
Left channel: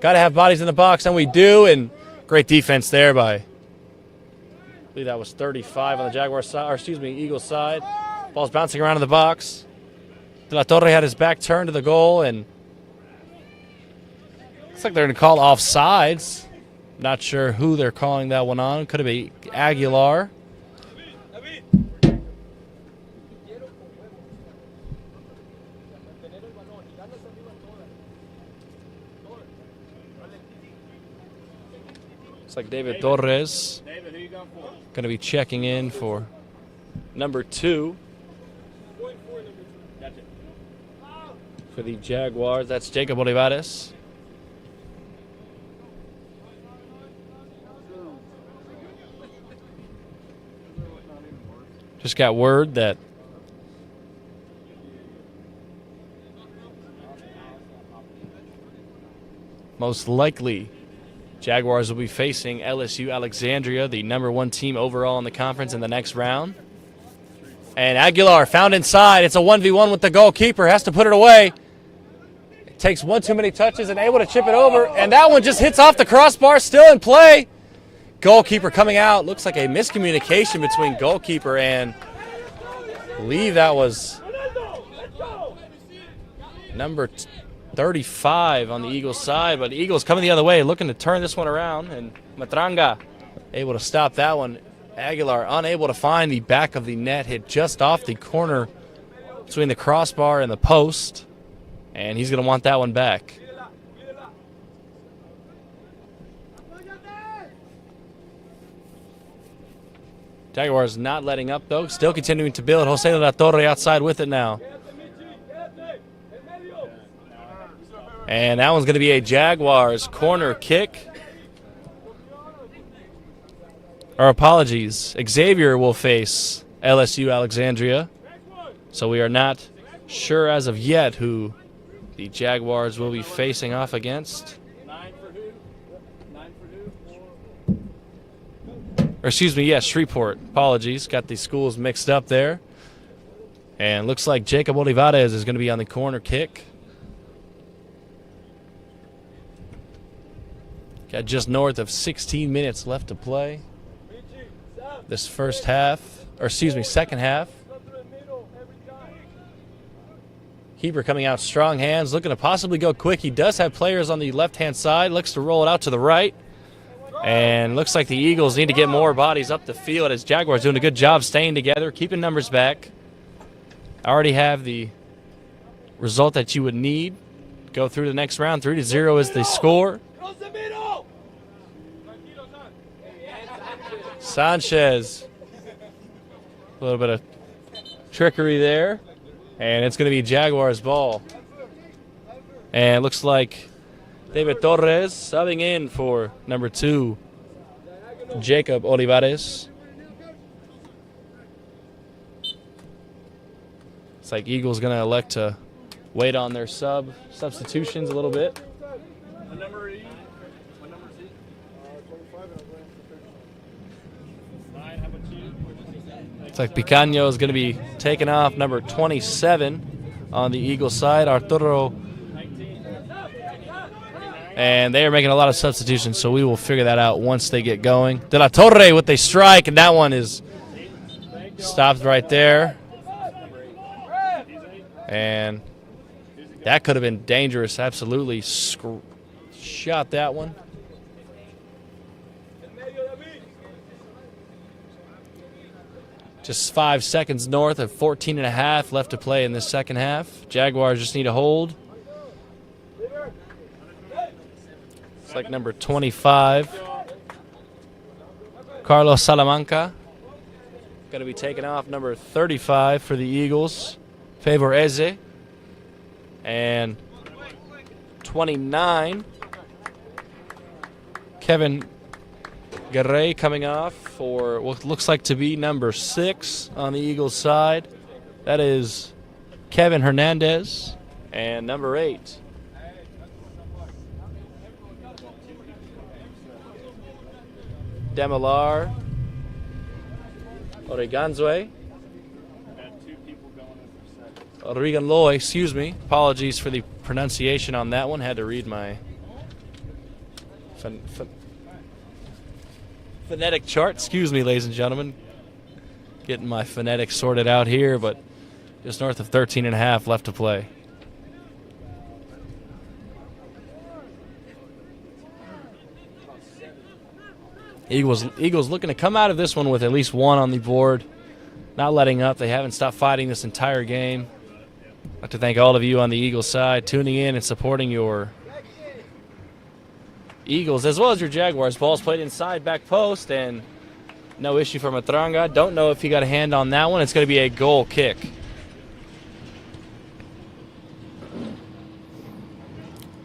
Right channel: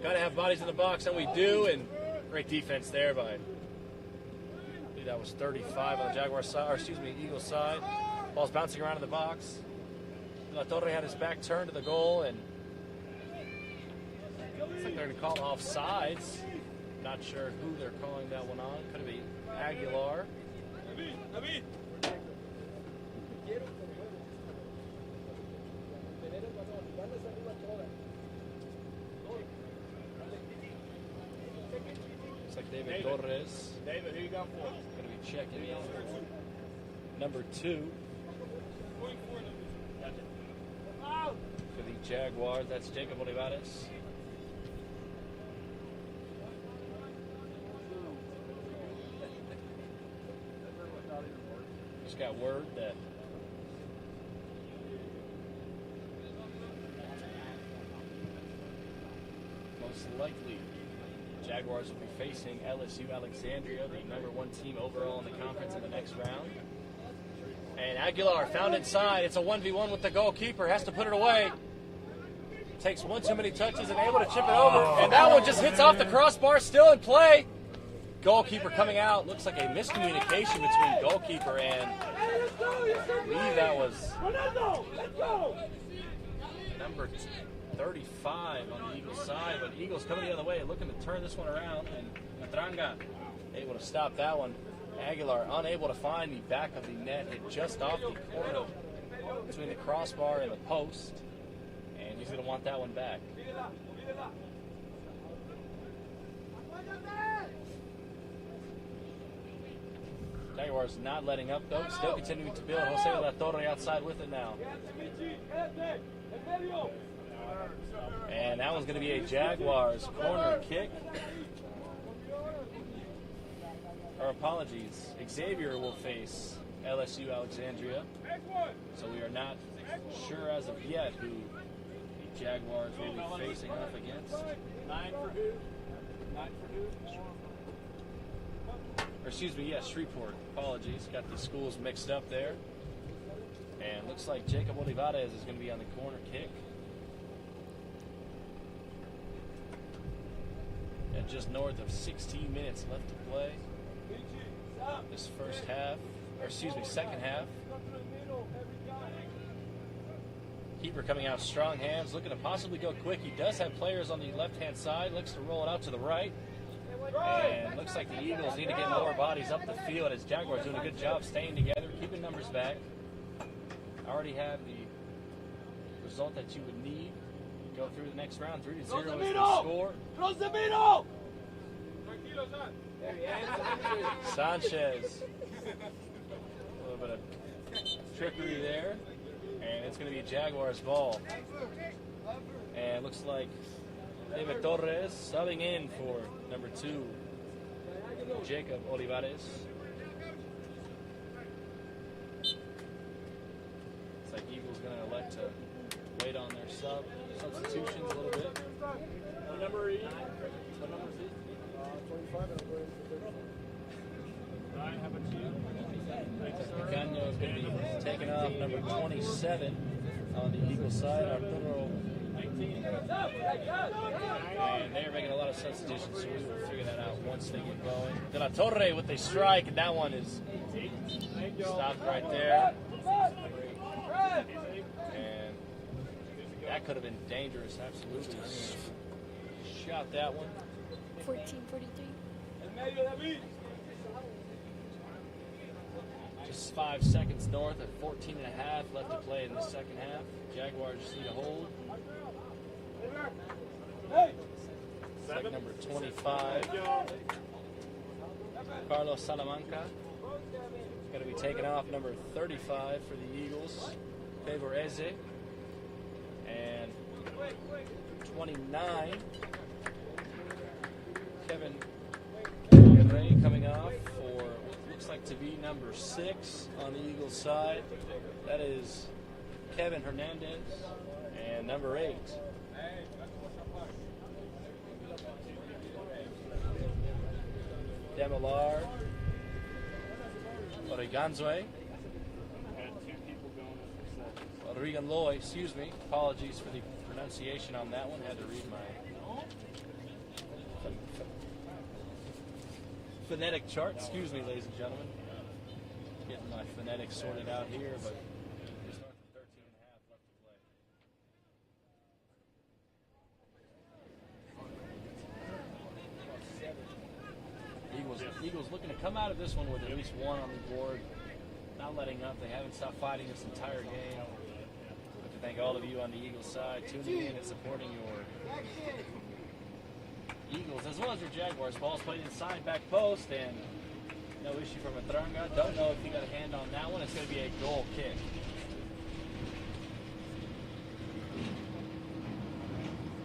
Got to have bodies in the box, and we do, and great defense there by, I believe that was 35 on the Jaguar side, Eagles side. Ball's bouncing around in the box. De La Torre had his back turned to the goal, and looks like they're going to call offsides. Not sure who they're calling that one on. Could have been Aguilar. Looks like David Torres going to be checking in for number 2 for the Jaguars. That's Jacob Olivares. Just got word that most likely Jaguars will be facing LSU Alexandria, the number 1 team overall in the conference, in the next round. And Aguilar found inside. It's a 1v1 with the goalkeeper. Has to put it away. It takes one too many touches and able to chip it over. And that one just hits off the crossbar, still in play. Goalkeeper coming out. Looks like a miscommunication between goalkeeper and, I believe that was number 35 on the Eagles side, but the Eagles coming the other way, looking to turn this one around, and Matranga able to stop that one. Aguilar unable to find the back of the net, hit just off the corner between the crossbar and the post, and he's going to want that one back. Jaguars not letting up, though. Still continuing to build. Jose de la Torre outside with it now. And that one's going to be a Jaguars corner kick. Our apologies. Xavier will face LSU Alexandria. So we are not sure as of yet who the Jaguars will be facing off against. Or excuse me, yes, Shreveport. Apologies. Got the schools mixed up there. And looks like Jacob Olivares is going to be on the corner kick. Got just north of 16 minutes left to play. This first half, or excuse me, second half. Keeper coming out strong hands, looking to possibly go quick. He does have players on the left-hand side. Looks to roll it out to the right. And looks like the Eagles need to get more bodies up the field as Jaguars doing a good job staying together, keeping numbers back. Already have the result that you would need. Go through the next round. 3-0 is the score. Sanchez. A little bit of trickery there. And it's going to be Jaguars ball. And it looks like David Torres subbing in for number 2, Jacob Olivares. It's like Eagles going to elect to wait on their substitutions a little bit. It's like Picaño is going to be taking off number 27 on the Eagles side. Arturo. And they are making a lot of substitutions, so we will figure that out once they get going. De La Torre with a strike, and that one is stopped right there. And that could have been dangerous. Absolutely shot that one. Just 5 seconds north of 14.5 left to play in this second half. Jaguars just need to hold. It's like number 25, Carlos Salamanca. Going to be taking off number 35 for the Eagles, Favor Eze. And 29, Kevin Garay coming off for what looks like to be number 6 on the Eagles side. That is Kevin Hernandez. And number 8, Demilar Oreganzoe. Oregan Loy, excuse me. Apologies for the pronunciation on that one. Had to read my phonetic chart. Excuse me, ladies and gentlemen. Getting my phonetics sorted out here, but just north of 13.5 left to play. Eagles looking to come out of this one with at least 1 on the board. Not letting up. They haven't stopped fighting this entire game. I'd like to thank all of you on the Eagles side tuning in and supporting your Eagles as well as your Jaguars. Ball's played inside back post, and no issue for Matranga. Don't know if he got a hand on that one. It's going to be a goal kick.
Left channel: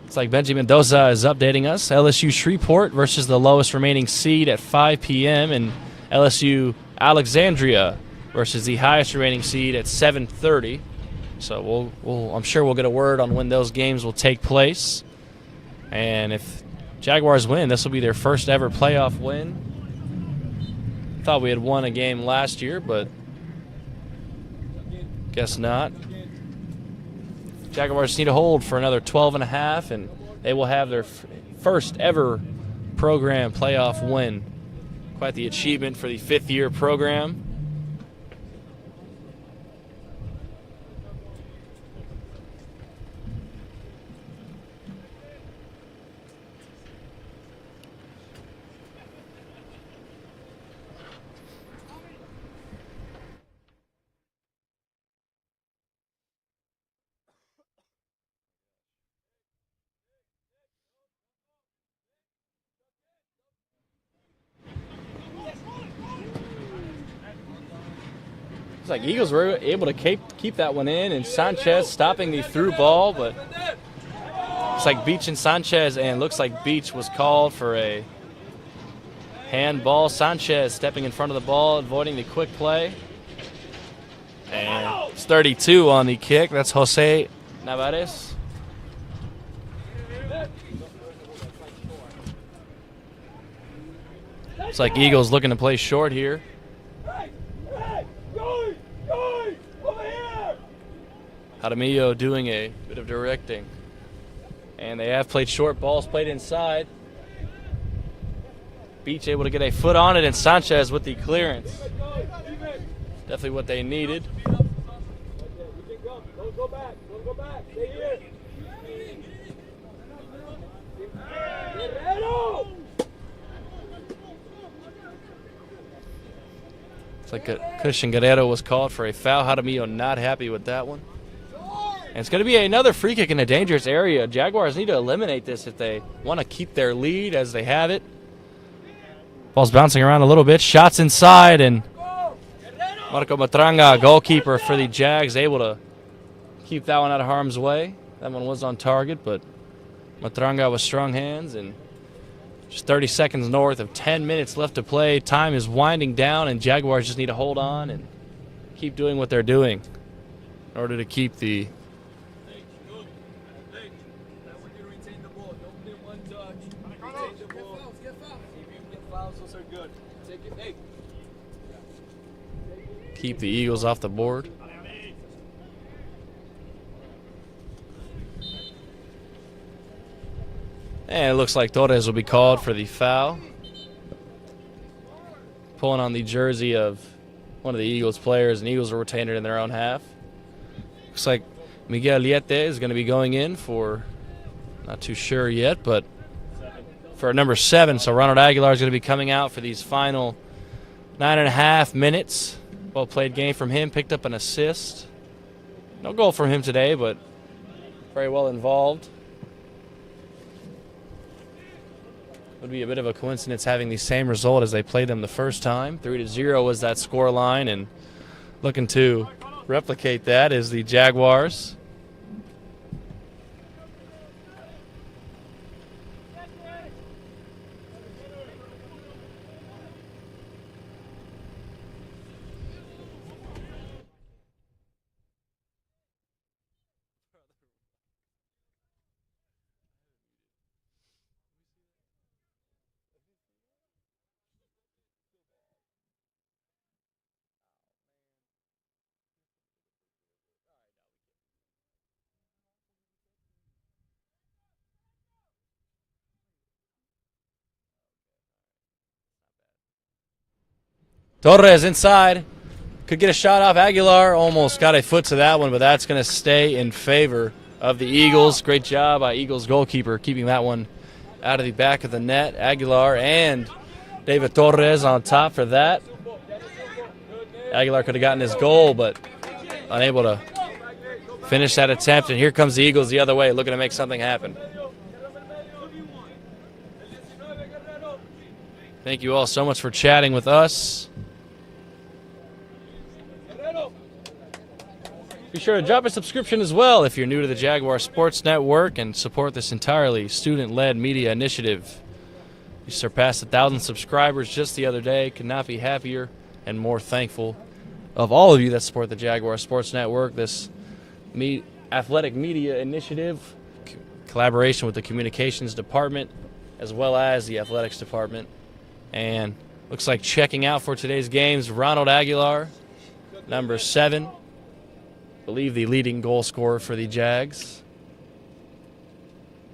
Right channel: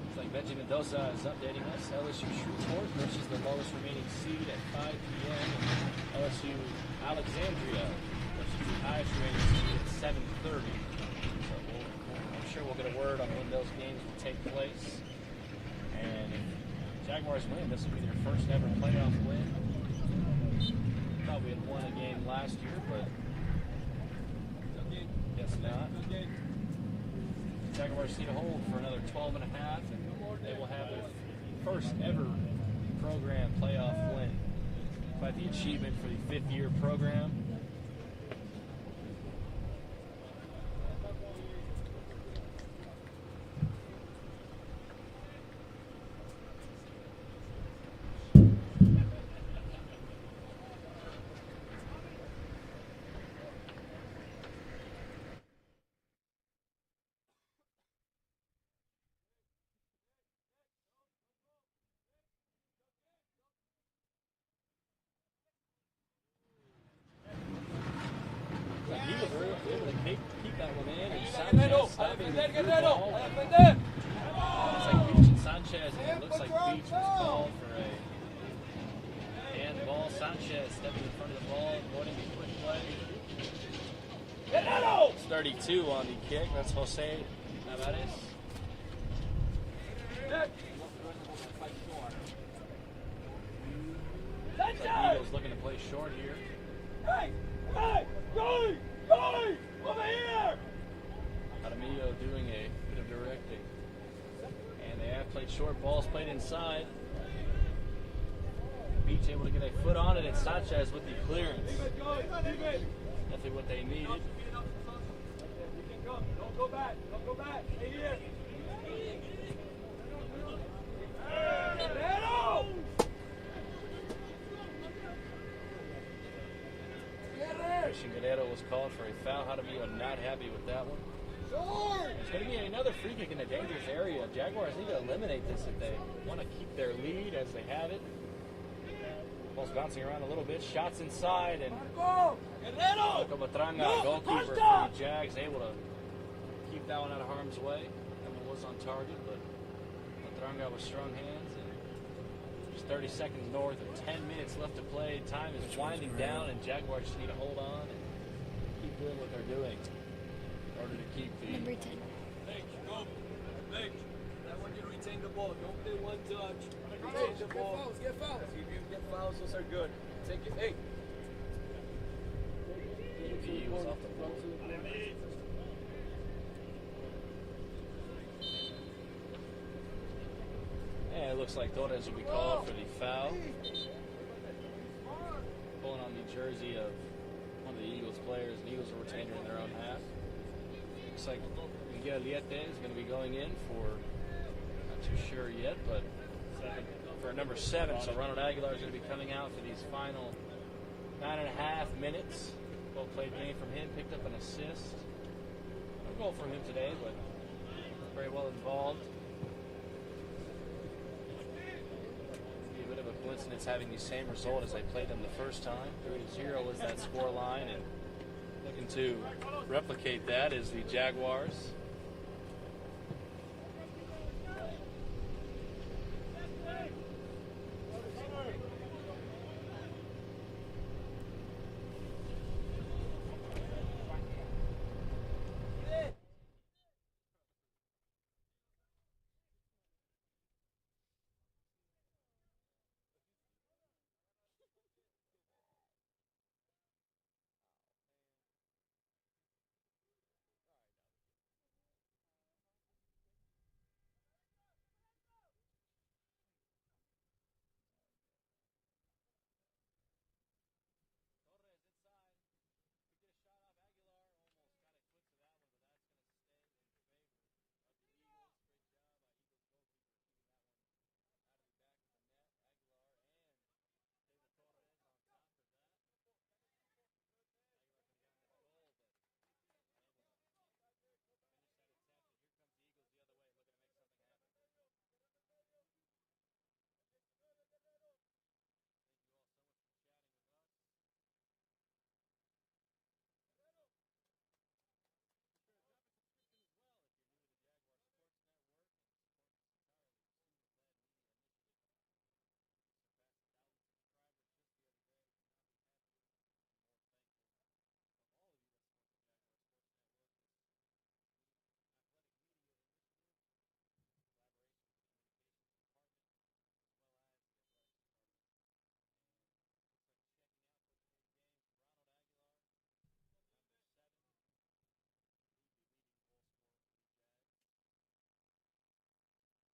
It's like Benji Mendoza is updating us. LSU Shreveport versus the lowest remaining seed at 5 p.m. and LSU Alexandria versus the highest remaining seed at 7:30. So I'm sure we'll get a word on when those games will take place. And if Jaguars win, this will be their first ever playoff win. Thought we had won a game last year, but guess not. Jaguars need to hold for another 12.5, and they will have their first ever program playoff win. Quite the achievement for the 5th-year program. Looks like Eagles were able to keep that one in, and Sanchez stopping the through ball, but it's like Beach and Sanchez, and looks like Beach was called for a handball. Sanchez stepping in front of the ball, avoiding the quick play. And it's 32 on the kick. That's Jose Navarez. It's like Eagles looking to play short here. Jaramillo doing a bit of directing. And they have played short, balls played inside. Beach able to get a foot on it, and Sanchez with the clearance. Definitely what they needed. Don't go back. Don't go back. Stay here. Guerrero! It's like Christian Guerrero was called for a foul. Jaramillo not happy with that one. And it's going to be another free kick in a dangerous area. Jaguars need to eliminate this if they want to keep their lead as they have it. Ball's bouncing around a little bit. Shots inside, and Marco Matranga, goalkeeper for the Jags, able to keep that one out of harm's way. That one was on target, but Matranga with strong hands, and just 30 seconds north of 10 minutes left to play. Time is winding down, and Jaguars just need to hold on and keep doing what they're doing in order to keep the Eagles off the board. And it looks like Torres will be called for the foul. Pulling on the jersey of one of the Eagles players, and Eagles will retain it in their own half. Looks like Miguel Liete is going to be going in for, not too sure yet, but for number 7. So Ronald Aguilar is going to be coming out for these final 9.5 minutes. Well played game from him, picked up an assist. No goal from him today, but very well involved. Would be a bit of a coincidence having the same result as they played them the first time. 3-0 was that score line, and looking to replicate that is the Jaguars. Torres inside. Could get a shot off. Aguilar almost got a foot to that one, but that's going to stay in favor of the Eagles. Great job by Eagles goalkeeper keeping that one out of the back of the net. Aguilar and David Torres on top for that. Aguilar could have gotten his goal, but unable to finish that attempt. And here comes the Eagles the other way, looking to make something happen. Thank you all so much for chatting with us. Be sure to drop a subscription as well if you're new to the Jaguar Sports Network and support this entirely student-led media initiative. We surpassed 1,000 subscribers just the other day. Could not be happier and more thankful of all of you that support the Jaguar Sports Network, this athletic media initiative, collaboration with the communications department as well as the athletics department. And looks like checking out for today's games, Ronald Aguilar, number 7. I believe the leading goal scorer for the Jags.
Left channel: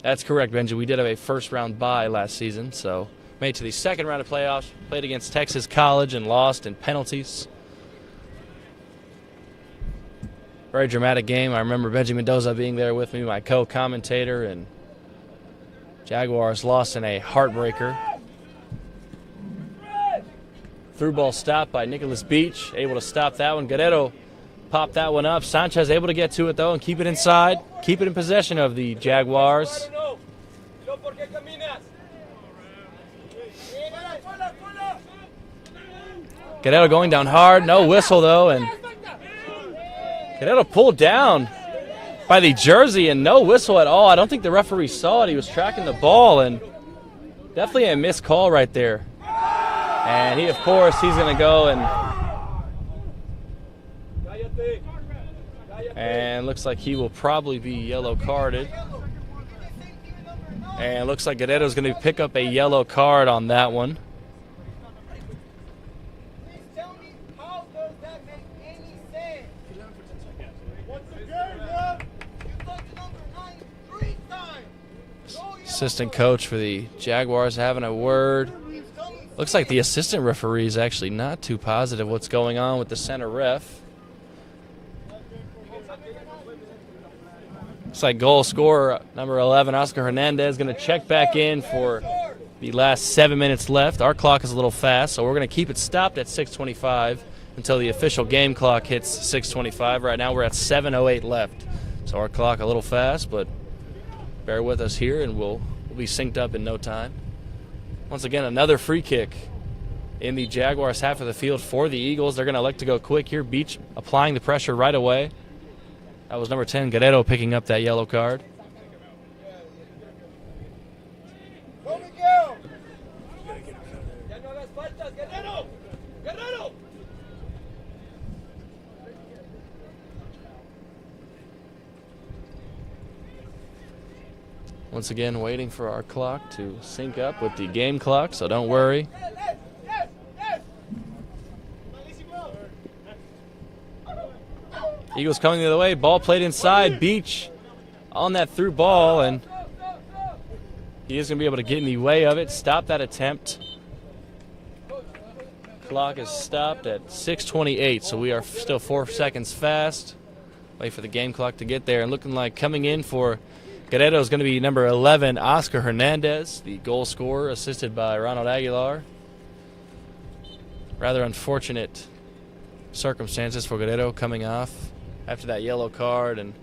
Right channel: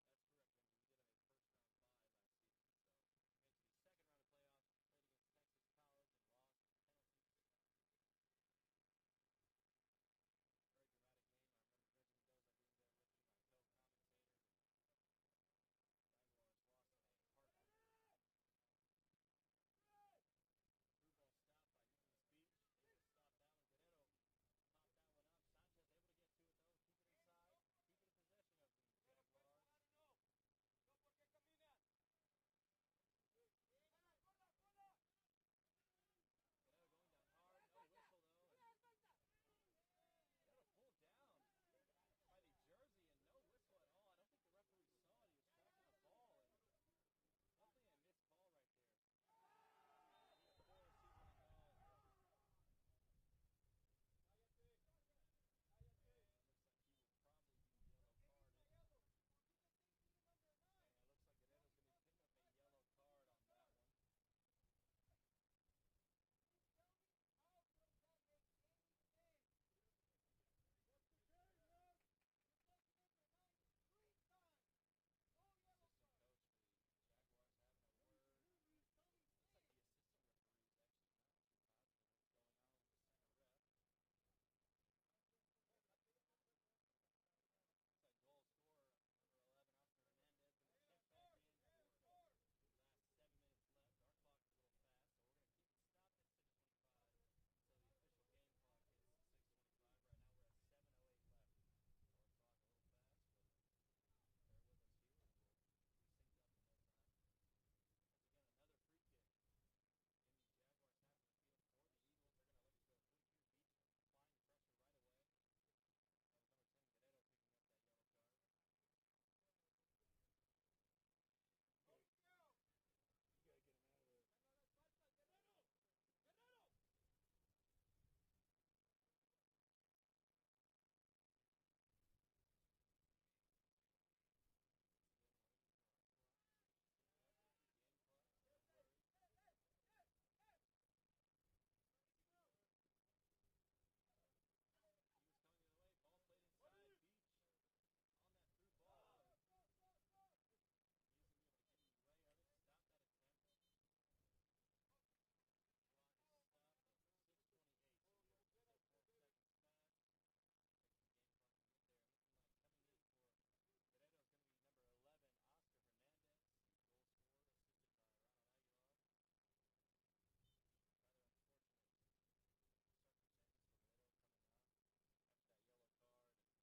That's correct, Benji. We did have a first-round bye last season, so made to the second round of playoffs, played against Texas College and lost in penalties. Very dramatic game. I remember Benji Mendoza being there with me, my co-commentator, and Jaguars lost in a heartbreaker. Through ball stopped by Nicholas Beach, able to stop that one. Guerrero popped that one up. Sanchez able to get to it, though, and keep it inside. Keep it in possession of the Jaguars. Guerrero going down hard. No whistle, though, and Guerrero pulled down by the jersey and no whistle at all. I don't think the referee saw it. He was tracking the ball, and definitely a missed call right there. And he, of course, he's going to go and looks like he will probably be yellow carded. And looks like Guerrero's going to pick up a yellow card on that one. Assistant coach for the Jaguars having a word. Looks like the assistant referee is actually not too positive what's going on with the center ref. Looks like goal scorer number 11, Oscar Hernandez, going to check back in for the last 7 minutes left. Our clock is a little fast, so we're going to keep it stopped at 6:25 until the official game clock hits 6:25. Right now we're at 7:08 left. So our clock a little fast, but bear with us here and we'll be synced up in no time. Once again, another free kick in the Jaguars half of the field for the Eagles. They're going to elect to go quick here. Beach applying the pressure right away. That was number 10, Guerrero, picking up that yellow card. Once again, waiting for our clock to sync up with the game clock, so don't worry. Eagles coming the other way. Ball played inside. Beach on that through ball, and he is going to be able to get in the way of it. Stop that attempt. Clock is stopped at 6:28, so we are still 4 seconds fast. Wait for the game clock to get there. And looking like coming in for Guerrero is going to be number 11, Oscar Hernandez, the goal scorer, assisted by Ronald Aguilar. Rather unfortunate circumstances for Guerrero coming off after that yellow card, and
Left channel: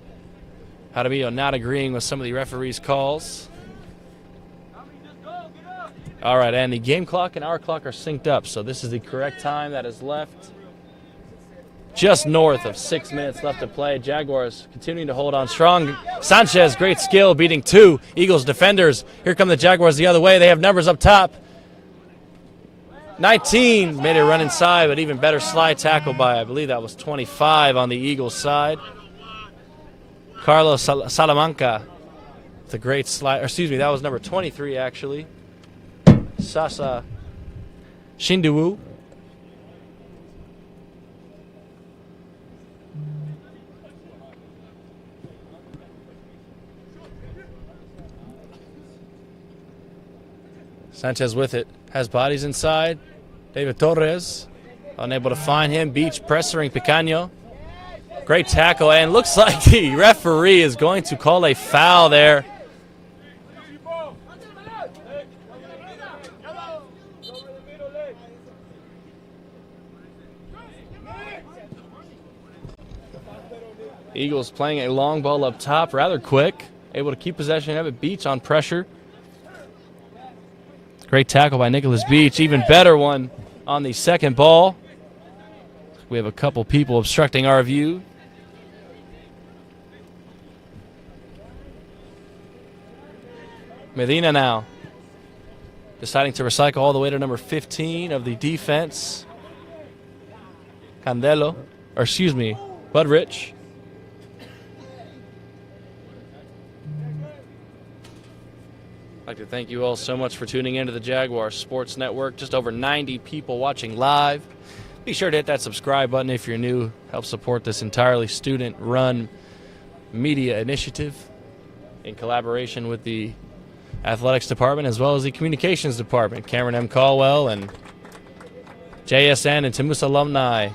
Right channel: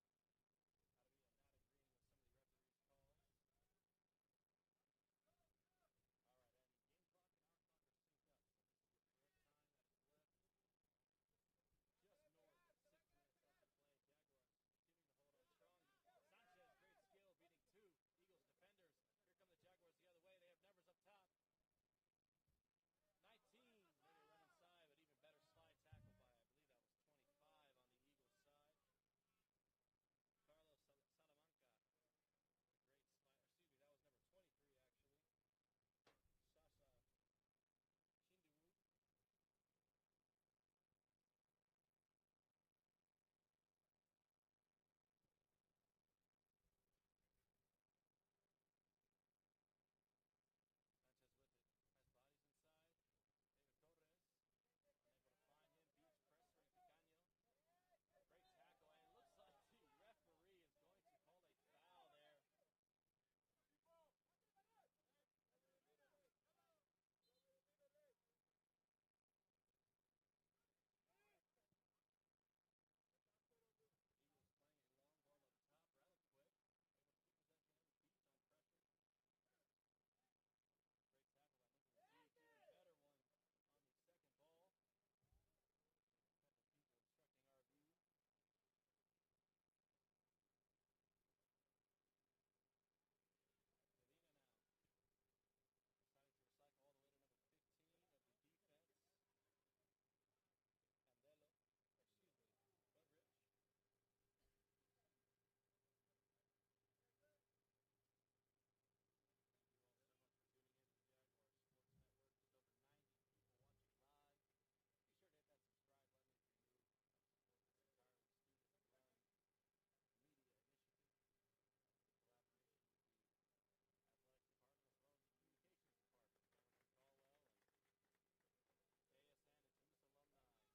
Jaramillo not agreeing with some of the referee's calls. All right, and the game clock and our clock are synced up, so this is the correct time that is left. Just north of 6 minutes left to play. Jaguars continuing to hold on strong. Sanchez, great skill, beating 2 Eagles defenders. Here come the Jaguars the other way. They have numbers up top. 19 made a run inside, but even better slide tackle by, I believe that was 25 on the Eagles side. Carlos Salamanca with a great slide. Or excuse me, that was number 23 actually. Sasa Shinduwu. Sanchez with it, has bodies inside. David Torres, unable to find him. Beach pressuring Picaño. Great tackle, and looks like the referee is going to call a foul there. Eagles playing a long ball up top, rather quick. Able to keep possession of it. Beach on pressure. Great tackle by Nicholas Beach. Even better one on the second ball. We have a couple people obstructing our view. Medina now deciding to recycle all the way to number 15 of the defense. Candelo, or excuse me, Budrich. I'd like to thank you all so much for tuning into the Jaguar Sports Network. Just over 90 people watching live. Be sure to hit that subscribe button if you're new. Help support this entirely student-run media initiative in collaboration with the athletics department as well as the communications department. Cameron M. Caldwell and JSN and TAMUSA alumni.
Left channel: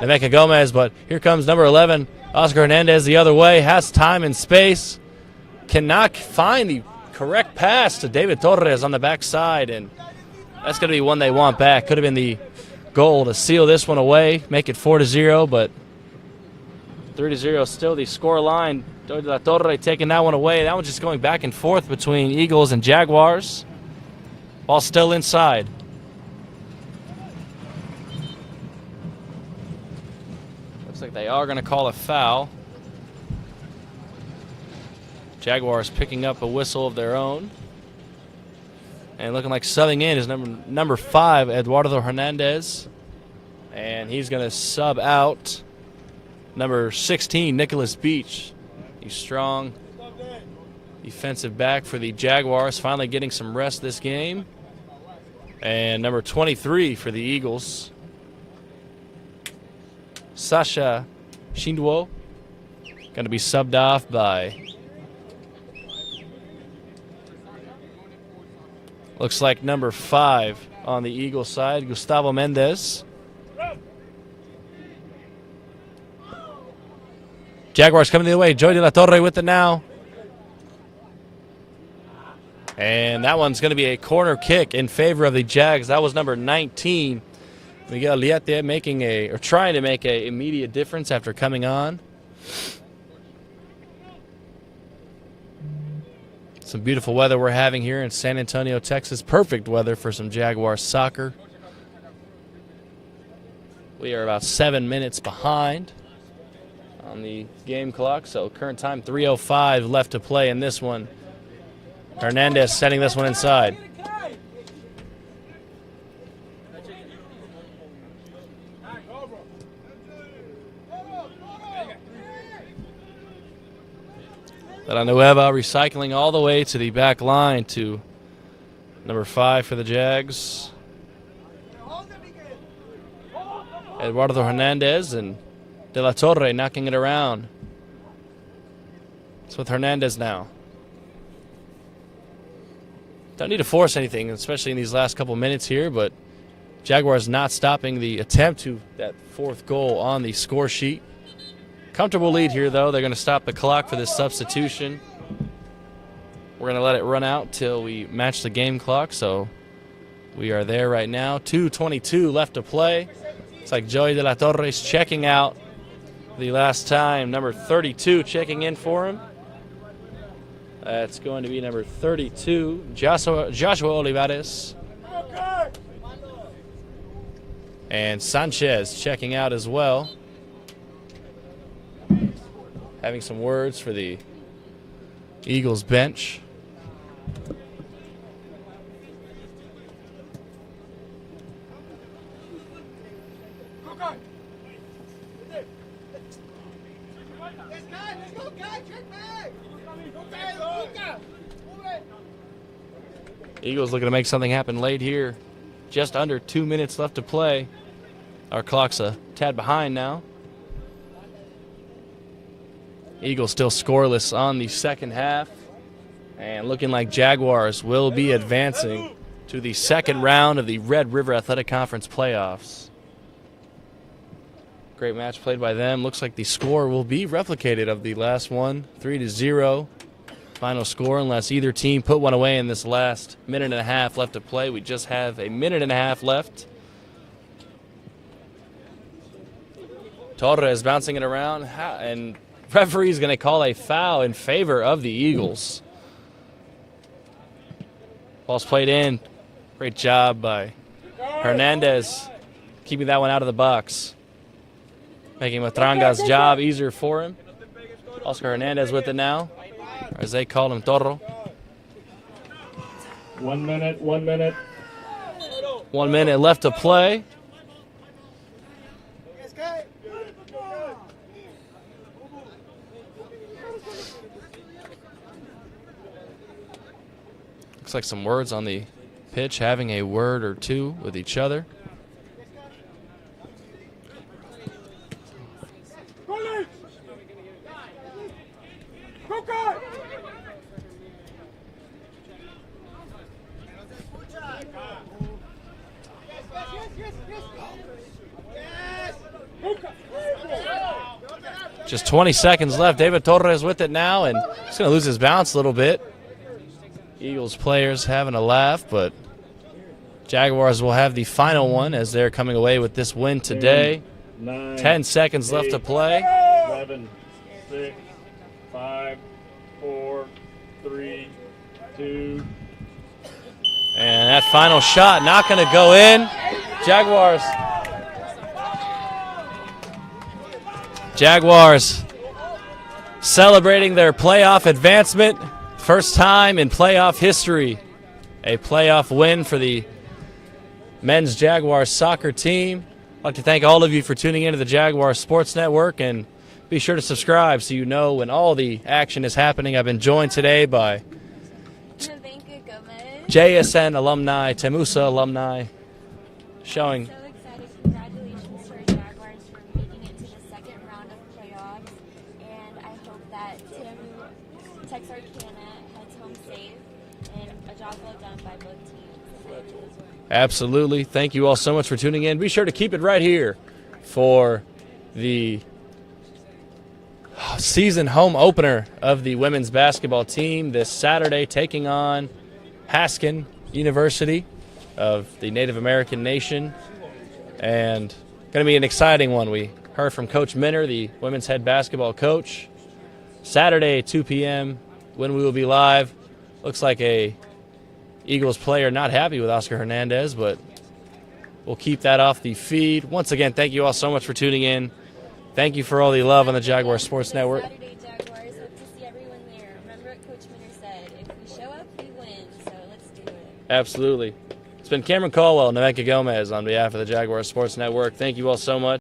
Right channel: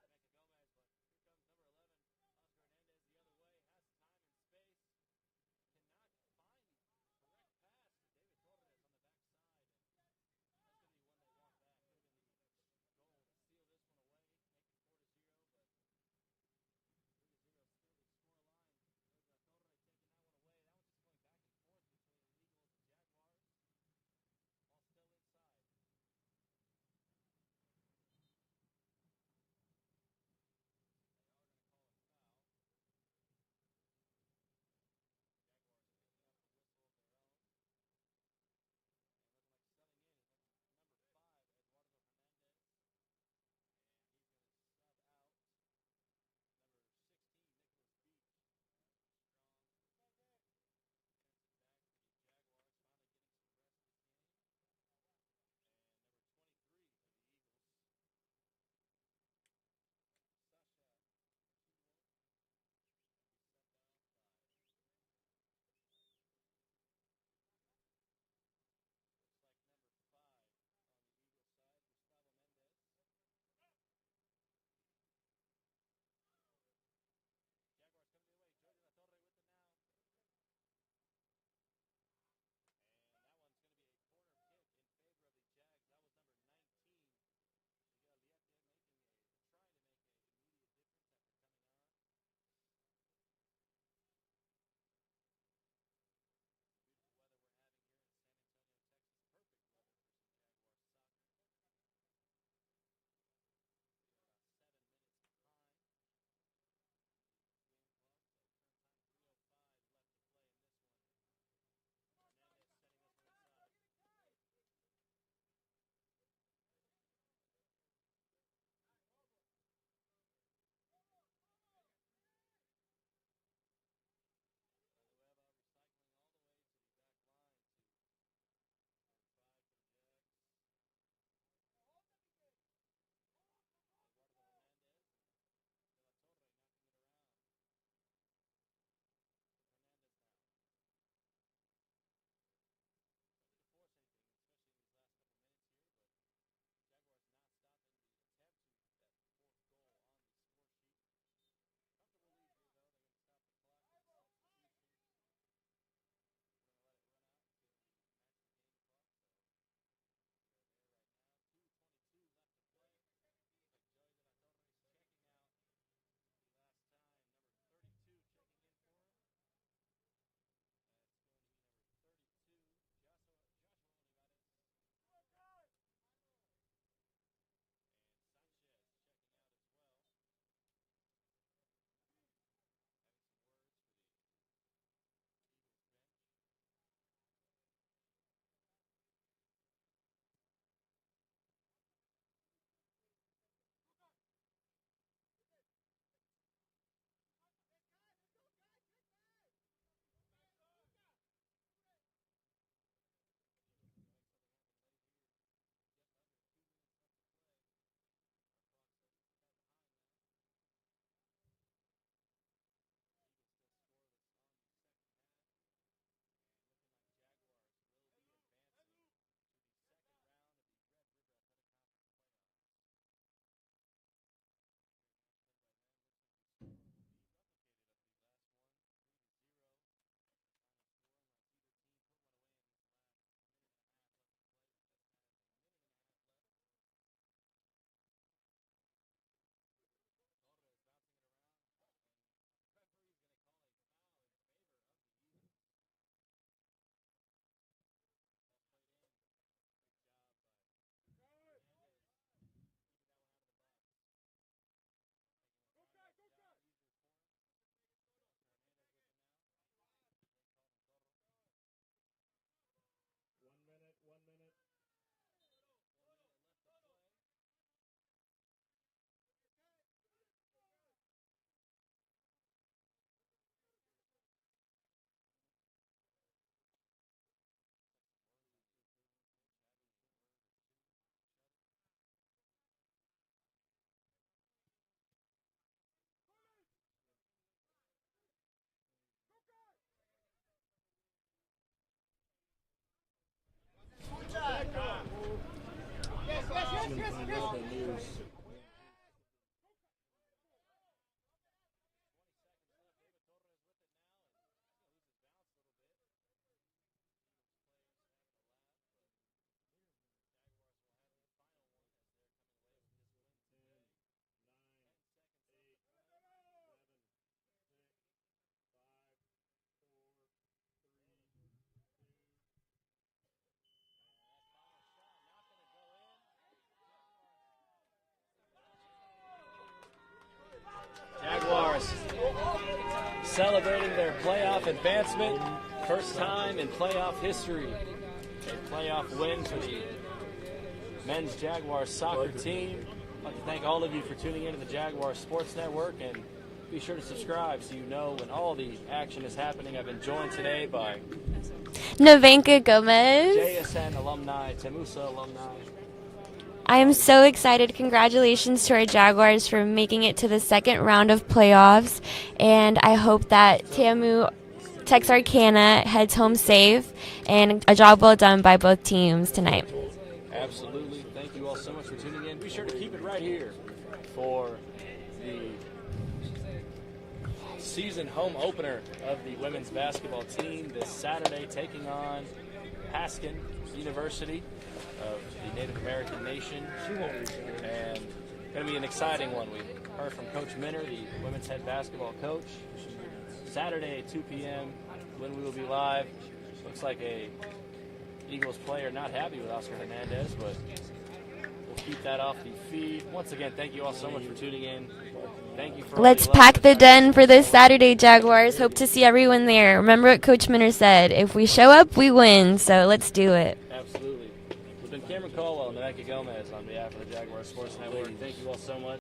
Nemeka Gomez, but here comes number 11, Oscar Hernandez the other way. Has time and space. Cannot find the correct pass to David Torres on the backside, and that's going to be one they want back. Could have been the goal to seal this one away, make it 4-0, but 3-0 still the score line. Torres taking that one away. That one's just going back and forth between Eagles and Jaguars. Ball still inside. Looks like they are going to call a foul. Jaguars picking up a whistle of their own. And looking like subbing in is number 5, Eduardo Hernandez. And he's going to sub out number 16, Nicholas Beach. He's strong defensive back for the Jaguars, finally getting some rest this game. And number 23 for the Eagles, Sasha Shindwo, going to be subbed off by, looks like number 5 on the Eagles side, Gustavo Mendez. Jaguars coming the other way. Joey De La Torre with it now. And that one's going to be a corner kick in favor of the Jags. That was number 19. Miguel Liete trying to make an immediate difference after coming on. Some beautiful weather we're having here in San Antonio, Texas. Perfect weather for some Jaguar soccer. We are about 7 minutes behind on the game clock, so current time 3:05 left to play in this one. Hernandez setting this one inside. Villanueva recycling all the way to the back line to number 5 for the Jags. Eduardo Hernandez and De La Torre knocking it around. It's with Hernandez now. Don't need to force anything, especially in these last couple minutes here, but Jaguars not stopping the attempt to that 4th goal on the score sheet. Comfortable lead here, though. They're going to stop the clock for this substitution. We're going to let it run out till we match the game clock, so we are there right now. 2:22 left to play. It's like Joey De La Torre is checking out the last time. Number 32 checking in for him. That's going to be number 32, Joshua Olivares. And Sanchez checking out as well. Having some words for the Eagles bench. Eagles looking to make something happen late here. Just under 2 minutes left to play. Our clock's a tad behind now. Eagles still scoreless on the second half. And looking like Jaguars will be advancing to the second round of the Red River Athletic Conference playoffs. Great match played by them. Looks like the score will be replicated of the last one, 3-0. Final score, unless either team put one away in this last minute and a half left to play. We just have a minute and a half left. Torres bouncing it around, and referee's going to call a foul in favor of the Eagles. Ball's played in. Great job by Hernandez keeping that one out of the box. Making Matranga's job easier for him. Oscar Hernandez with it now, or as they call him, Torro. 1 minute, 1 minute. 1 minute left to play. Looks like some words on the pitch, having a word or two with each other. Just 20 seconds left. David Torres with it now, and he's going to lose his bounce a little bit. Eagles players having a laugh, but Jaguars will have the final one as they're coming away with this win today. 10 seconds left to play. 7, 6, 5, 4, 3, 2. And that final shot not going to go in. Jaguars Jaguars celebrating their playoff advancement. First time in playoff history. A playoff win for the men's Jaguar soccer team. I'd like to thank all of you for tuning into the Jaguar Sports Network, and be sure to subscribe so you know when all the action is happening. I've been joined today by Navenka Gomez. JSN alumni, TAMUSA alumni. I'm so excited. Congratulations to our Jaguars for making it to the second round of playoffs, and I hope that TAMU-Texarkana heads home safe, and a job well done by both teams tonight. Absolutely. Thank you all so much for tuning in. Be sure to keep it right here for the season home opener of the women's basketball team this Saturday, taking on Haskin University of the Native American Nation. And going to be an exciting one. We heard from Coach Minner, the women's head basketball coach. Saturday, 2 p.m., when we will be live. Looks like a Eagles player not happy with Oscar Hernandez, but we'll keep that off the feed. Once again, thank you all so much for tuning in. Thank you for all the love. Let's pack the Jaguar den for Sports this Network. Saturday, Jaguars. Hope to see everyone there. Remember what Coach Minner said, if we show up, we win, so let's do it. Absolutely. It's been Cameron Caldwell and Navenka Gomez on behalf of the Jaguar Sports Network. Thank you all so much.